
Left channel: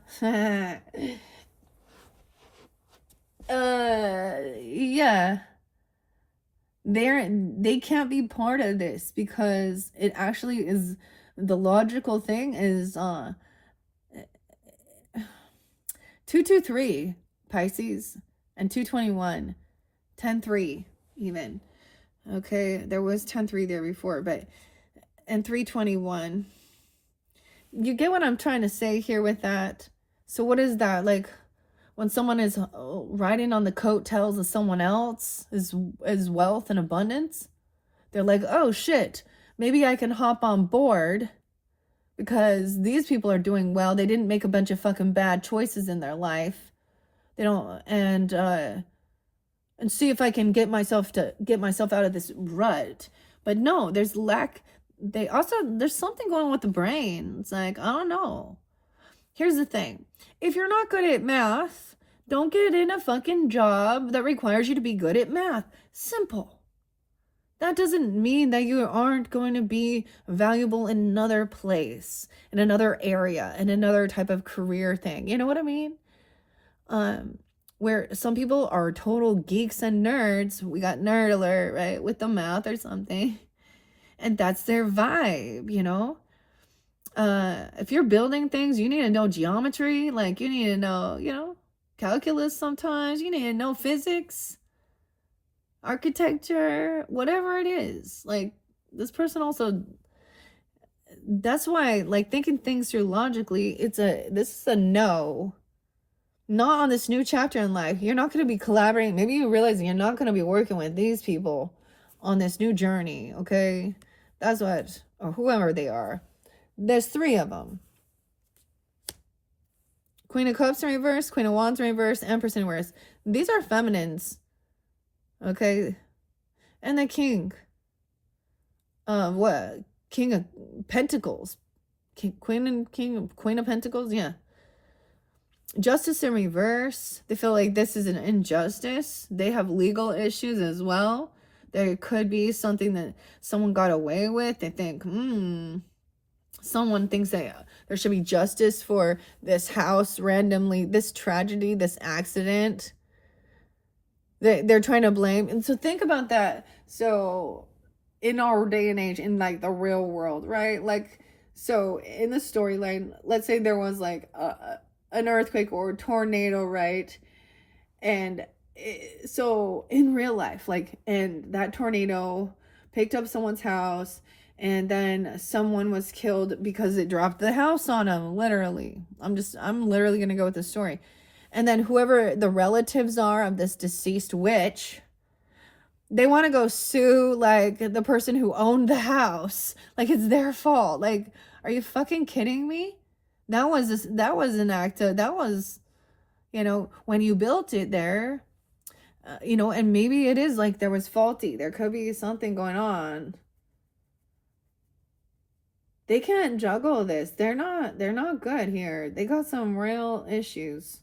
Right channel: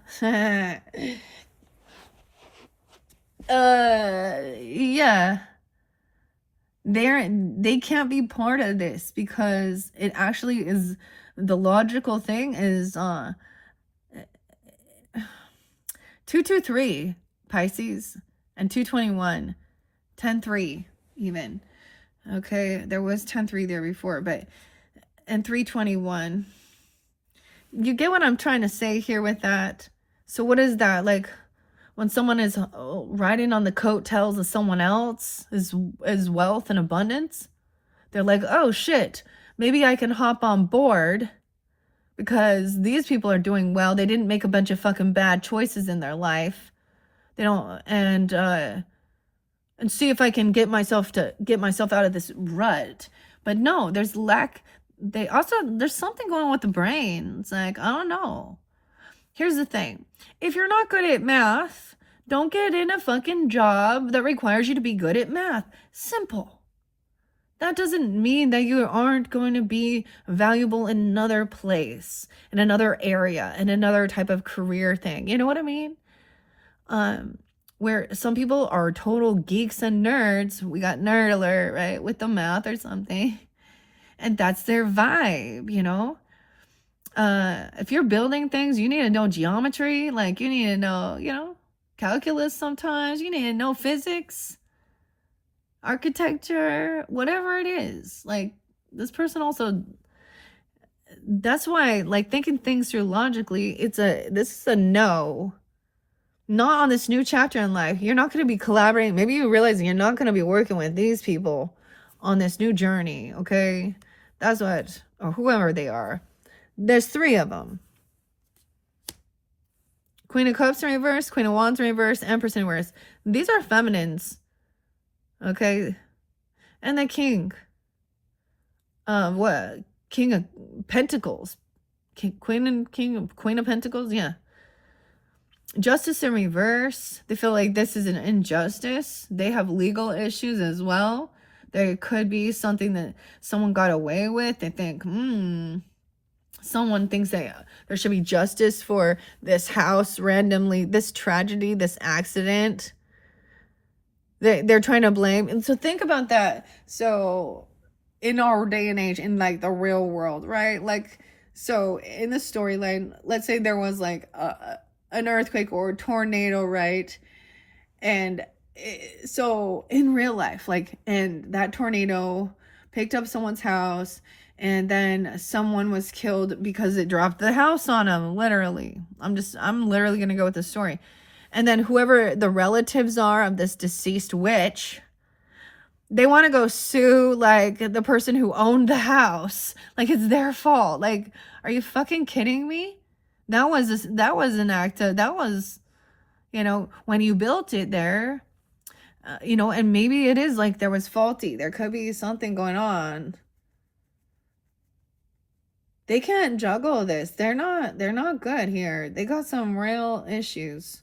Yeah. They can't be part of this because it actually is, the logical thing is 223 Pisces and 221 10-3 even. Okay, there was 10-3 there before, but and 321. You get what I'm trying to say here with that? So what is that? Like when someone is riding on the coattails of someone else is wealth and abundance, they're like, oh shit, maybe I can hop on board because these people are doing well. They didn't make a bunch of fucking bad choices in their life. They don't, and see if I can get myself out of this rut. But no, there's there's something going on with the brain. It's like, I don't know. Here's the thing. If you're not good at math, don't get in a fucking job that requires you to be good at math. Simple. That doesn't mean that you aren't going to be valuable in another place, in another area, in another type of career thing. You know what I mean? Where some people are total geeks and nerds. We got nerd alert, right? With the math or something. And that's their vibe, you know? If you're building things, you need to know geometry. Like you need to know, you know, calculus sometimes. You need to know physics, architecture, whatever it is. Like this person also, that's why, like, thinking things through logically, this is a no. Not on this new chapter in life. You're not going to be collaborating. Maybe you realize you're not going to be working with these people on this new journey, okay? That's what, or whoever they are. There's 3 of them. Queen of Cups in reverse, Queen of Wands in reverse, Empress in reverse. These are feminines, okay? And the King. What? King of Pentacles. Queen of Pentacles, yeah. Justice in reverse. They feel like this is an injustice. They have legal issues as well. There could be something that someone got away with. They think, someone thinks that there should be justice for this house randomly, this tragedy, this accident. They're trying to blame. And so think about that. So in our day and age, in like the real world, right? Like, so in the storyline, let's say there was like an earthquake or a tornado, right? And so in real life, like, and that tornado picked up someone's house, and then someone was killed because it dropped the house on them, literally. I'm literally going to go with the story. And then whoever the relatives are of this deceased witch, they want to go sue, like, the person who owned the house. Like, it's their fault. Like, are you fucking kidding me? That was an act of, that was, when you built it there, and maybe it is like there was faulty. There could be something going on. They can't juggle this. They're not good here. They got some real issues.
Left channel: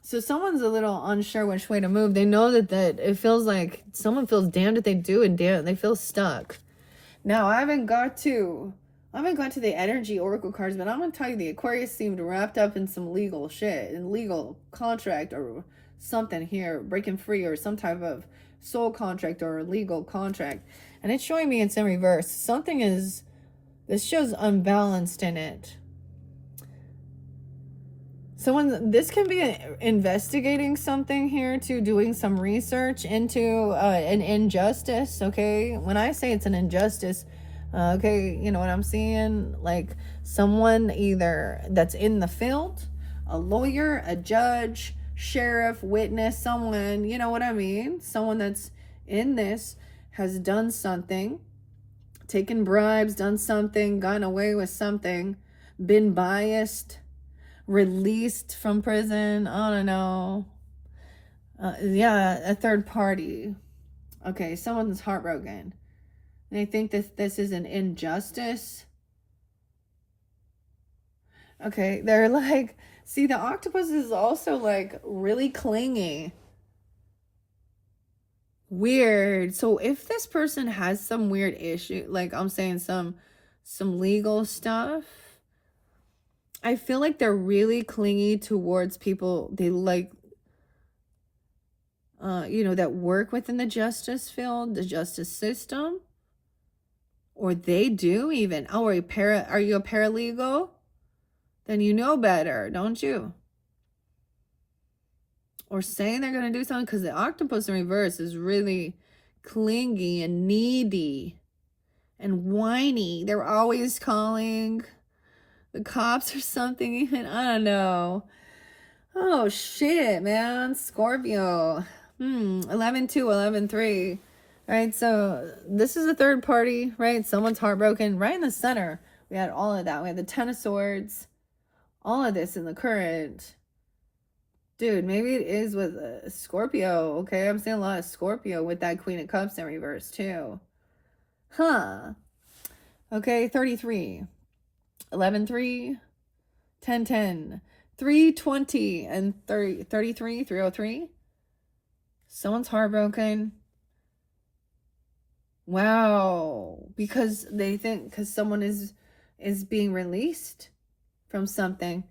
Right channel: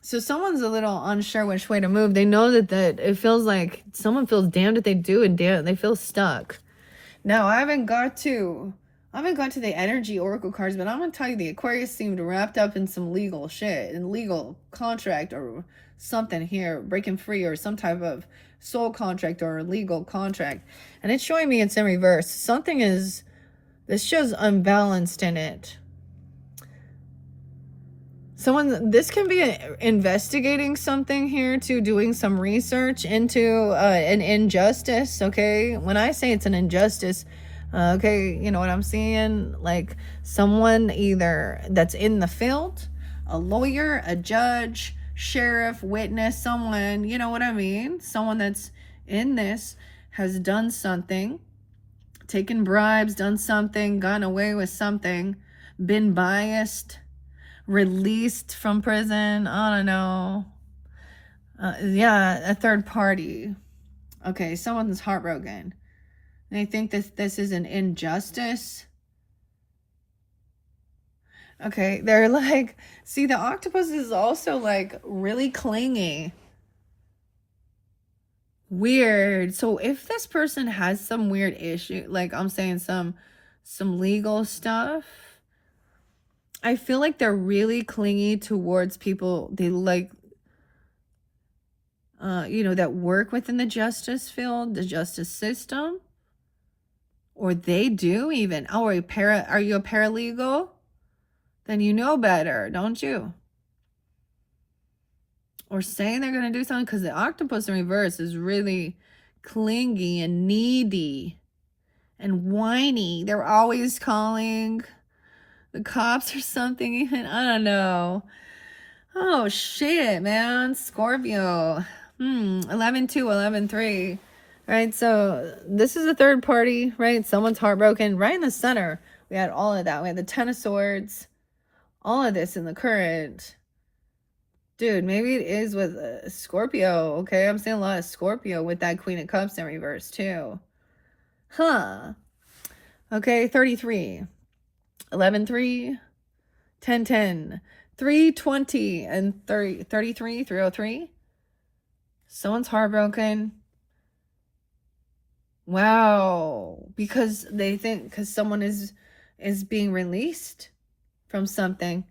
So someone's a little unsure which way to move. They know that it feels like someone feels damned if they do and damn they feel stuck. Now, I haven't got to the energy oracle cards, but I'm gonna tell you the Aquarius seemed wrapped up in some legal shit, in legal contract or something here, breaking free, or some type of soul contract or legal contract. And it's showing me it's in reverse. This shows unbalanced in it. This can be investigating something here too, doing some research into an injustice, okay? When I say it's an injustice, okay, you know what I'm seeing? Like someone either that's in the field, a lawyer, a judge, sheriff, witness, someone, you know what I mean? Someone that's in this has done something, taken bribes, done something, gone away with something, been biased, released from prison, I don't know. Yeah, a third party. Okay, someone's heartbroken. They think that this is an injustice. Okay, they're like, see, the octopus is also like really clingy. Weird. So if this person has some weird issue, like I'm saying some legal stuff, I feel like they're really clingy towards people they like, that work within the justice field, the justice system, or they do even. Oh, are you a paralegal? Then you know better, don't you? Or saying they're going to do something, because the octopus in reverse is really clingy and needy and whiny. They're always calling the cops or something, even. I don't know. Oh, shit, man. Scorpio. 11-2, 11-3. Right, so this is a third party, right? Someone's heartbroken. Right in the center, we had all of that. We had the Ten of Swords. All of this in the current. Dude, maybe it is with Scorpio, okay? I'm seeing a lot of Scorpio with that Queen of Cups in reverse, too. Huh. Okay, 33. 11-3. 10-10. 320 and 33, 303. Someone's heartbroken. Wow. Because someone is being released from something,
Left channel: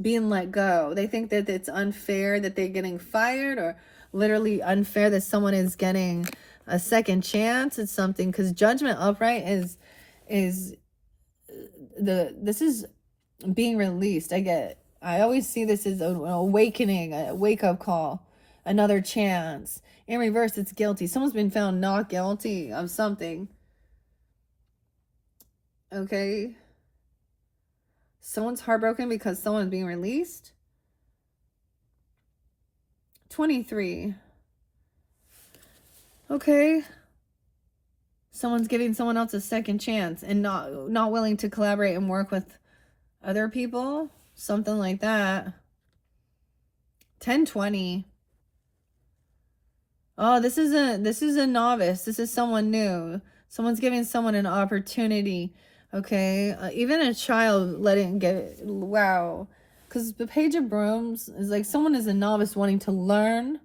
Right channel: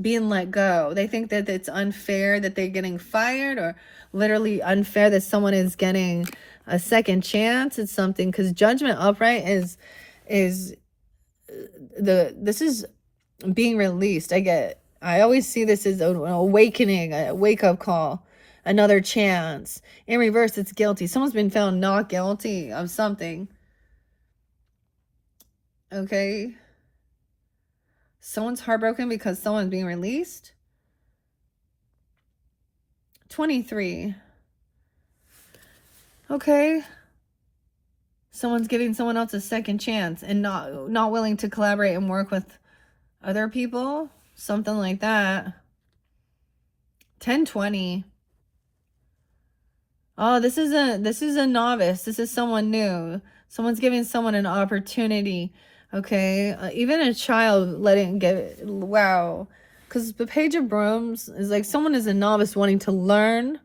being let go. They think that it's unfair that they're getting fired, or literally unfair that someone is getting a second chance at something, because judgment upright is this is being released. I always see this as an awakening, a wake-up call, another chance. In reverse, it's guilty. Someone's been found not guilty of something. Okay. Someone's heartbroken because someone's being released. 23. Okay. Someone's giving someone else a second chance and not willing to collaborate and work with other people. Something like that. 10-20. Oh, this is a novice. This is someone new. Someone's giving someone an opportunity. Okay, even a child letting get. Wow, because the Page of Brooms is like someone is a novice wanting to learn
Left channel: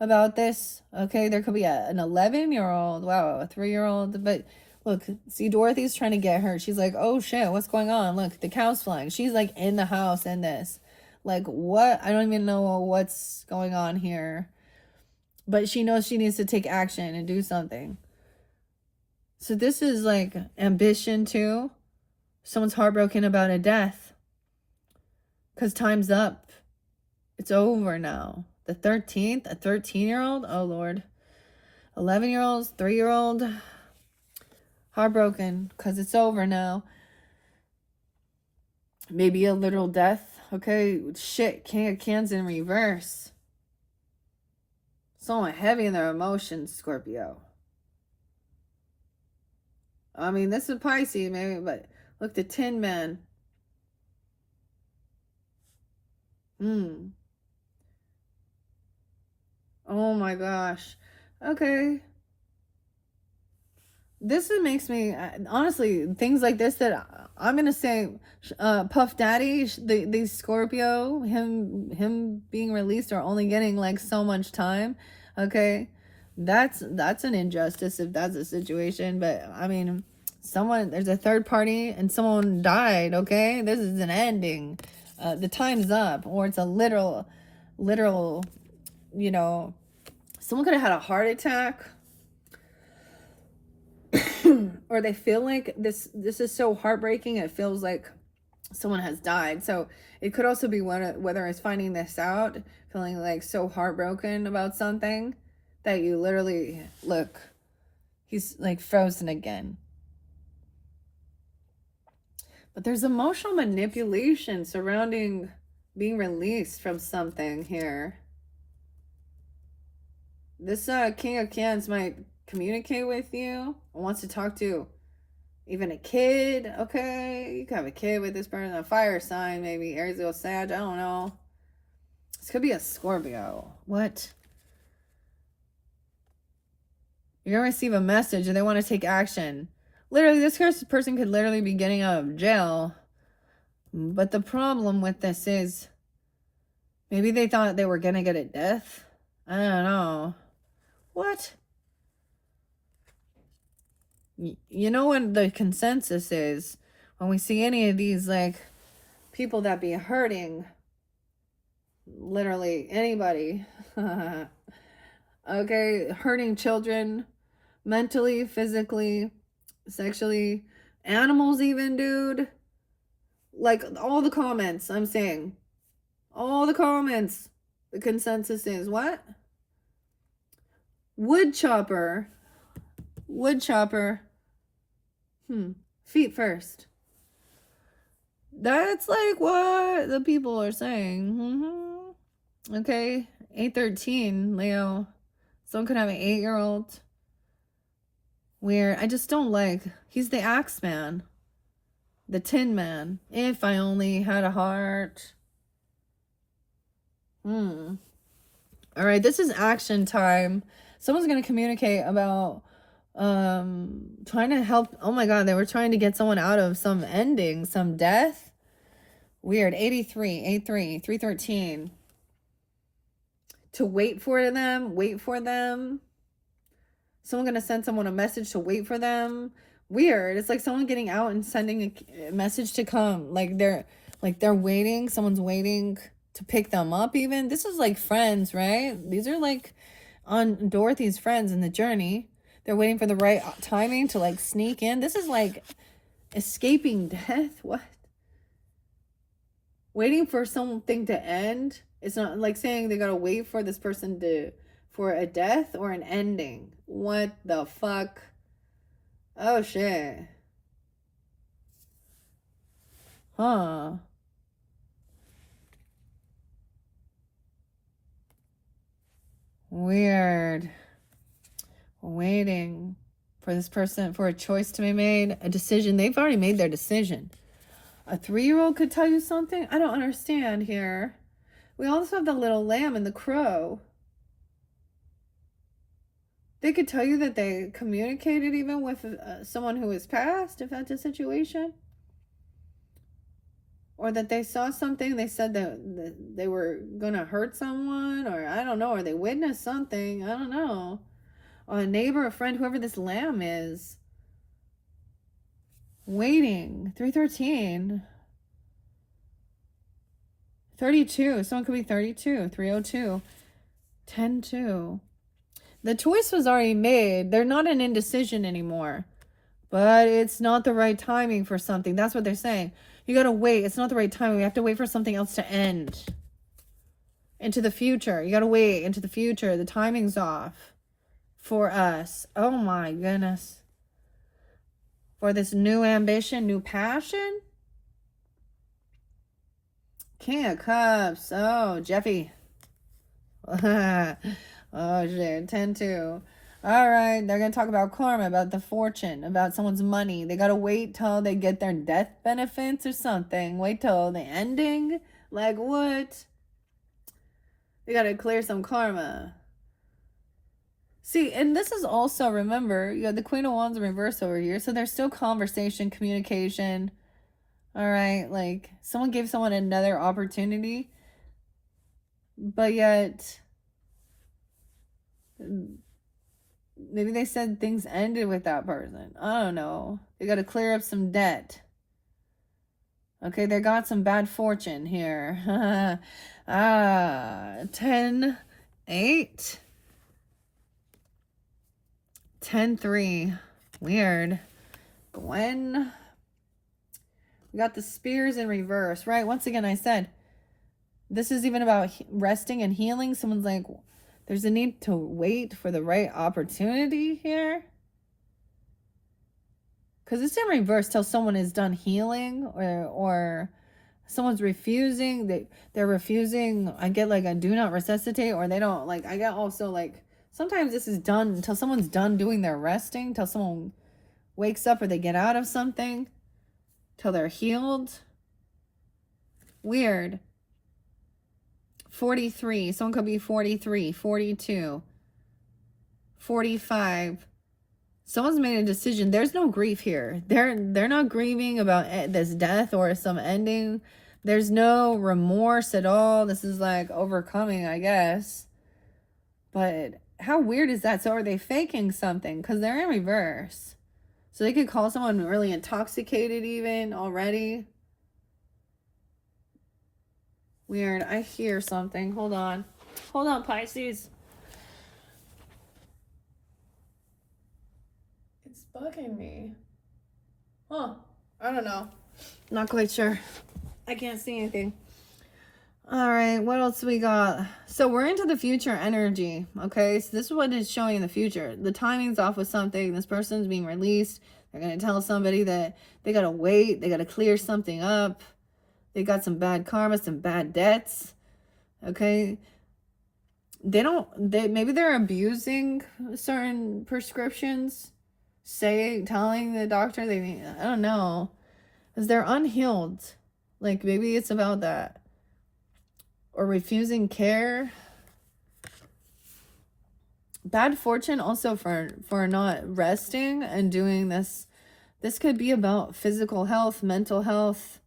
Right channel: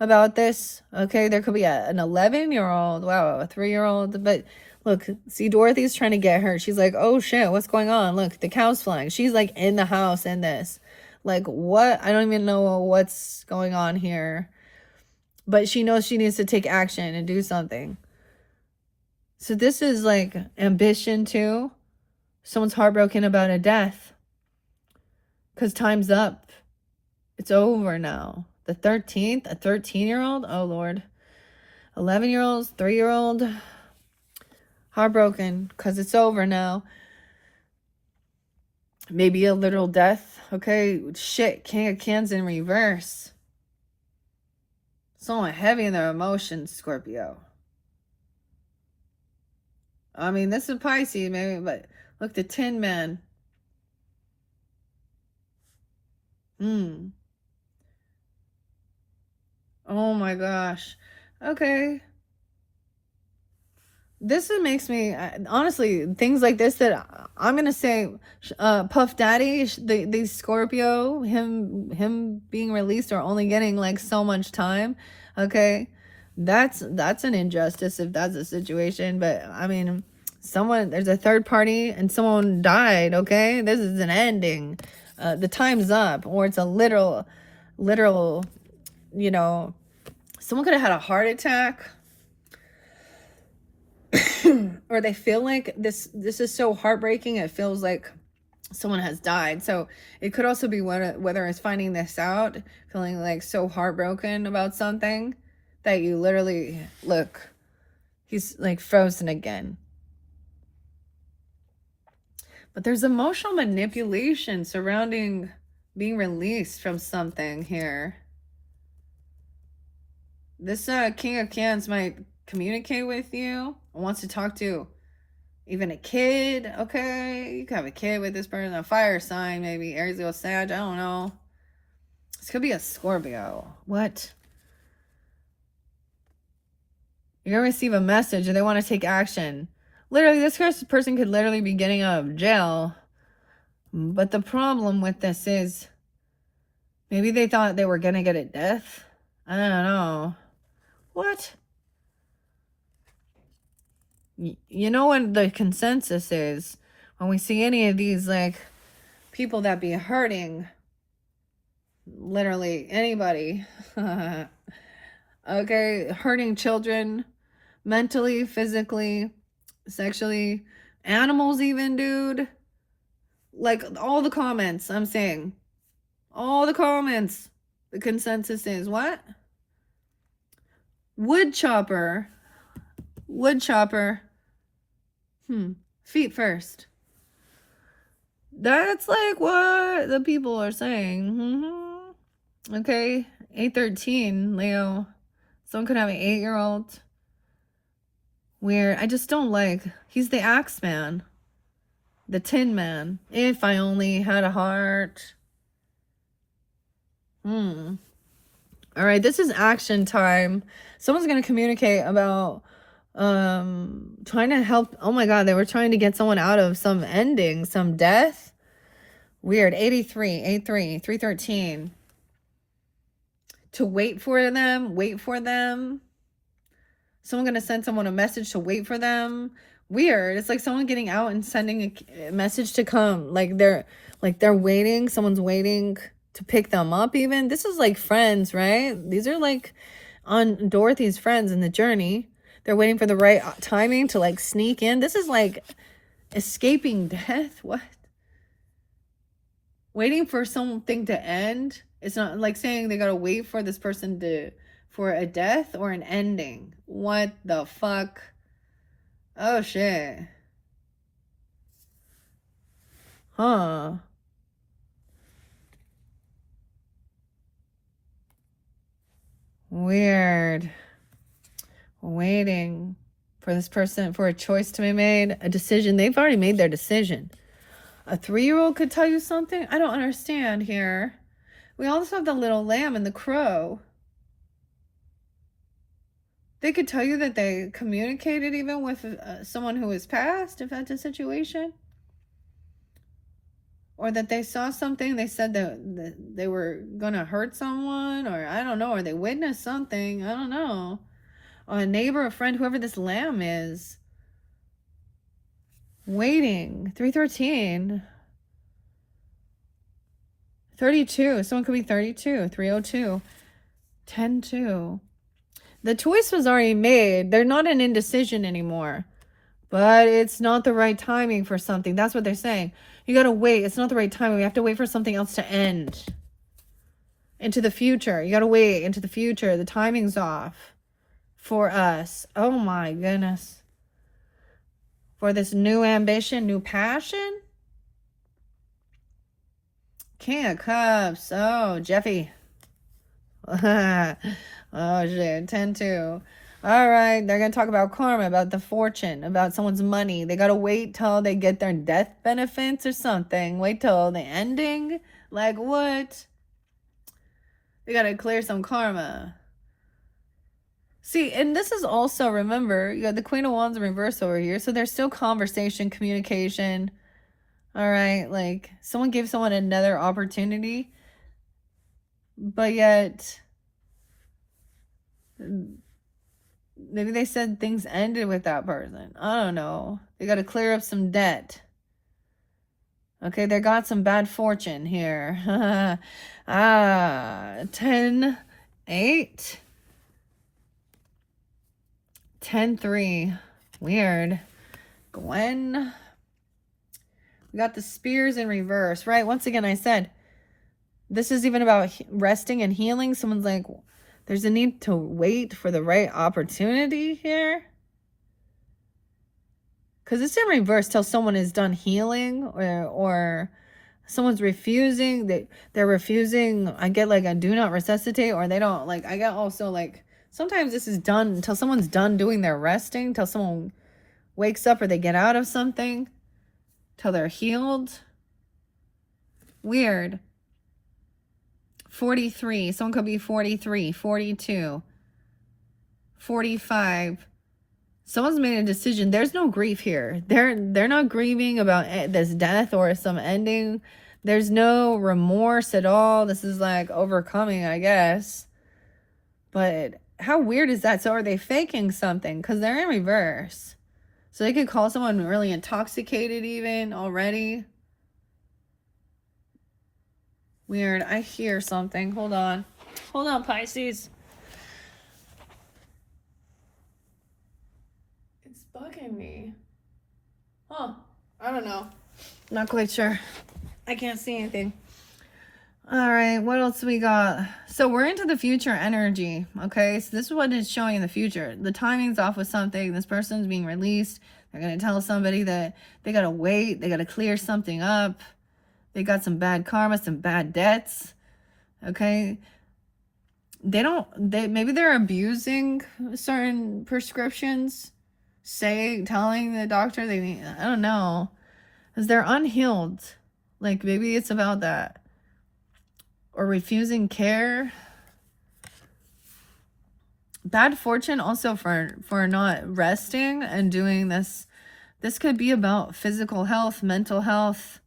about this. Okay, there could be an 11-year-old. Wow, a 3-year-old. But look, see, Dorothy's trying to get her. She's like, oh shit, what's going on? Look, the cow's flying. She's like in the house in this. Like, what? I don't even know what's going on here. But she knows she needs to take action and do something. So this is like ambition too. Someone's heartbroken about a death. Because time's up. It's over now. The 13th, a 13-year-old? Oh, Lord. 11-year-olds, 3-year-old. Heartbroken because it's over now. Maybe a literal death. Okay, shit, King of Cans in reverse. Someone heavy in their emotions, Scorpio. I mean, this is Pisces, maybe, but look, the Tin Man. Oh my gosh. Okay. This makes me, honestly, things like this that I'm going to say, Puff Daddy, the Scorpio, him being released or only getting like so much time. Okay. That's an injustice if that's a situation. But I mean, there's a third party and someone died. Okay. This is an ending. The time's up, or it's a literal, you know, someone could have had a heart attack. Or they feel like this is so heartbreaking, it feels like someone has died. So it could also be whether it's finding this out, feeling like so heartbroken about something that you literally look, he's like frozen again. But there's emotional manipulation surrounding being released from something here. This King of Cans might communicate with you, wants to talk to even a kid. Okay, you can have a kid with this person, a fire sign, maybe Aries, Leo, Sag, I don't know. This could be a Scorpio. What? You're gonna receive a message and they want to take action. Literally, this person could literally be getting out of jail. But the problem with this is maybe they thought they were gonna get a death. I don't know. What? You know what the consensus is when we see any of these like people that be hurting literally anybody. Okay, hurting children mentally, physically, sexually, animals even, dude. Like all the comments, I'm saying, all the comments, the consensus is what? Wood chopper, feet first. That's like what the people are saying. Okay, 813, Leo. Someone could have an 8-year-old. Weird. I just don't like. He's the Axe Man. The Tin Man. If I only had a heart. All right, this is action time. Someone's going to communicate about trying to help. Oh my God, they were trying to get someone out of some ending, some death. Weird. 83, 83, 313. To wait for them. Someone going to send someone a message to wait for them. Weird. It's like someone getting out and sending a message to come. Like they're waiting. Someone's waiting to pick them up even. This is like friends, right? These are like on Dorothy's friends in the journey. They're waiting for the right timing to like sneak in. This is like escaping death. What? Waiting for something to end. It's not like saying they gotta wait for this person for a death or an ending. What the fuck? Oh shit. Huh. Weird. Waiting for this person, for a choice to be made, a decision. They've already made their decision. A 3-year-old could tell you something? I don't understand here. We also have the little lamb and the crow. They could tell you that they communicated even with someone who has passed, if that's a situation. Or that they saw something, they said that they were going to hurt someone, or I don't know, or they witnessed something, I don't know. Or a neighbor, a friend, whoever this lamb is. Waiting. 313. 32. Someone could be 32. 302. 10-2. The choice was already made. They're not an indecision anymore. But it's not the right timing for something. That's what they're saying. You gotta wait. It's not the right timing. We have to wait for something else to end. Into the future. You gotta wait into the future. The timing's off. For us. Oh my goodness. For this new ambition, new passion. King of Cups. Oh, Jeffy. Oh shit. 10-2. All right, they're going to talk about karma, about the fortune, about someone's money. They got to wait till they get their death benefits or something. Wait till the ending. Like what? They got to clear some karma. See, and this is also, remember, you got the Queen of Wands in reverse over here. So there's still conversation, communication. All right, like someone gave someone another opportunity. But yet... maybe they said things ended with that person. I don't know. They got to clear up some debt. Okay, they got some bad fortune here. 10-8. 10-3. Weird. Gwen. We got the spears in reverse, right? Once again, I said, this is even about resting and healing. Someone's like... there's a need to wait for the right opportunity here. Because it's in reverse till someone is done healing or someone's refusing. They're refusing. I get like a do not resuscitate, or they don't like. I get also like sometimes this is done until someone's done doing their resting, till someone wakes up or they get out of something, till they're healed. Weird. 43. Someone could be 43, 42, 45. Someone's made a decision. There's no grief here. They're not grieving about this death or some ending. There's no remorse at all. This is like overcoming, I guess. But how weird is that? So are they faking something? Because they're in reverse. So they could call someone really intoxicated even already. Weird. I hear something. Hold on. Hold on, Pisces. It's bugging me. Huh. I don't know. Not quite sure. I can't see anything. All right. What else we got? So we're into the future energy. Okay. So this is what is showing in the future. The timing's off with something. This person's being released. They're going to tell somebody that they got to wait. They got to clear something up. They got some bad karma, some bad debts. Okay. Maybe they're abusing certain prescriptions. Telling the doctor I don't know. Because they're unhealed. Like maybe it's about that. Or refusing care. Bad fortune also for not resting and doing this. This could be about physical health, mental health.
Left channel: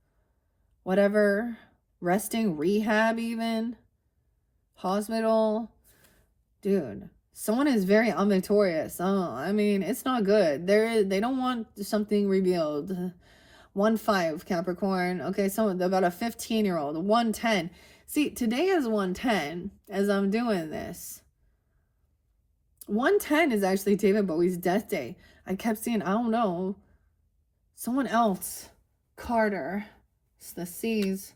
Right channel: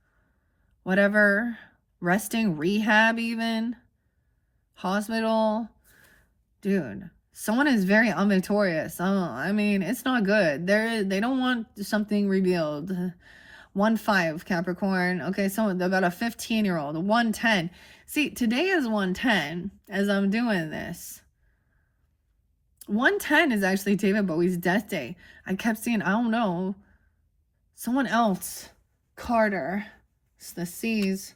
Whatever, resting, rehab even, hospital. Dude, someone is very unvictorious. I mean, it's not good. They don't want something revealed. 1-5 Capricorn. Okay, so about a 15-year-old, 110. See, today is 110 as I'm doing this. 110 is actually David Bowie's death day. I kept seeing, I don't know, someone else, Carter. It's the C's.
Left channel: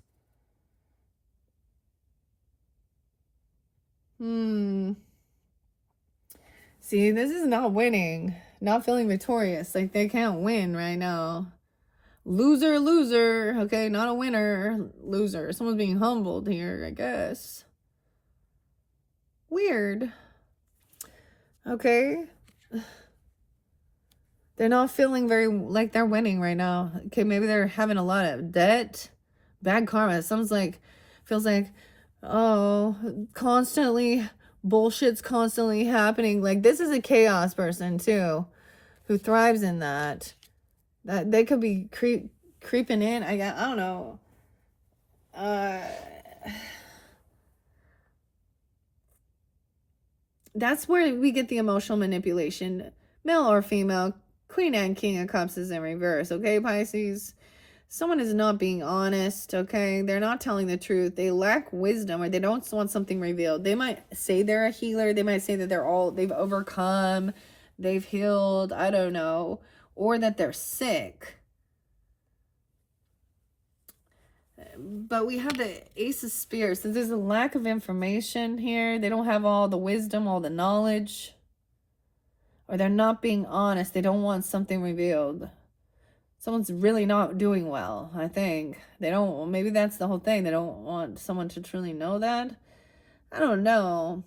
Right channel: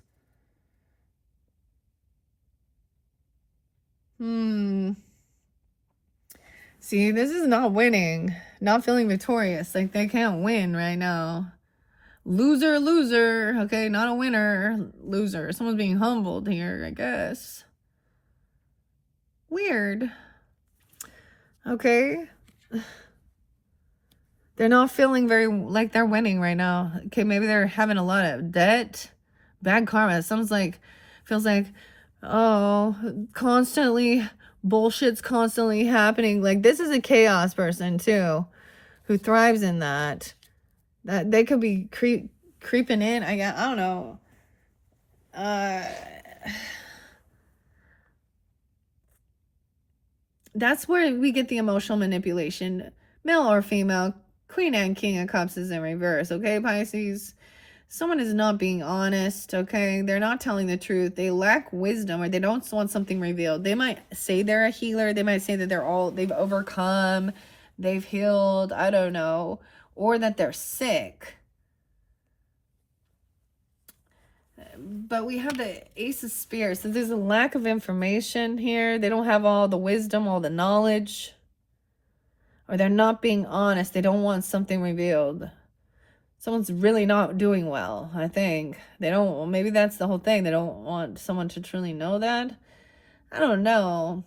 See, this is not winning. Not feeling victorious. Like they can't win right now. Loser, loser. Okay, not a winner. Loser. Someone's being humbled here, I guess. Weird. Okay. They're not feeling very like they're winning right now. Okay, maybe they're having a lot of debt. Bad karma. It sounds like, feels like, oh, constantly, bullshit's constantly happening. Like, this is a chaos person, too, who thrives in that. That they could be creeping in. I don't know. That's where we get the emotional manipulation, male or female. Queen and King of Cups is in reverse, okay, Pisces? Someone is not being honest, okay? They're not telling the truth. They lack wisdom, or they don't want something revealed. They might say they're a healer. They might say that they've overcome, they've healed, I don't know, or that they're sick. But we have the Ace of Spears. So there's a lack of information here. They don't have all the wisdom, all the knowledge. Or they're not being honest. They don't want something revealed. Someone's really not doing well, I think. They don't, maybe that's the whole thing. They don't want someone to truly know that. I don't know.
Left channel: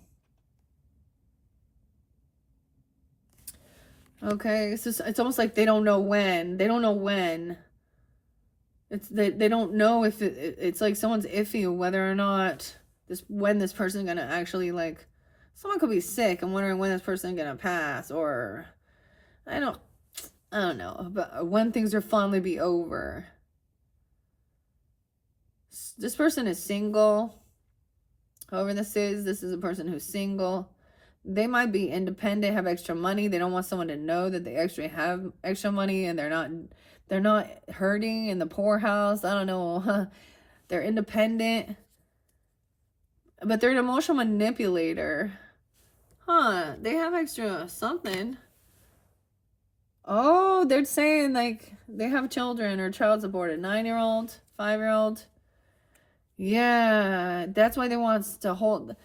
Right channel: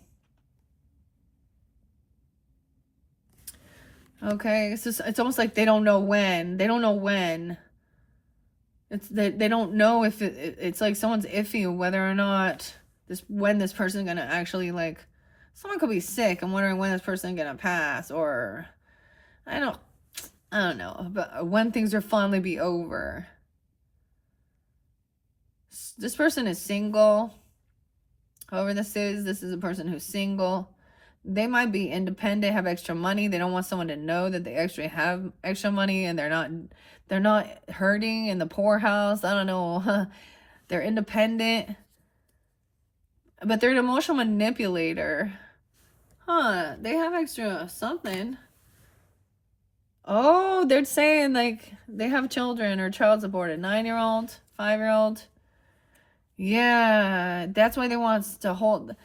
Okay, it's almost like they don't know when. They don't know when. They don't know if it's like someone's iffy whether or not when this person's gonna actually, like, someone could be sick. I'm wondering when this person's gonna pass, or I don't know, but when things will finally be over. This person is single. Whoever this is a person who's single. They might be independent, have extra money. They don't want someone to know that they actually have extra money, and they're not hurting in the poorhouse. I don't know. They're independent, but they're an emotional manipulator. Huh, they have extra something. Oh, they're saying, like, they have children or child support, a 9-year-old, 5-year-old. Yeah, that's why they want to hold.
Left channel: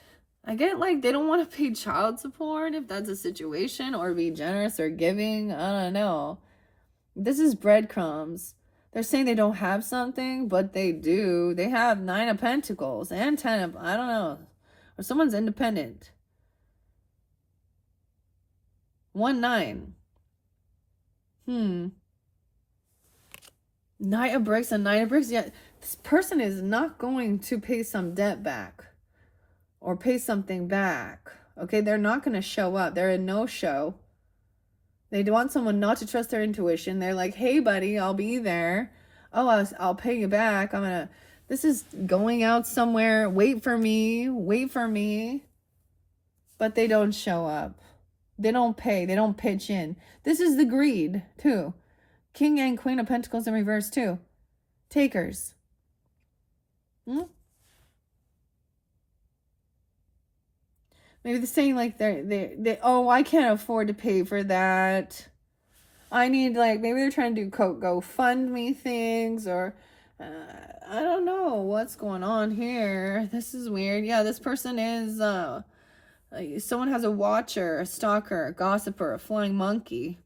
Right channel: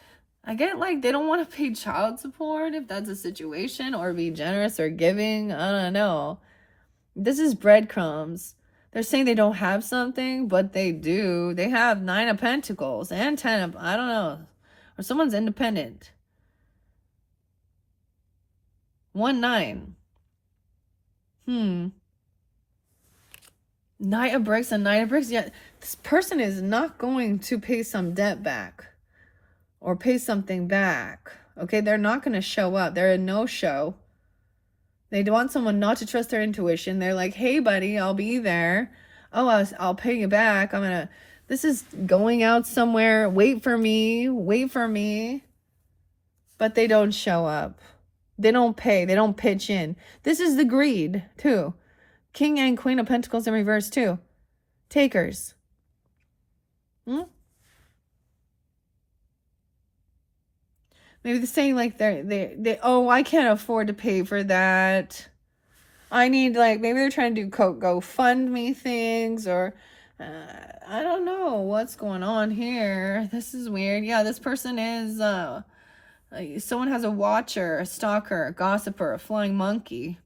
I get, like, they don't want to pay child support if that's a situation, or be generous or giving. I don't know. This is breadcrumbs. They're saying they don't have something, but they do. They have 9 of Pentacles and 10 of, I don't know. Or someone's independent. 1-9. Knight of Bricks and Knight of Bricks. Yeah, this person is not going to pay some debt back or pay something back. Okay, they're not going to show up. They're a no-show. They want someone not to trust their intuition. They're like, hey, buddy, I'll be there. Oh, I'll pay you back. This is going out somewhere. Wait for me. Wait for me. But they don't show up. They don't pay. They don't pitch in. This is the greed, too. King and Queen of Pentacles in reverse, too. Takers. Maybe they're saying, like, they oh, I can't afford to pay for that. I need, like, maybe they're trying to do GoFundMe things, or I don't know what's going on here. This is weird. Yeah, this person is someone has a watcher, a stalker, a gossiper, a flying monkey.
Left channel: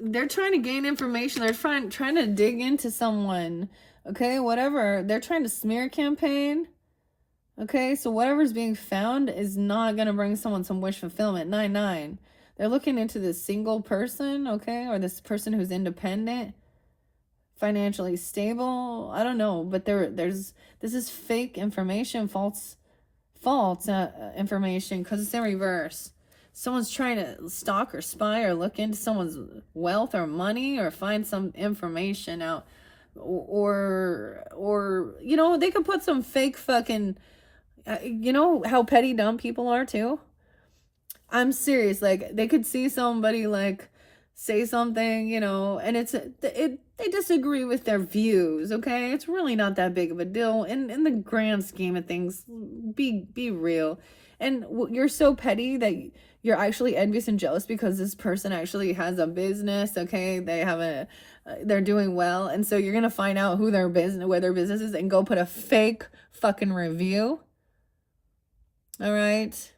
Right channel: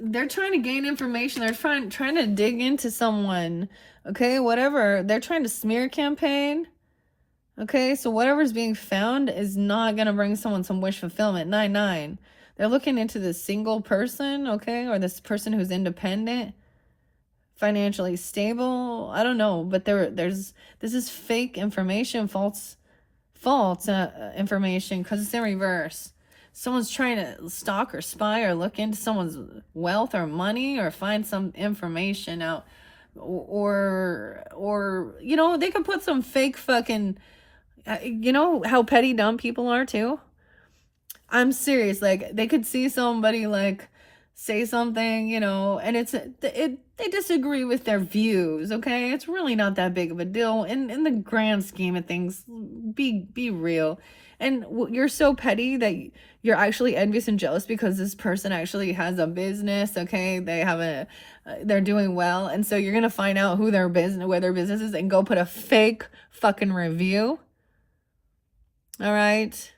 They're trying to gain information. They're trying to dig into someone. Okay, whatever. They're trying to smear campaign. Okay, so whatever's being found is not going to bring someone some wish fulfillment. 9-9. They're looking into this single person, okay, or this person who's independent, financially stable. I don't know, but this is fake information, false information, because it's in reverse. Someone's trying to stalk or spy or look into someone's wealth or money, or find some information out, or you know, they could put some fake fucking, you know how petty dumb people are too. I'm serious. Like, they could see somebody, like, say something, you know, and they disagree with their views. Okay, it's really not that big of a deal in the grand scheme of things. Be real. And you're so petty that you're actually envious and jealous because this person actually has a business. Okay, they're doing well, and so you're gonna find out where their business is, and go put a fake fucking review. All right.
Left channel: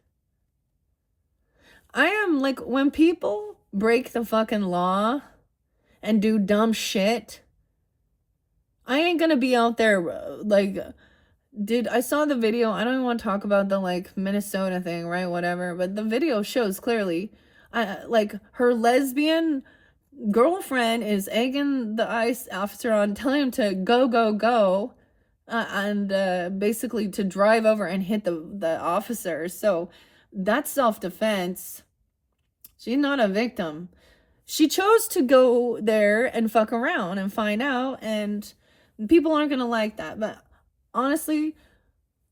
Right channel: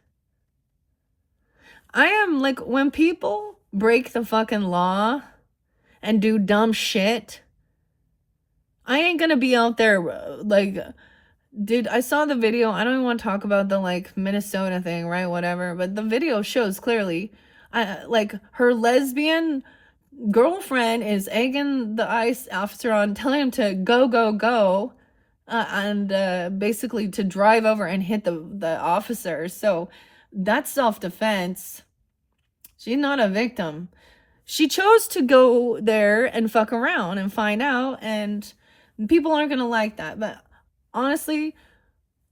I am like, when people break the fucking law and do dumb shit, I ain't gonna be out there like, dude, I saw the video. I don't even want to talk about the like Minnesota thing, right? Whatever. But the video shows clearly, like her lesbian girlfriend is egging the ICE officer on, telling him to go, go, go, and basically to drive over and hit the officer. So that's self-defense. She's not a victim. She chose to go there and fuck around and find out, and people aren't gonna like that. But honestly,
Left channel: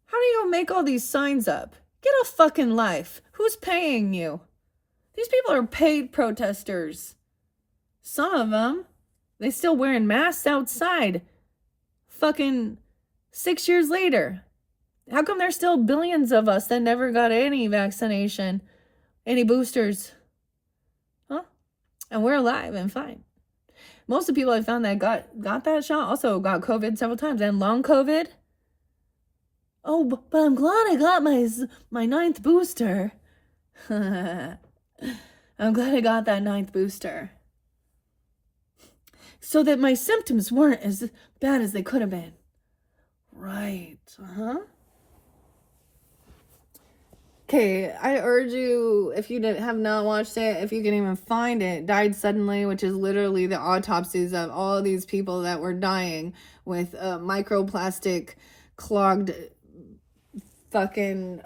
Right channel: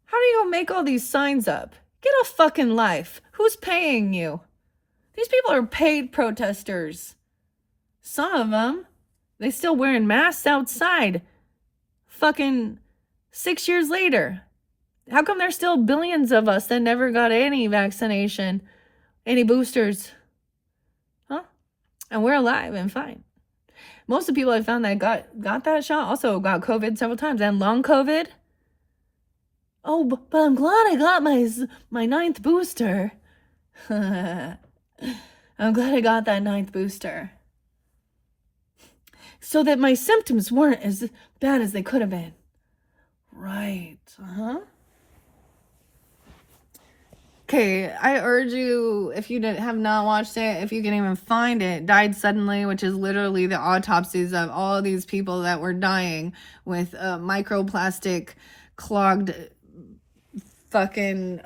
how do you make all these signs up? Get a fucking life. Who's paying you? These people are paid protesters. Some of them, they still wearing masks outside. Fucking 6 years later. How come there's still billions of us that never got any vaccination, any boosters? Huh? And we're alive and fine. Most of the people I found that got that shot also got COVID several times, and long COVID. Oh, but I'm glad I got my 9th booster. I'm glad I got that 9th booster. So that my symptoms weren't as bad as they could have been. Right. Uh-huh. Okay, I urge you, if you have not watched it, if you can even find it, Died Suddenly, which is literally the autopsies of all of these people that were dying with microplastic clogged fucking,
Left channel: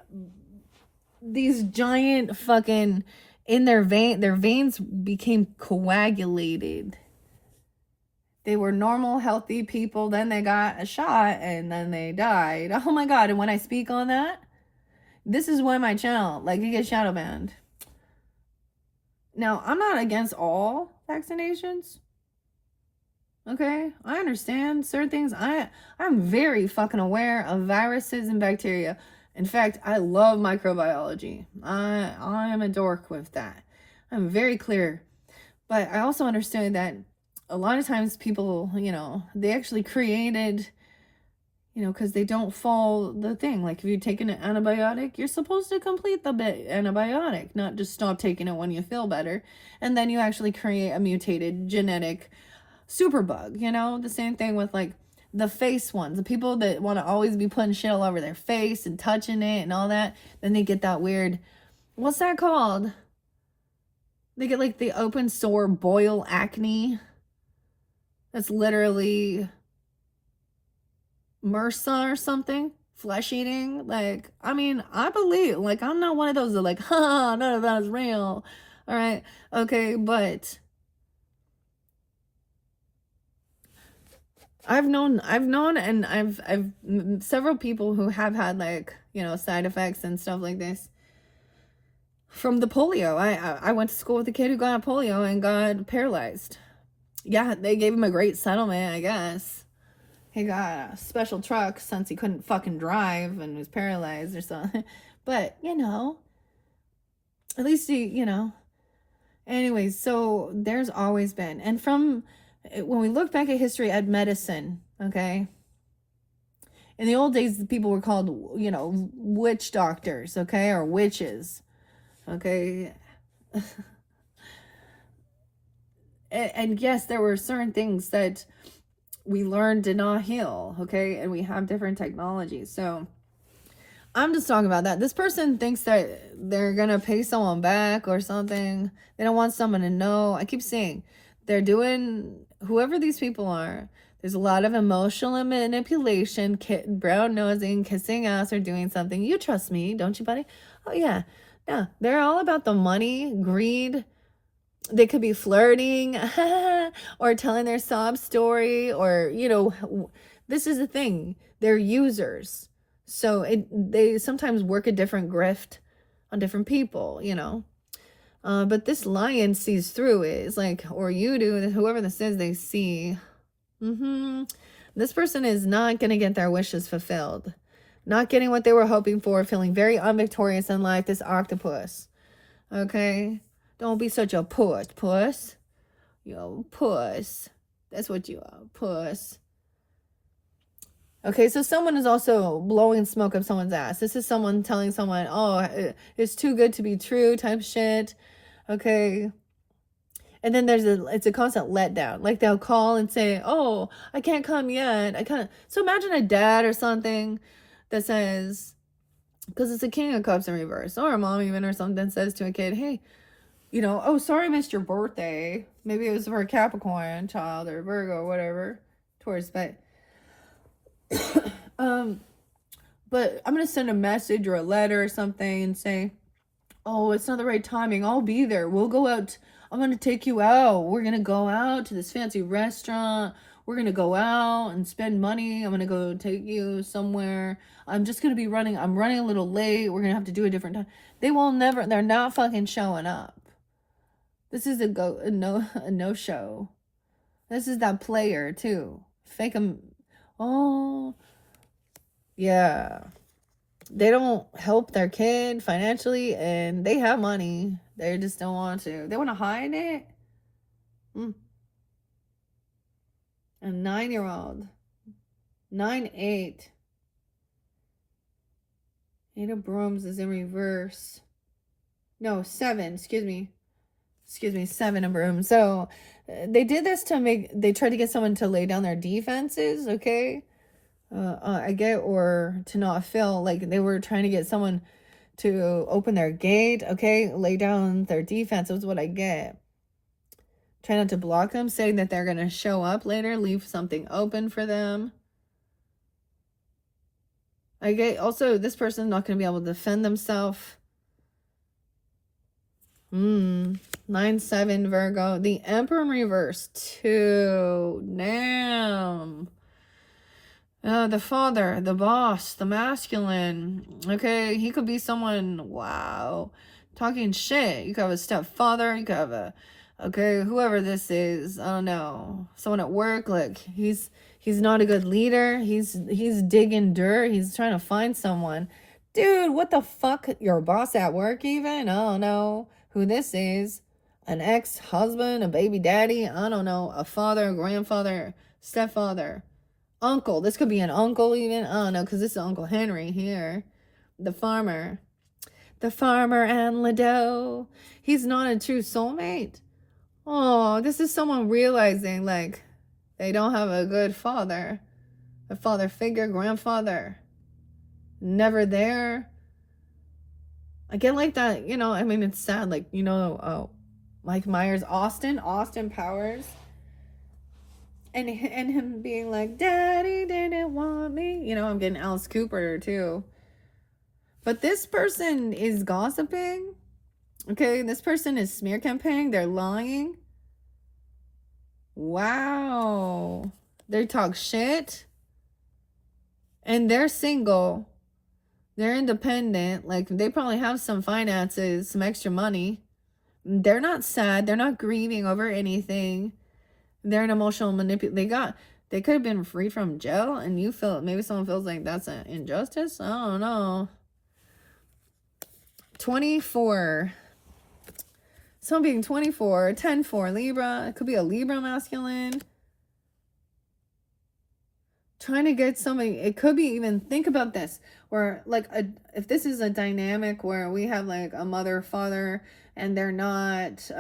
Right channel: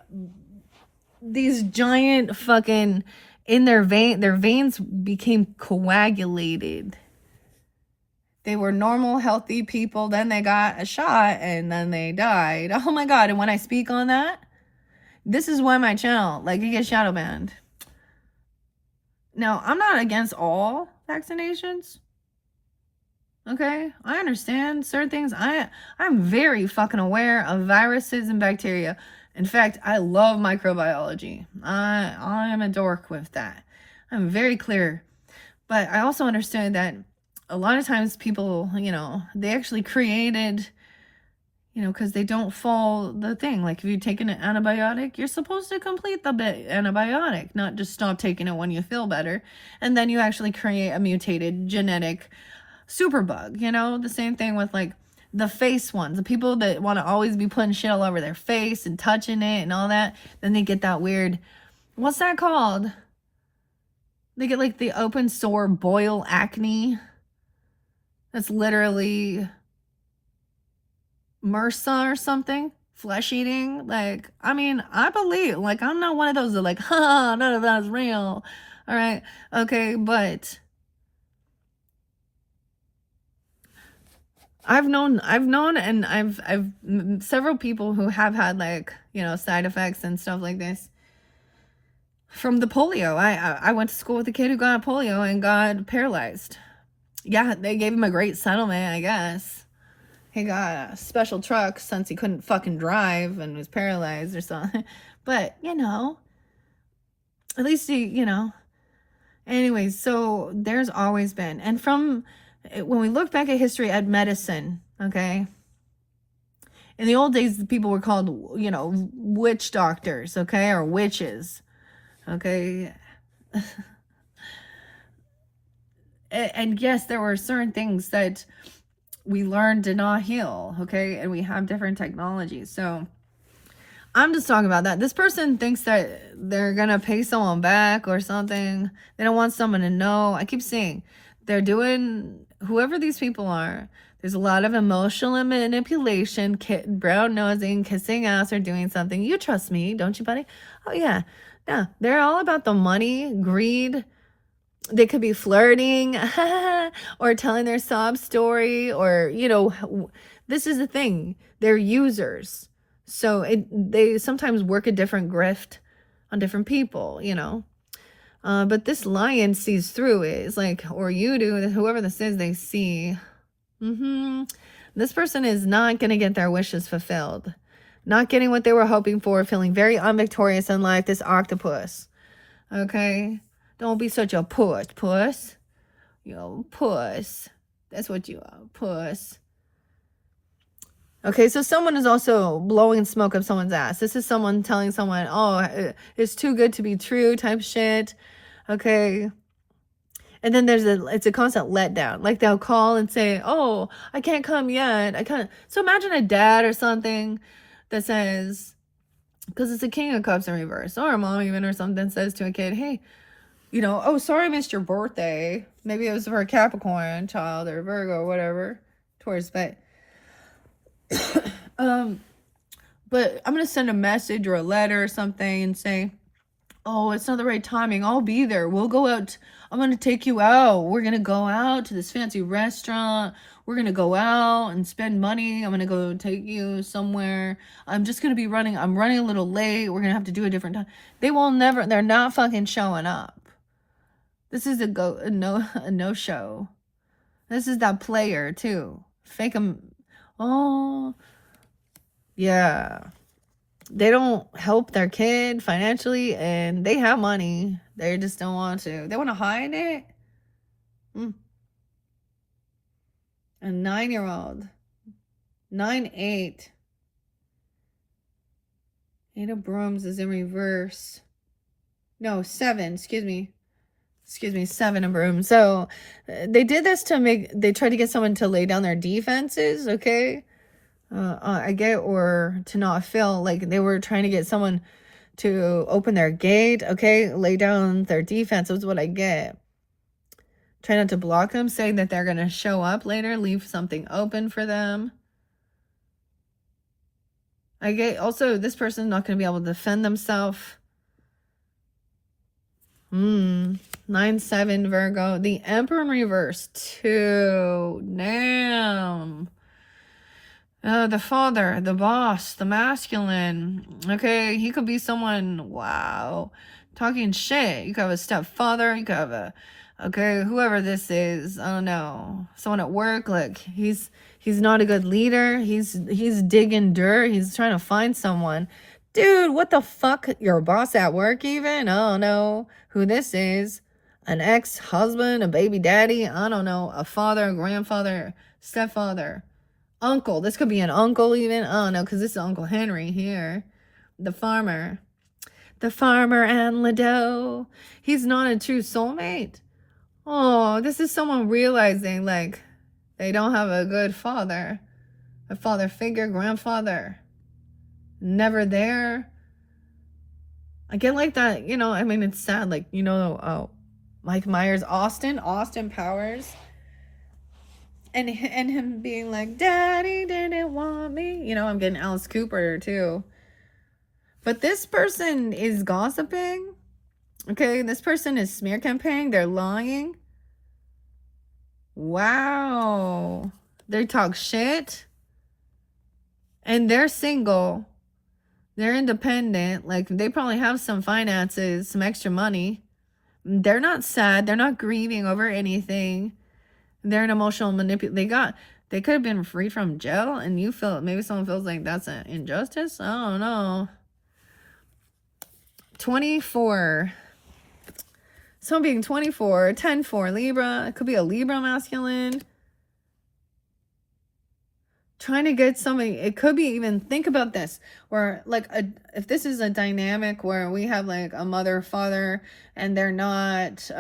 these giant fucking, in their veins became coagulated. They were normal, healthy people, then they got a shot, and then they died. Oh my god, and when I speak on that, this is why my channel, like, it gets shadow banned. Now, I'm not against all vaccinations. Okay? I understand certain things. I'm very fucking aware of viruses and bacteria. In fact, I love microbiology. I'm a dork with that. I'm very clear. But I also understand that a lot of times people, they actually created, because they don't follow the thing. Like, if you take an antibiotic, you're supposed to complete the antibiotic, not just stop taking it when you feel better. And then you actually create a mutated genetic superbug, the same thing with like the face ones, the people that want to always be putting shit all over their face and touching it and all that. Then they get that weird, what's that called? They get like the open sore boil acne. That's literally MRSA or something, flesh eating. Like, I mean, I believe, like, I'm not one of those that like, none of that is real. All right. Okay. But I've known and I've several people who have had like, side effects and stuff like this from the polio. I went to school with a kid who got polio and got paralyzed. Yeah, they gave him a great settlement, I guess. He got a special truck since he couldn't fucking drive and was paralyzed or something. But, at least he, Anyways, so there's always been. And when we look back at history, at medicine, okay? In the old days, the people were called, witch doctors, okay? Or witches, okay? And yes, there were certain things that we learned did not heal, okay? And we have different technologies. So I'm just talking about that. This person thinks that they're gonna pay someone back or something. They don't want someone to know. I keep saying they're doing, whoever these people are, there's a lot of emotional manipulation, brown nosing, kissing ass, or doing something. You trust me, don't you, buddy? Oh yeah. Yeah, they're all about the money, greed. They could be flirting or telling their sob story, or, this is the thing. They're users. So they sometimes work a different grift on different people, But this lion sees through it. It's like, or you do, whoever this is, they see. This person is not going to get their wishes fulfilled. Not getting what they were hoping for, feeling very unvictorious in life, this octopus. Okay? Don't be such a puss. Puss. That's what you are, puss. Okay, so someone is also blowing smoke up someone's ass. This is someone telling someone, oh, it's too good to be true type shit. Okay. And then it's a constant letdown. Like they'll call and say, oh, I can't come yet. So imagine a dad or something that says, because it's a King of Cups in reverse, or a mom even or something says to a kid, hey, oh, sorry I missed your birthday. Maybe it was for a Capricorn child or Virgo or whatever. Taurus, but I'm gonna send a message or a letter or something and say, oh, it's not the right timing. I'll be there. We'll go out. I'm gonna take you out. We're gonna go out to this fancy restaurant. We're gonna go out and spend money. I'm gonna go take you somewhere. I'm just gonna be running. I'm running a little late. We're gonna have to do a different time. They're not fucking showing up. This is a no show. This is that player too. Fake them. Oh, yeah. They don't help their kid financially, and they have money. They just don't want to. They want to hide it. A 9-year-old. 9-8. 8 of brooms is in reverse. No, 7. Excuse me. 7 of brooms. So they did this they tried to get someone to lay down their defenses, okay? I get, or to not feel like they were trying to get someone to open their gate, okay? Lay down their defense is what I get. Try not to block them, saying that they're going to show up later, leave something open for them. I get also this person's not going to be able to defend themselves. 9-7 Virgo. The Emperor in reverse. 2. Damn. The father, the boss, the masculine. Okay, he could be someone, wow, talking shit. You could have a stepfather. You could have whoever this is. I don't know. Someone at work. Like he's not a good leader. He's digging dirt. He's trying to find someone. Dude, what the fuck? Your boss at work even? I don't know who this is. An ex-husband, a baby daddy. I don't know. A father, a grandfather, stepfather. Uncle. This could be an uncle even. Oh no, because this is Uncle Henry here. The farmer. The farmer and Lido. He's not a true soulmate. Oh, this is someone realizing like they don't have a good father. A father figure, grandfather. Never there. I get like that, I mean, it's sad. Like, Mike Myers, Austin Powers. And him being like, Daddy didn't want me. I'm getting Alice Cooper too. But this person is gossiping. Okay, this person is smear campaigning. They're lying. Wow. They talk shit. And they're single. They're independent. Like, they probably have some finances, some extra money. They're not sad. They're not grieving over anything. They're an emotional manipulator. They could have been freed from jail, and maybe someone feels like that's an injustice. I don't know. 24. Someone being 24, 10-4 Libra. It could be a Libra masculine. Trying to get something. It could be even, think about this, or like if this is a dynamic where we have like a mother, father, and they're not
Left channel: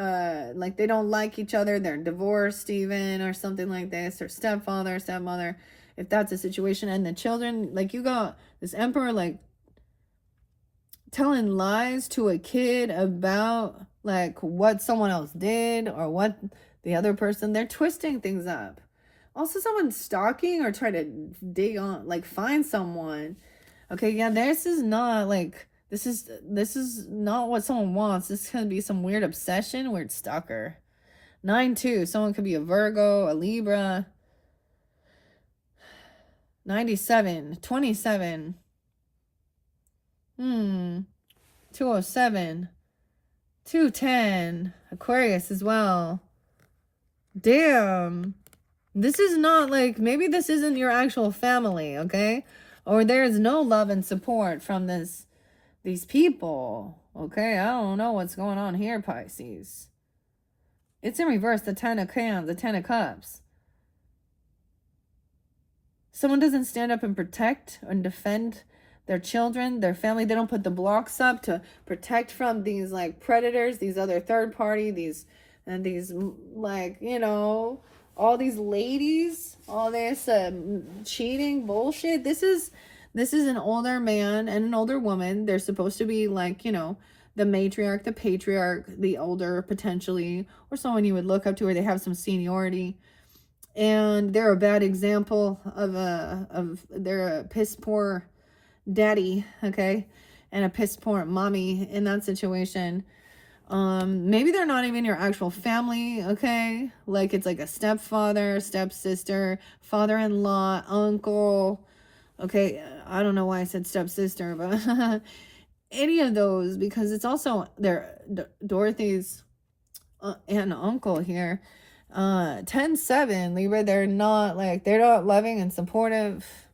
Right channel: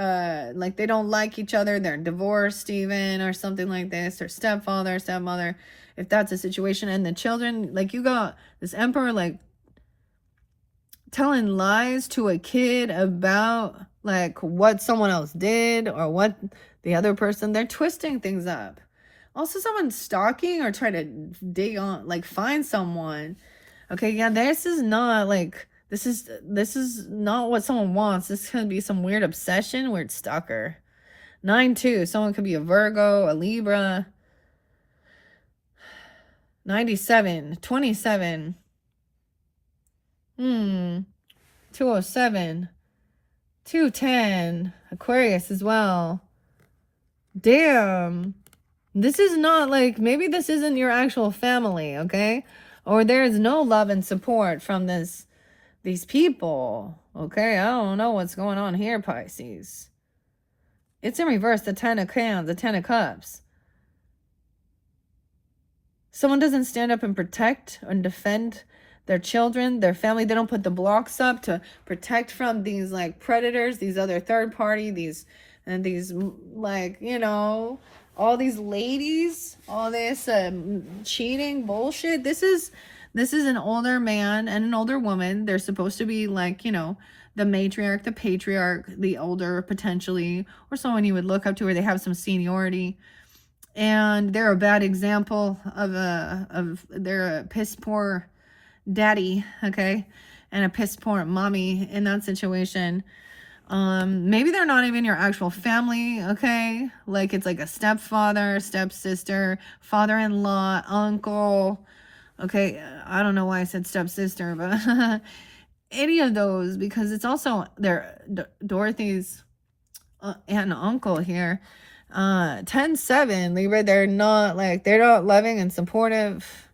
like they don't like each other, they're divorced even, or something like this, or stepfather, stepmother, if that's a situation, and the children, like you got this emperor like telling lies to a kid about like what someone else did or what the other person, they're twisting things up. Also, someone stalking or trying to dig on, like find someone. Okay, yeah, this is not like, this is not what someone wants. This could be some weird obsession, weird stalker. 9-2, someone could be a Virgo, a Libra. 97, 27. 207. 210. Aquarius as well. Damn. This is not like, maybe this isn't your actual family, okay? Or there is no love and support from these people, okay? I don't know what's going on here, Pisces. It's in reverse, the 10 of Cups. Someone doesn't stand up and protect and defend their children, their family. They don't put the blocks up to protect from these like predators, these other third party, these like, you know, all these ladies, all this cheating bullshit. This is an older man and an older woman. They're supposed to be like, you know, the matriarch, the patriarch, the older potentially, or someone you would look up to, or they have some seniority. And they're a bad example of they're a piss poor daddy, okay, and a piss poor mommy in that situation. Maybe they're not even your actual family, okay, like it's like a stepfather, stepsister, father-in-law, uncle, okay. I don't know why I said stepsister, but any of those, because it's also their Dorothy's aunt and uncle here. 10-7 Libra, they're not loving and supportive.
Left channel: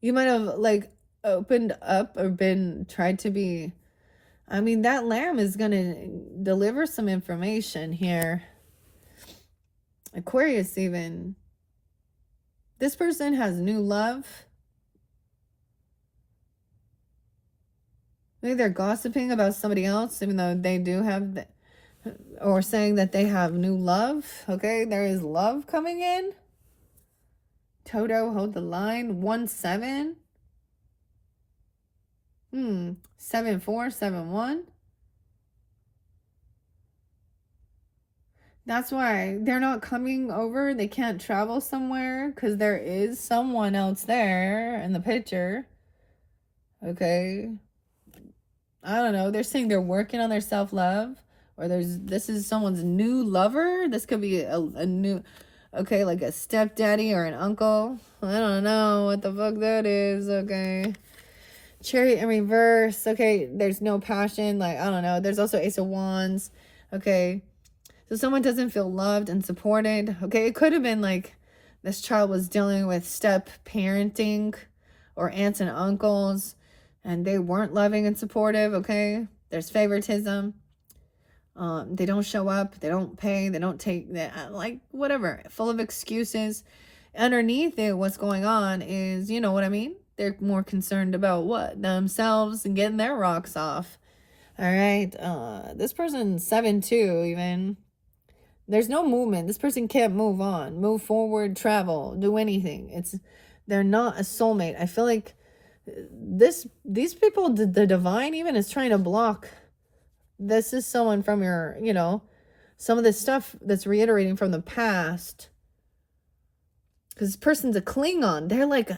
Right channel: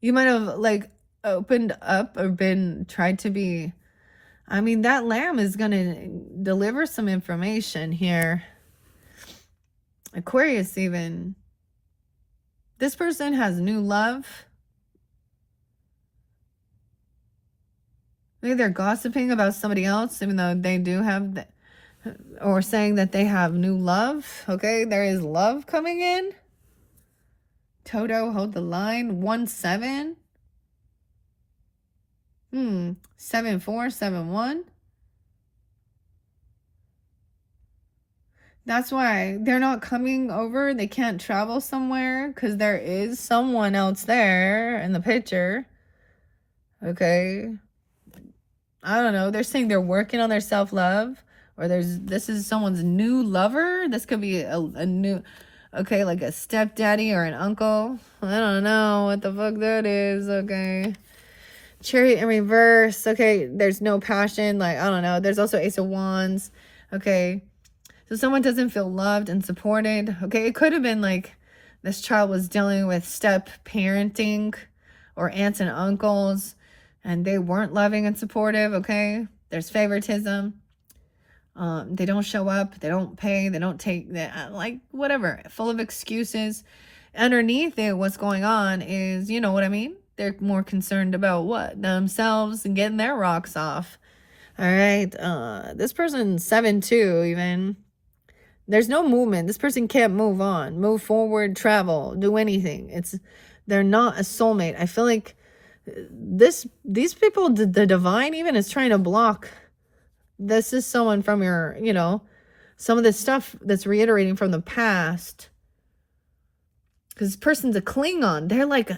You might have like opened up or tried to be, I mean, that lamb is gonna deliver some information here. Aquarius, even this person has new love. Maybe they're gossiping about somebody else, even though they do have or saying that they have new love. Okay, there is love coming in. Toto, hold the line. 1-7. 7-4, 7-1. That's why they're not coming over. They can't travel somewhere because there is someone else there in the picture. Okay. I don't know. They're saying they're working on their self-love, or this is someone's new lover. This could be a new, okay, like a stepdaddy or an uncle. I don't know what the fuck that is. Okay. Chariot in reverse. Okay, there's no passion. Like, I don't know. There's also Ace of Wands. Okay. So someone doesn't feel loved and supported. Okay, it could have been like this child was dealing with step parenting or aunts and uncles, and they weren't loving and supportive, okay? There's favoritism. They don't show up. They don't pay. They don't take, like, whatever. Full of excuses. Underneath it, what's going on is, you know what I mean? They're more concerned about what? Themselves and getting their rocks off. All right. This person, 7-2 even. There's no movement. This person can't move on, move forward, travel, do anything. They're not a soulmate. I feel like these people, the divine even is trying to block. This is someone from your, you know, some of this stuff that's reiterating from the past. Because this person's a Klingon. They're like,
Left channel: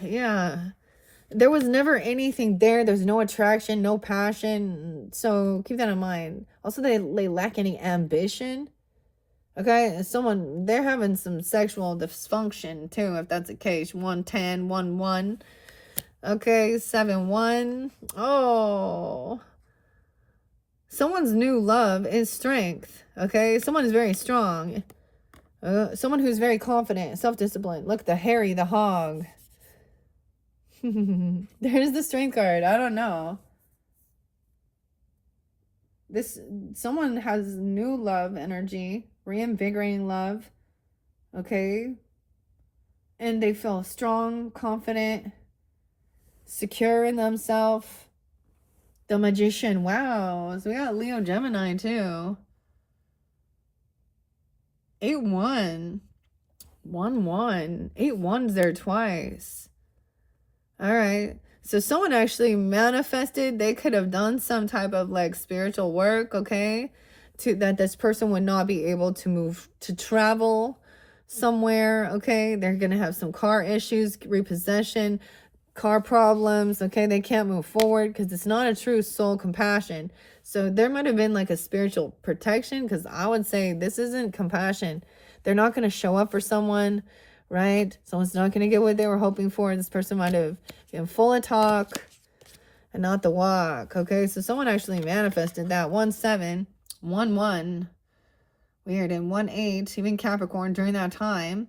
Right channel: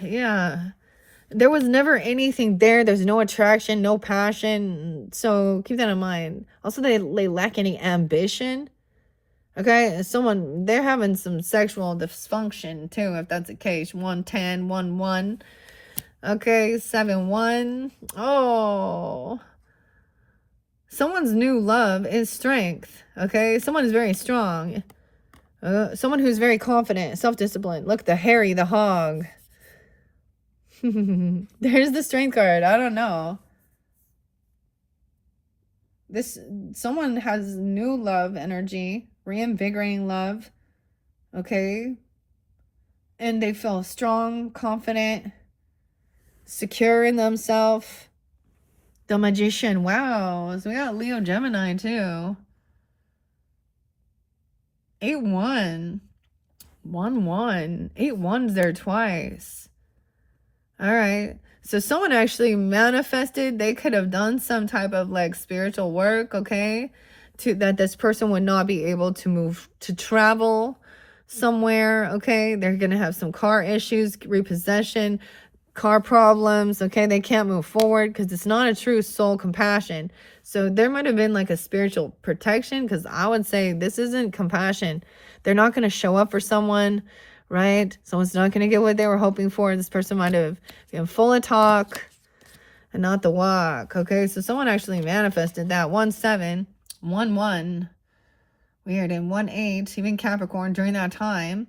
yeah. There was never anything there. There's no attraction, no passion. So keep that in mind. Also, they lack any ambition. Okay, they're having some sexual dysfunction too, if that's the case. 1-10, 1-1. Okay, 7-1. Oh. Someone's new love is strength. Okay, someone is very strong. Someone who's very confident, self-disciplined. Look, the Harry, the hog. There's the strength card. I don't know. Someone has new love energy, reinvigorating love. Okay. And they feel strong, confident, secure in themselves. The Magician. Wow. So we got Leo Gemini too. 8-1. 1-1. 8-1's there twice. All right. So someone actually manifested. They could have done some type of like spiritual work, okay? That this person would not be able to move, to travel somewhere, okay? They're going to have some car issues, repossession, car problems, okay? They can't move forward because it's not a true soul compassion. So there might have been like a spiritual protection, because I would say this isn't compassion. They're not going to show up for someone, right? Someone's not going to get what they were hoping for. This person might have been full of talk and not the walk, okay? So someone actually manifested that. 1-7, 1-1. Weird. And 1-8, even Capricorn during that time.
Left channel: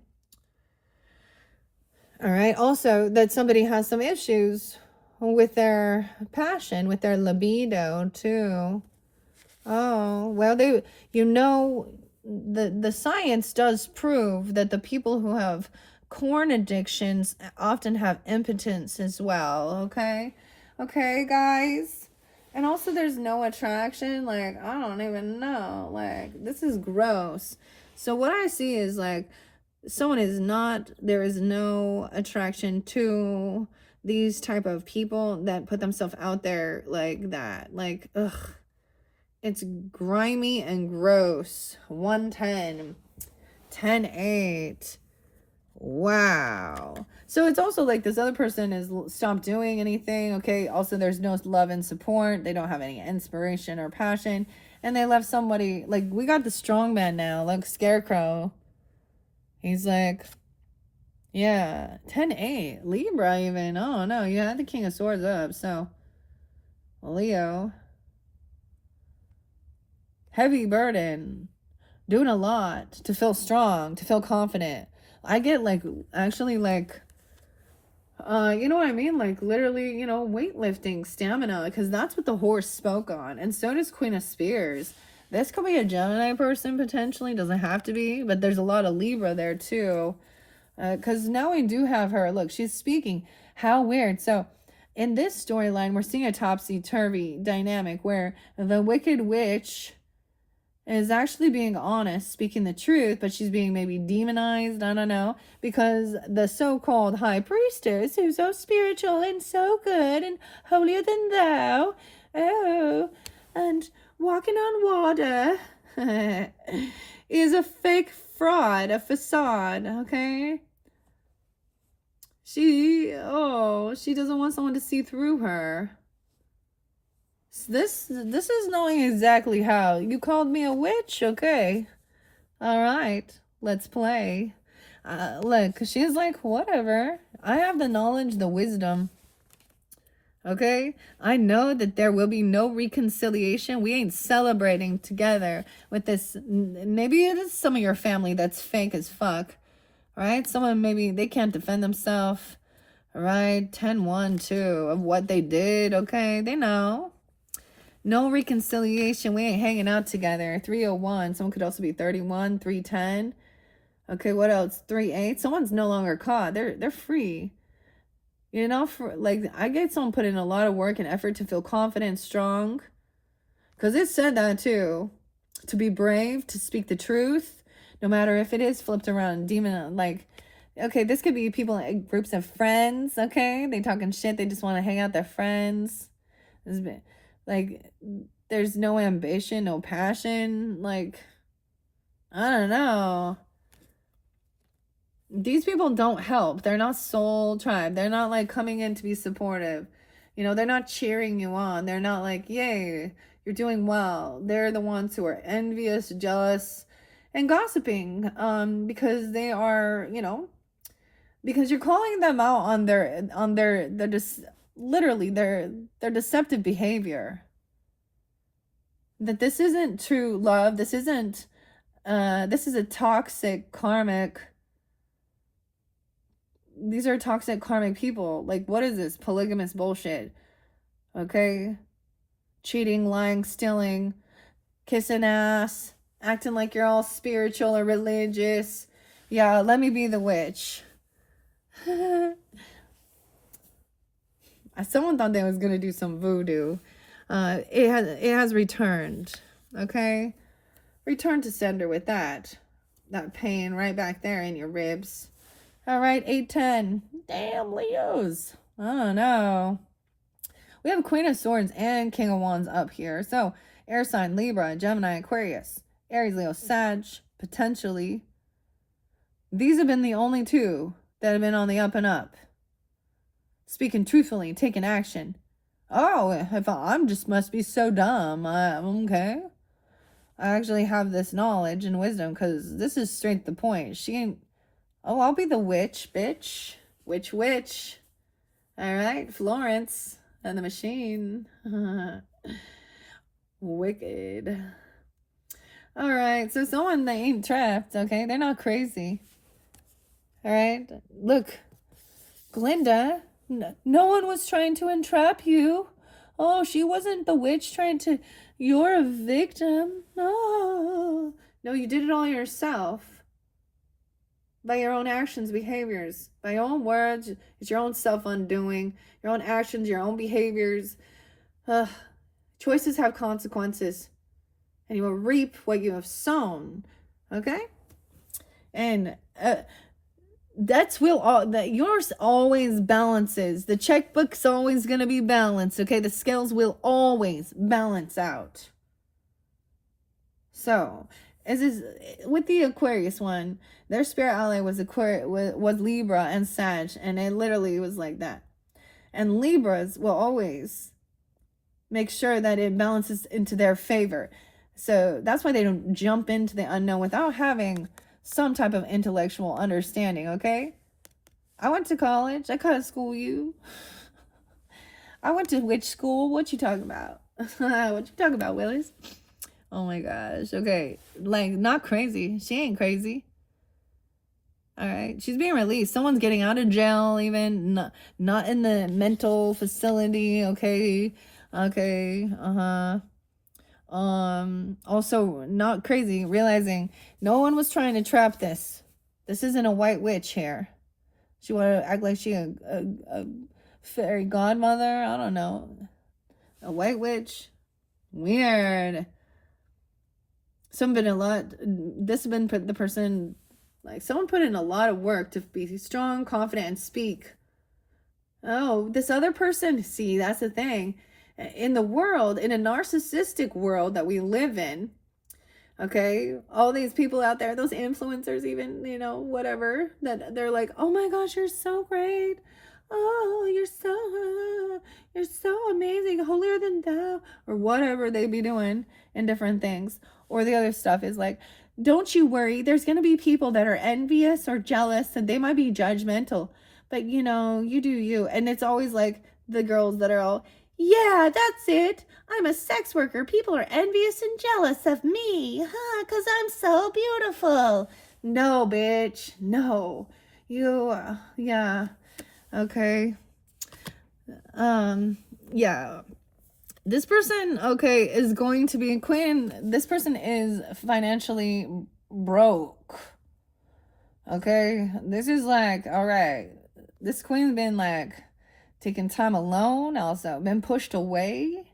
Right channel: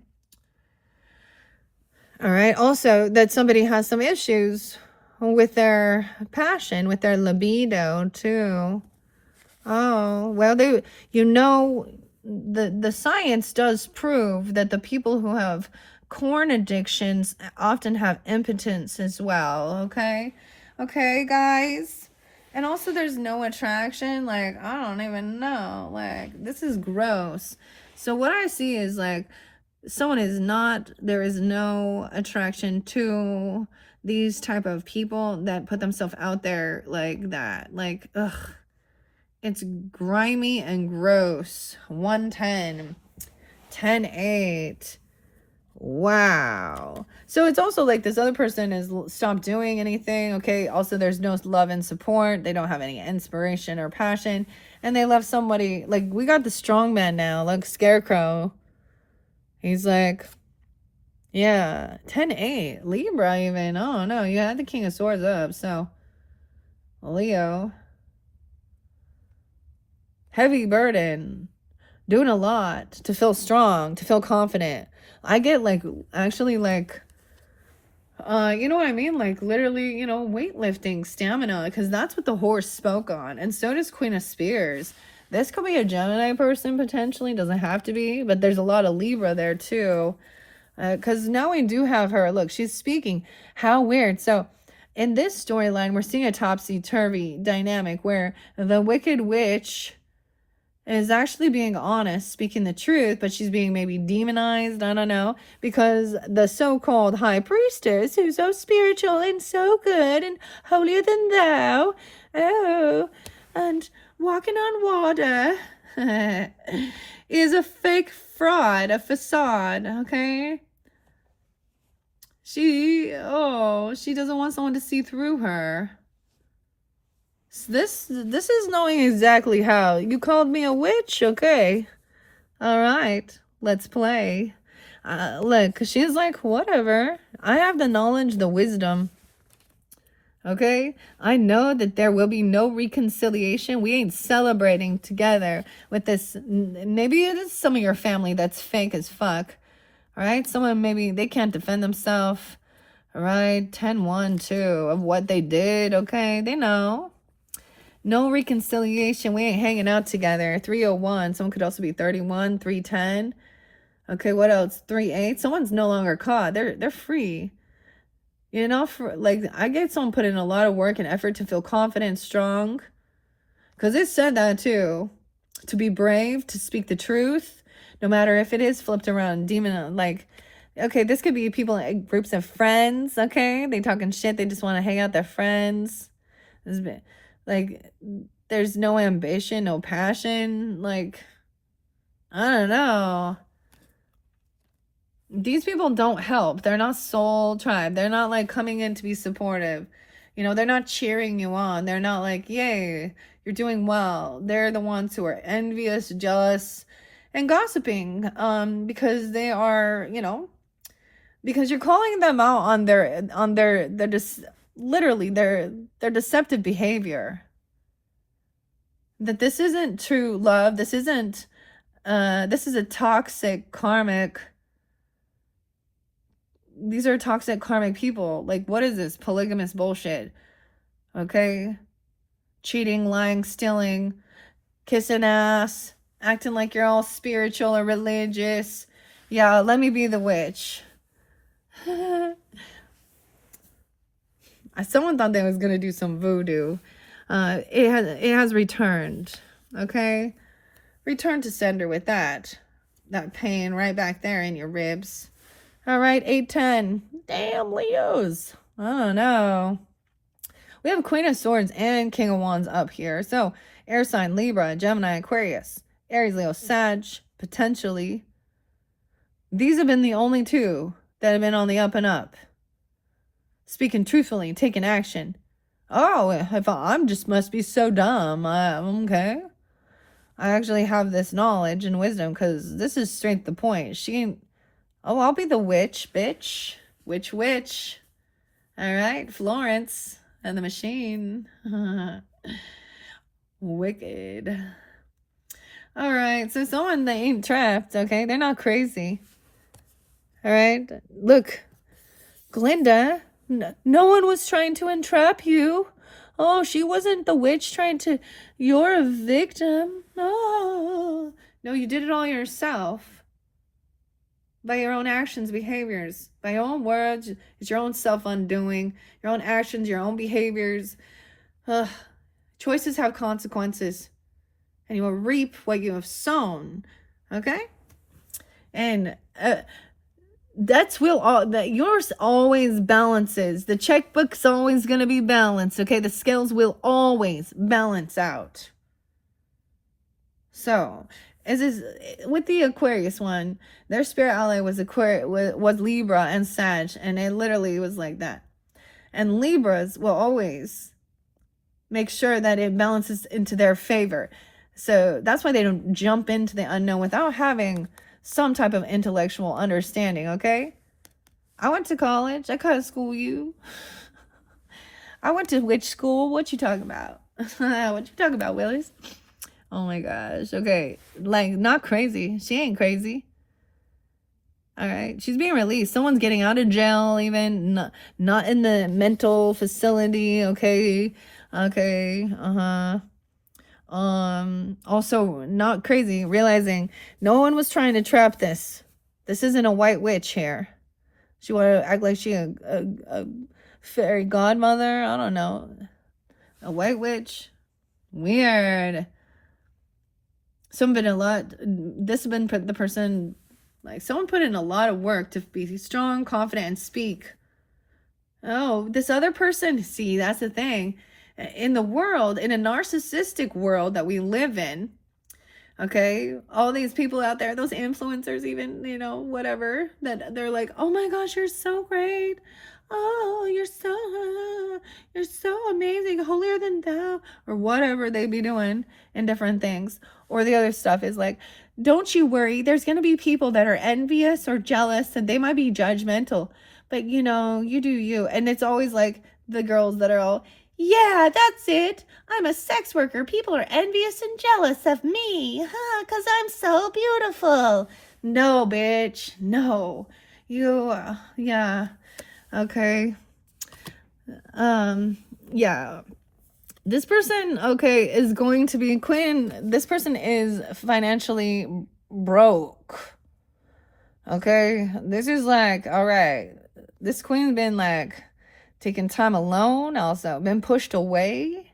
All right. Also, that somebody has some issues with their passion, with their libido too. Oh, well, the science does prove that the people who have corn addictions often have impotence as well, okay? Okay, guys? And also there's no attraction, like, I don't even know. Like, this is gross. So what I see is like there is no attraction to these type of people that put themselves out there like that. Like, ugh. It's grimy and gross. 110. 10-8. Wow. So it's also like this other person is stopped doing anything. Okay. Also, there's no love and support. They don't have any inspiration or passion. And they love somebody. Like, we got the strong man now. Like, Scarecrow. He's like, yeah. 10-8. Libra, even. Oh, no. You had the King of Swords up. So, Leo. Heavy burden, doing a lot to feel strong, to feel confident. I get like, actually like, you know what I mean? Like literally, you know, weightlifting, stamina, because that's what the horse spoke on. And so does Queen of Spears. This could be a Gemini person potentially, doesn't have to be, but there's a lot of Libra there too. Because now we do have her. Look, she's speaking. How weird. So in this storyline, we're seeing a topsy-turvy dynamic where the Wicked Witch is actually being honest, speaking the truth, but she's being maybe demonized, I don't know, because the so-called high priestess, who's so spiritual and so good and holier than thou, oh, and walking on water, is a fake fraud, a facade, okay? She doesn't want someone to see through her. This is knowing exactly how. You called me a witch? Okay. All right. Let's play. Look, she's like, whatever. I have the knowledge, the wisdom. Okay? I know that there will be no reconciliation. We ain't celebrating together with this. Maybe it is some of your family that's fake as fuck. All right? Someone maybe they can't defend themselves. All right? 10-1, 2 of what they did. Okay? They know. No reconciliation. We ain't hanging out together. 301. Someone could also be 31, 310. Okay, what else? 38. Someone's no longer caught. They're free. You know, like I get someone put in a lot of work and effort to feel confident and strong. Because it said that too. To be brave, to speak the truth, no matter if it is flipped around. Demon, like, okay, this could be people, groups of friends, okay? They talking shit. They just want to hang out with their friends. Like, there's no ambition, no passion. Like, I don't know. These people don't help. They're not soul tribe. They're not like coming in to be supportive. You know, they're not cheering you on. They're not like, yay, you're doing well. They're the ones who are envious, jealous, and gossiping. Because they are, you know, because you're calling them out on their literally their deceptive behavior. That this isn't true love. This isn't, this is a toxic karmic. These are toxic karmic people. Like, what is this? Polygamous bullshit. Okay? Cheating, lying, stealing, kissing ass, acting like you're all spiritual or religious. Yeah, let me be the witch. Someone thought they was gonna do some voodoo. It has returned. Okay? Return to sender with that pain right back there in your ribs. All right, 8-10. Damn, Leos. Oh, no. We have Queen of Swords and King of Wands up here. So, air sign, Libra, Gemini, Aquarius, Aries, Leo, Sag, potentially. These have been the only two that have been on the up and up. Speaking truthfully, taking action. Oh, if I'm just must be so dumb. Okay. I actually have this knowledge and wisdom because this is straight to the point. She ain't... Oh, I'll be the witch, bitch. Witch. All right, Florence and the machine. Wicked. All right, so someone they ain't trapped, okay? They're not crazy. All right, look, Glinda, no one was trying to entrap you. Oh, she wasn't the witch trying to, you're a victim. No, no, you did it all yourself. By your own actions, behaviors, by your own words. It's your own self-undoing, your own actions, your own behaviors. Choices have consequences, and you will reap what you have sown. Okay? And that yours always balances. The checkbook's always going to be balanced. Okay? The scales will always balance out. So, is this with the Aquarius one? Their spirit ally was Libra and Sag, and it literally was like that. And Libras will always make sure that it balances into their favor. So that's why they don't jump into the unknown without having some type of intellectual understanding. Okay, I went to college. I couldn't school you. I went to witch school. What you talking about? What you talking about, Willis? Oh my gosh. Okay. Like, not crazy. She ain't crazy. All right. She's being released. Someone's getting out of jail, even not in the mental facility. Okay. Okay. Also not crazy, realizing no one was trying to trap this. This isn't a white witch here. She wanted to act like she a fairy godmother. I don't know. A white witch. Weird. This has been the person, like, someone put in a lot of work to be strong, confident, and speak. Oh, this other person, see, that's the thing. In the world, in a narcissistic world that we live in, okay, all these people out there, those influencers, even, whatever, that they're like, oh my gosh, you're so great. Oh, you're so amazing, holier than thou, or whatever they be doing in different things. Or the other stuff is like, don't you worry, there's going to be people that are envious or jealous, and they might be judgmental, but you do you. And it's always like the girls that are all, yeah, that's it. I'm a sex worker. People are envious and jealous of me, because I'm so beautiful. No, bitch. No. Yeah. Okay. Yeah. This person, okay, is going to be queen. This person is financially broke. Okay. This is like, all right. This queen's been like taking time alone, also been pushed away.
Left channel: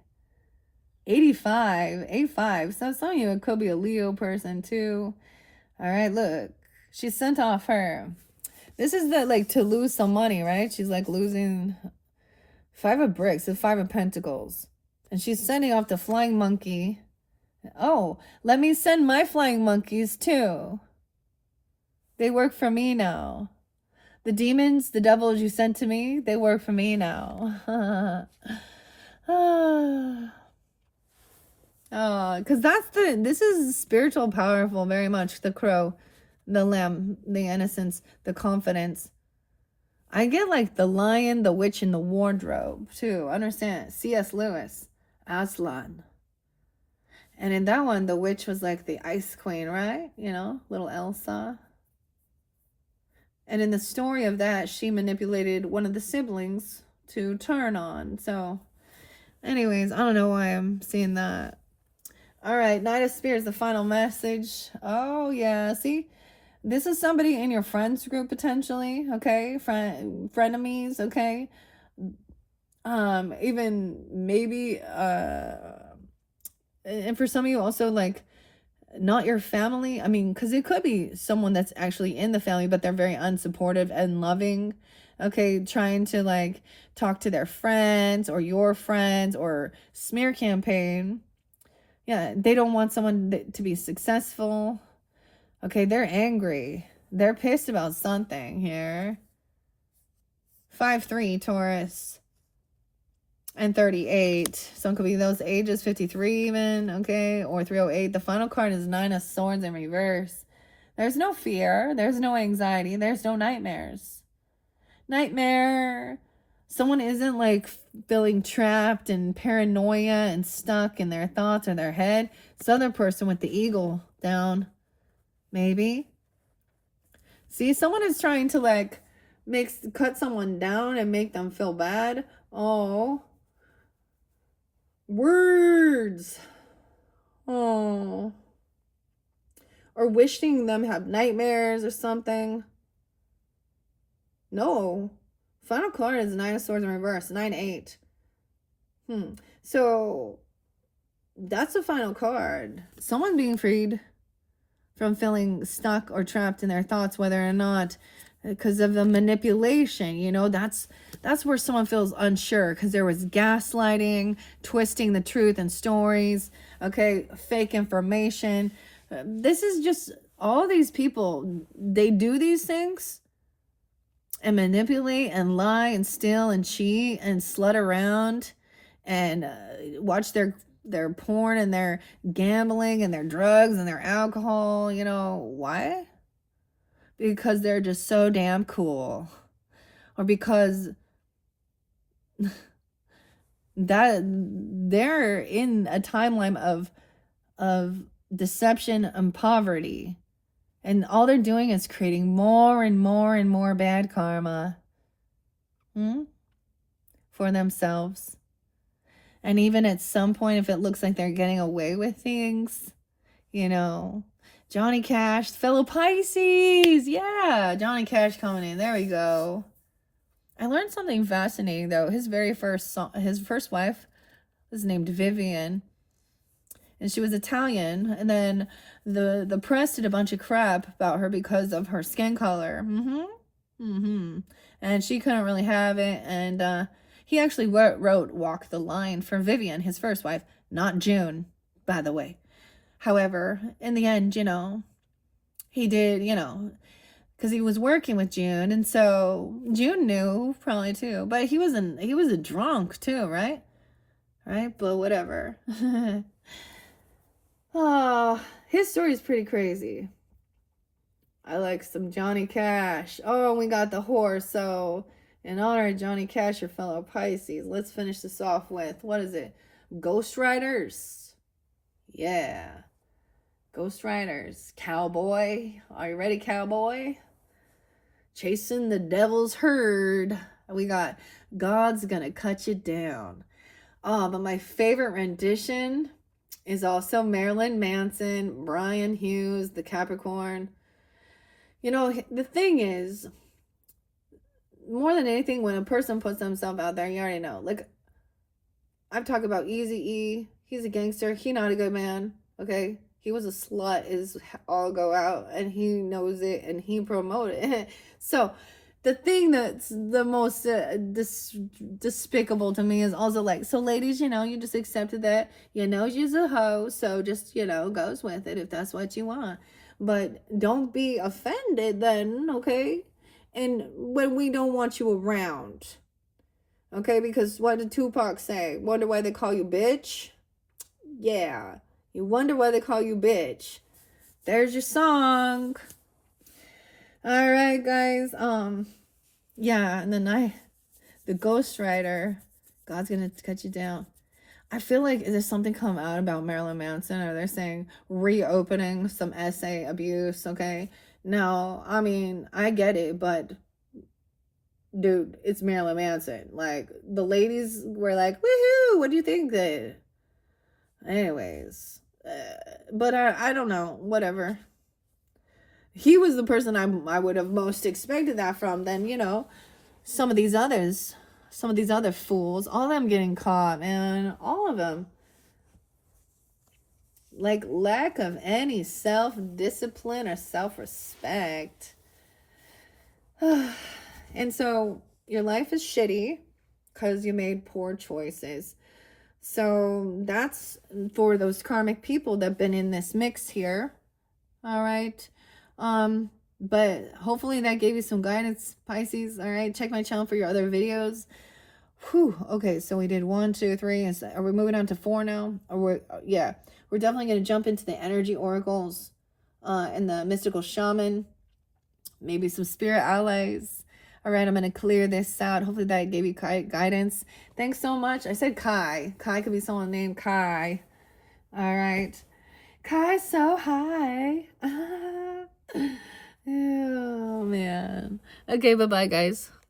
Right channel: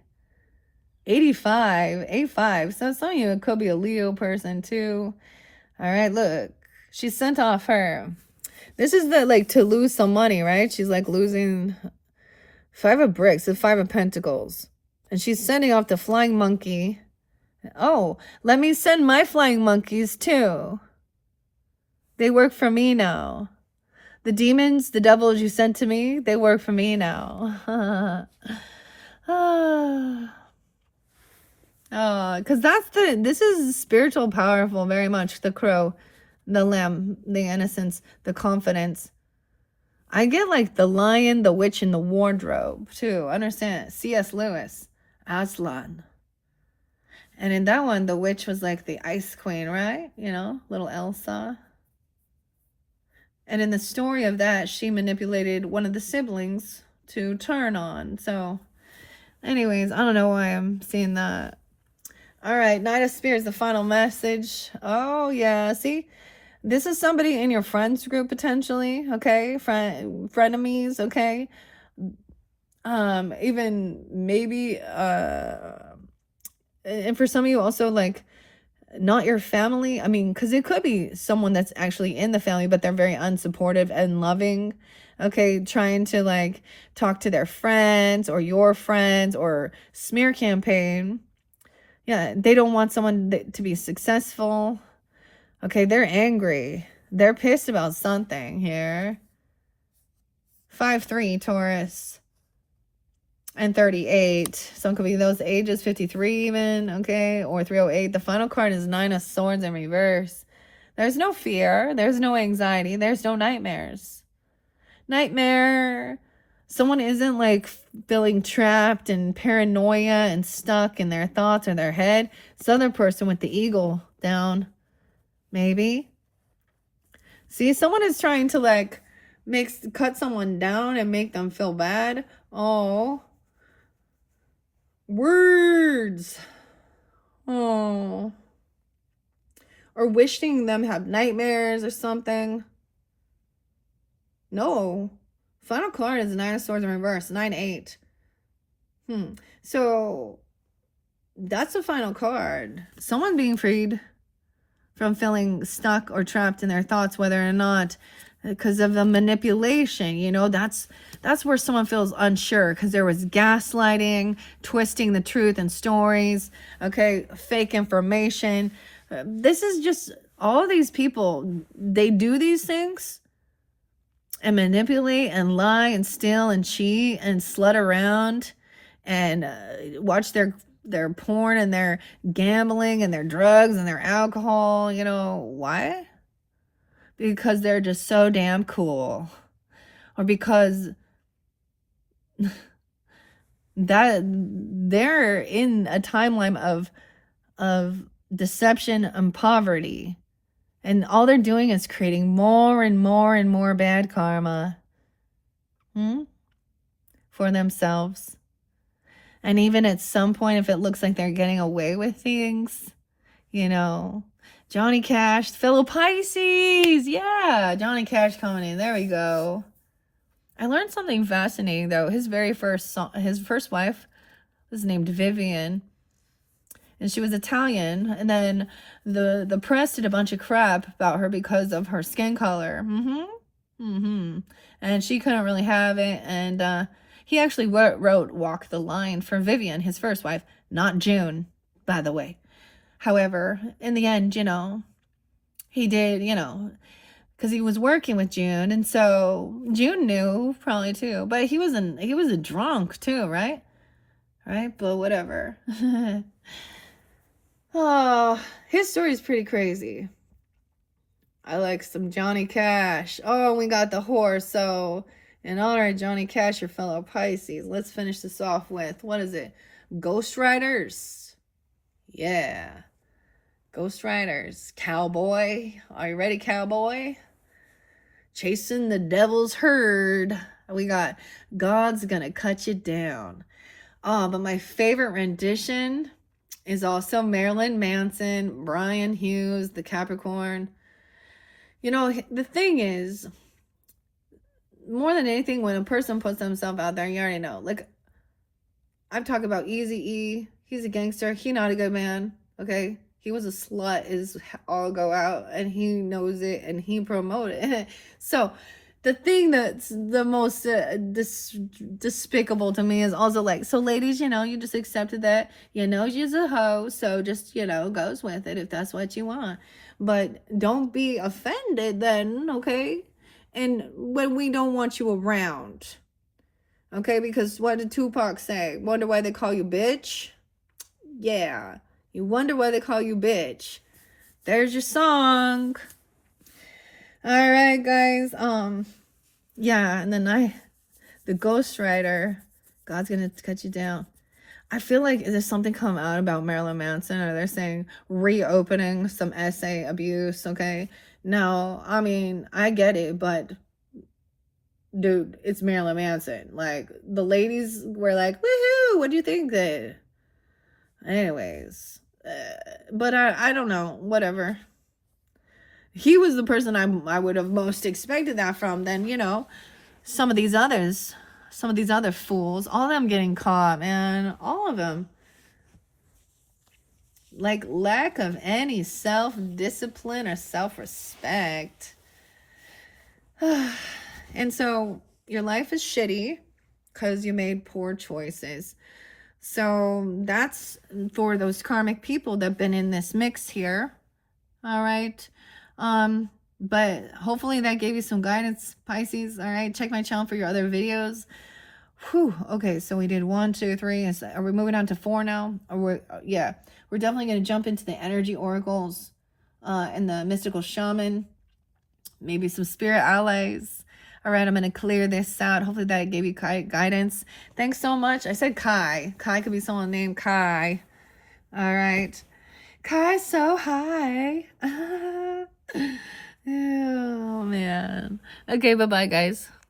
85. So some of you, it could be a Leo person too. All right, look, she sent off her. This is to lose some money, right? She's like losing 5 of bricks, the 5 of pentacles. And she's sending off the flying monkey. Oh, let me send my flying monkeys too. They work for me now. The demons, the devils you sent to me, they work for me now. Because this is spiritual, powerful, very much. The crow, the lamb, the innocence, the confidence. I get like the lion, the witch, and the wardrobe too. Understand? C.S. Lewis, Aslan. And in that one, the witch was like the ice queen, right? Little Elsa. And in the story of that, she manipulated one of the siblings to turn on. So, anyways, I don't know why I'm seeing that. All right, Knight of Spears, the final message. Oh, yeah. See, this is somebody in your friends group, potentially, okay? Frenemies, okay? Even maybe, and for some of you also, like, not your family. I mean, because it could be someone that's actually in the family, but they're very unsupportive and loving. Okay, trying to like talk to their friends or your friends or smear campaign. Yeah, they don't want someone to be successful. Okay, they're angry. They're pissed about something here. 5-3 Taurus. And 38. Some could be those ages, 53 even, okay? Or 308. The final card is 9 of Swords in reverse. There's no fear. There's no anxiety. There's no nightmares. Nightmare. Someone isn't like feeling trapped and paranoia and stuck in their thoughts or their head. This other person with the eagle down. Maybe. See, someone is trying to like cut someone down and make them feel bad. Oh. Words. Oh. Or wishing them have nightmares or something. No. Final card is 9 of Swords in reverse. 9-8. So that's the final card. Someone being freed from feeling stuck or trapped in their thoughts, whether or not because of the manipulation, you know, that's where someone feels unsure because there was gaslighting, twisting the truth and stories, okay, fake information. This is just all these people, they do these things and manipulate and lie and steal and cheat and slut around and watch their porn and their gambling and their drugs and their alcohol. You know why? Because they're just so damn cool, or because that they're in a timeline of deception and poverty, and all they're doing is creating more and more and more bad karma for themselves. And even at some point, if it looks like they're getting away with things, you know, Johnny Cash, fellow Pisces. Yeah, Johnny Cash coming in. There we go. I learned something fascinating, though. His first wife was named Vivian, and she was Italian. And then the press did a bunch of crap about her because of her skin color. And she couldn't really have it. And he actually wrote "Walk the Line" for Vivian, his first wife, not June, by the way. However, in the end, you know, he did, you know, because he was working with June, and so June knew probably too. But he was a drunk too, right? Right? But whatever. Oh, his story is pretty crazy. I like some Johnny Cash. Oh, we got the horse. So, in honor of Johnny Cash, your fellow Pisces, let's finish this off with, what is it? Ghost Riders. Yeah. Ghost Riders. Cowboy. Are you ready, cowboy? Chasing the devil's herd. We got God's gonna cut you down. Oh, but my favorite rendition is also Marilyn Manson, Brian Hughes, the Capricorn. You know, the thing is, more than anything, when a person puts themselves out there, you already know. Like, I'm talking about Eazy-E. He's a gangster. He not a good man, okay? He was a slut, is all go out, and he knows it, and he promoted it. So, the thing that's the most despicable to me is also like, so ladies, you know, you just accepted that, you know, you're a hoe, so just, you know, goes with it if that's what you want. But don't be offended then, okay? And when we don't want you around, okay? Because what did Tupac say? Wonder why they call you bitch? Yeah. You wonder why they call you bitch. There's your song. All right, guys. Yeah, and then the Ghost Rider, God's gonna cut you down. I feel like there's something come out about Marilyn Manson, or they're saying reopening some essay abuse. Okay, no, I mean I get it, but dude, it's Marilyn Manson. Like, the ladies were like, woohoo, what do you think that? Anyways, but I don't know, whatever. He was the person I would have most expected that from. Then, you know, some of these other fools, all of them getting caught, man, all of them. Like, lack of any self-discipline or self-respect. And so your life is shitty because you made poor choices. So that's for those karmic people that have been in this mix here. All right. But hopefully that gave you some guidance, Pisces. All right. Check my channel for your other videos. Whew. Okay. So we did 1, 2, 3. Are we moving on to 4 now? Or we're definitely going to jump into the energy oracles, and the mystical shaman, maybe some spirit allies. All right, I'm going to clear this out. Hopefully that gave you guidance. Thanks so much. I said Kai. Kai could be someone named Kai. All right. Kai's so high. Oh, man. Okay, bye-bye, guys.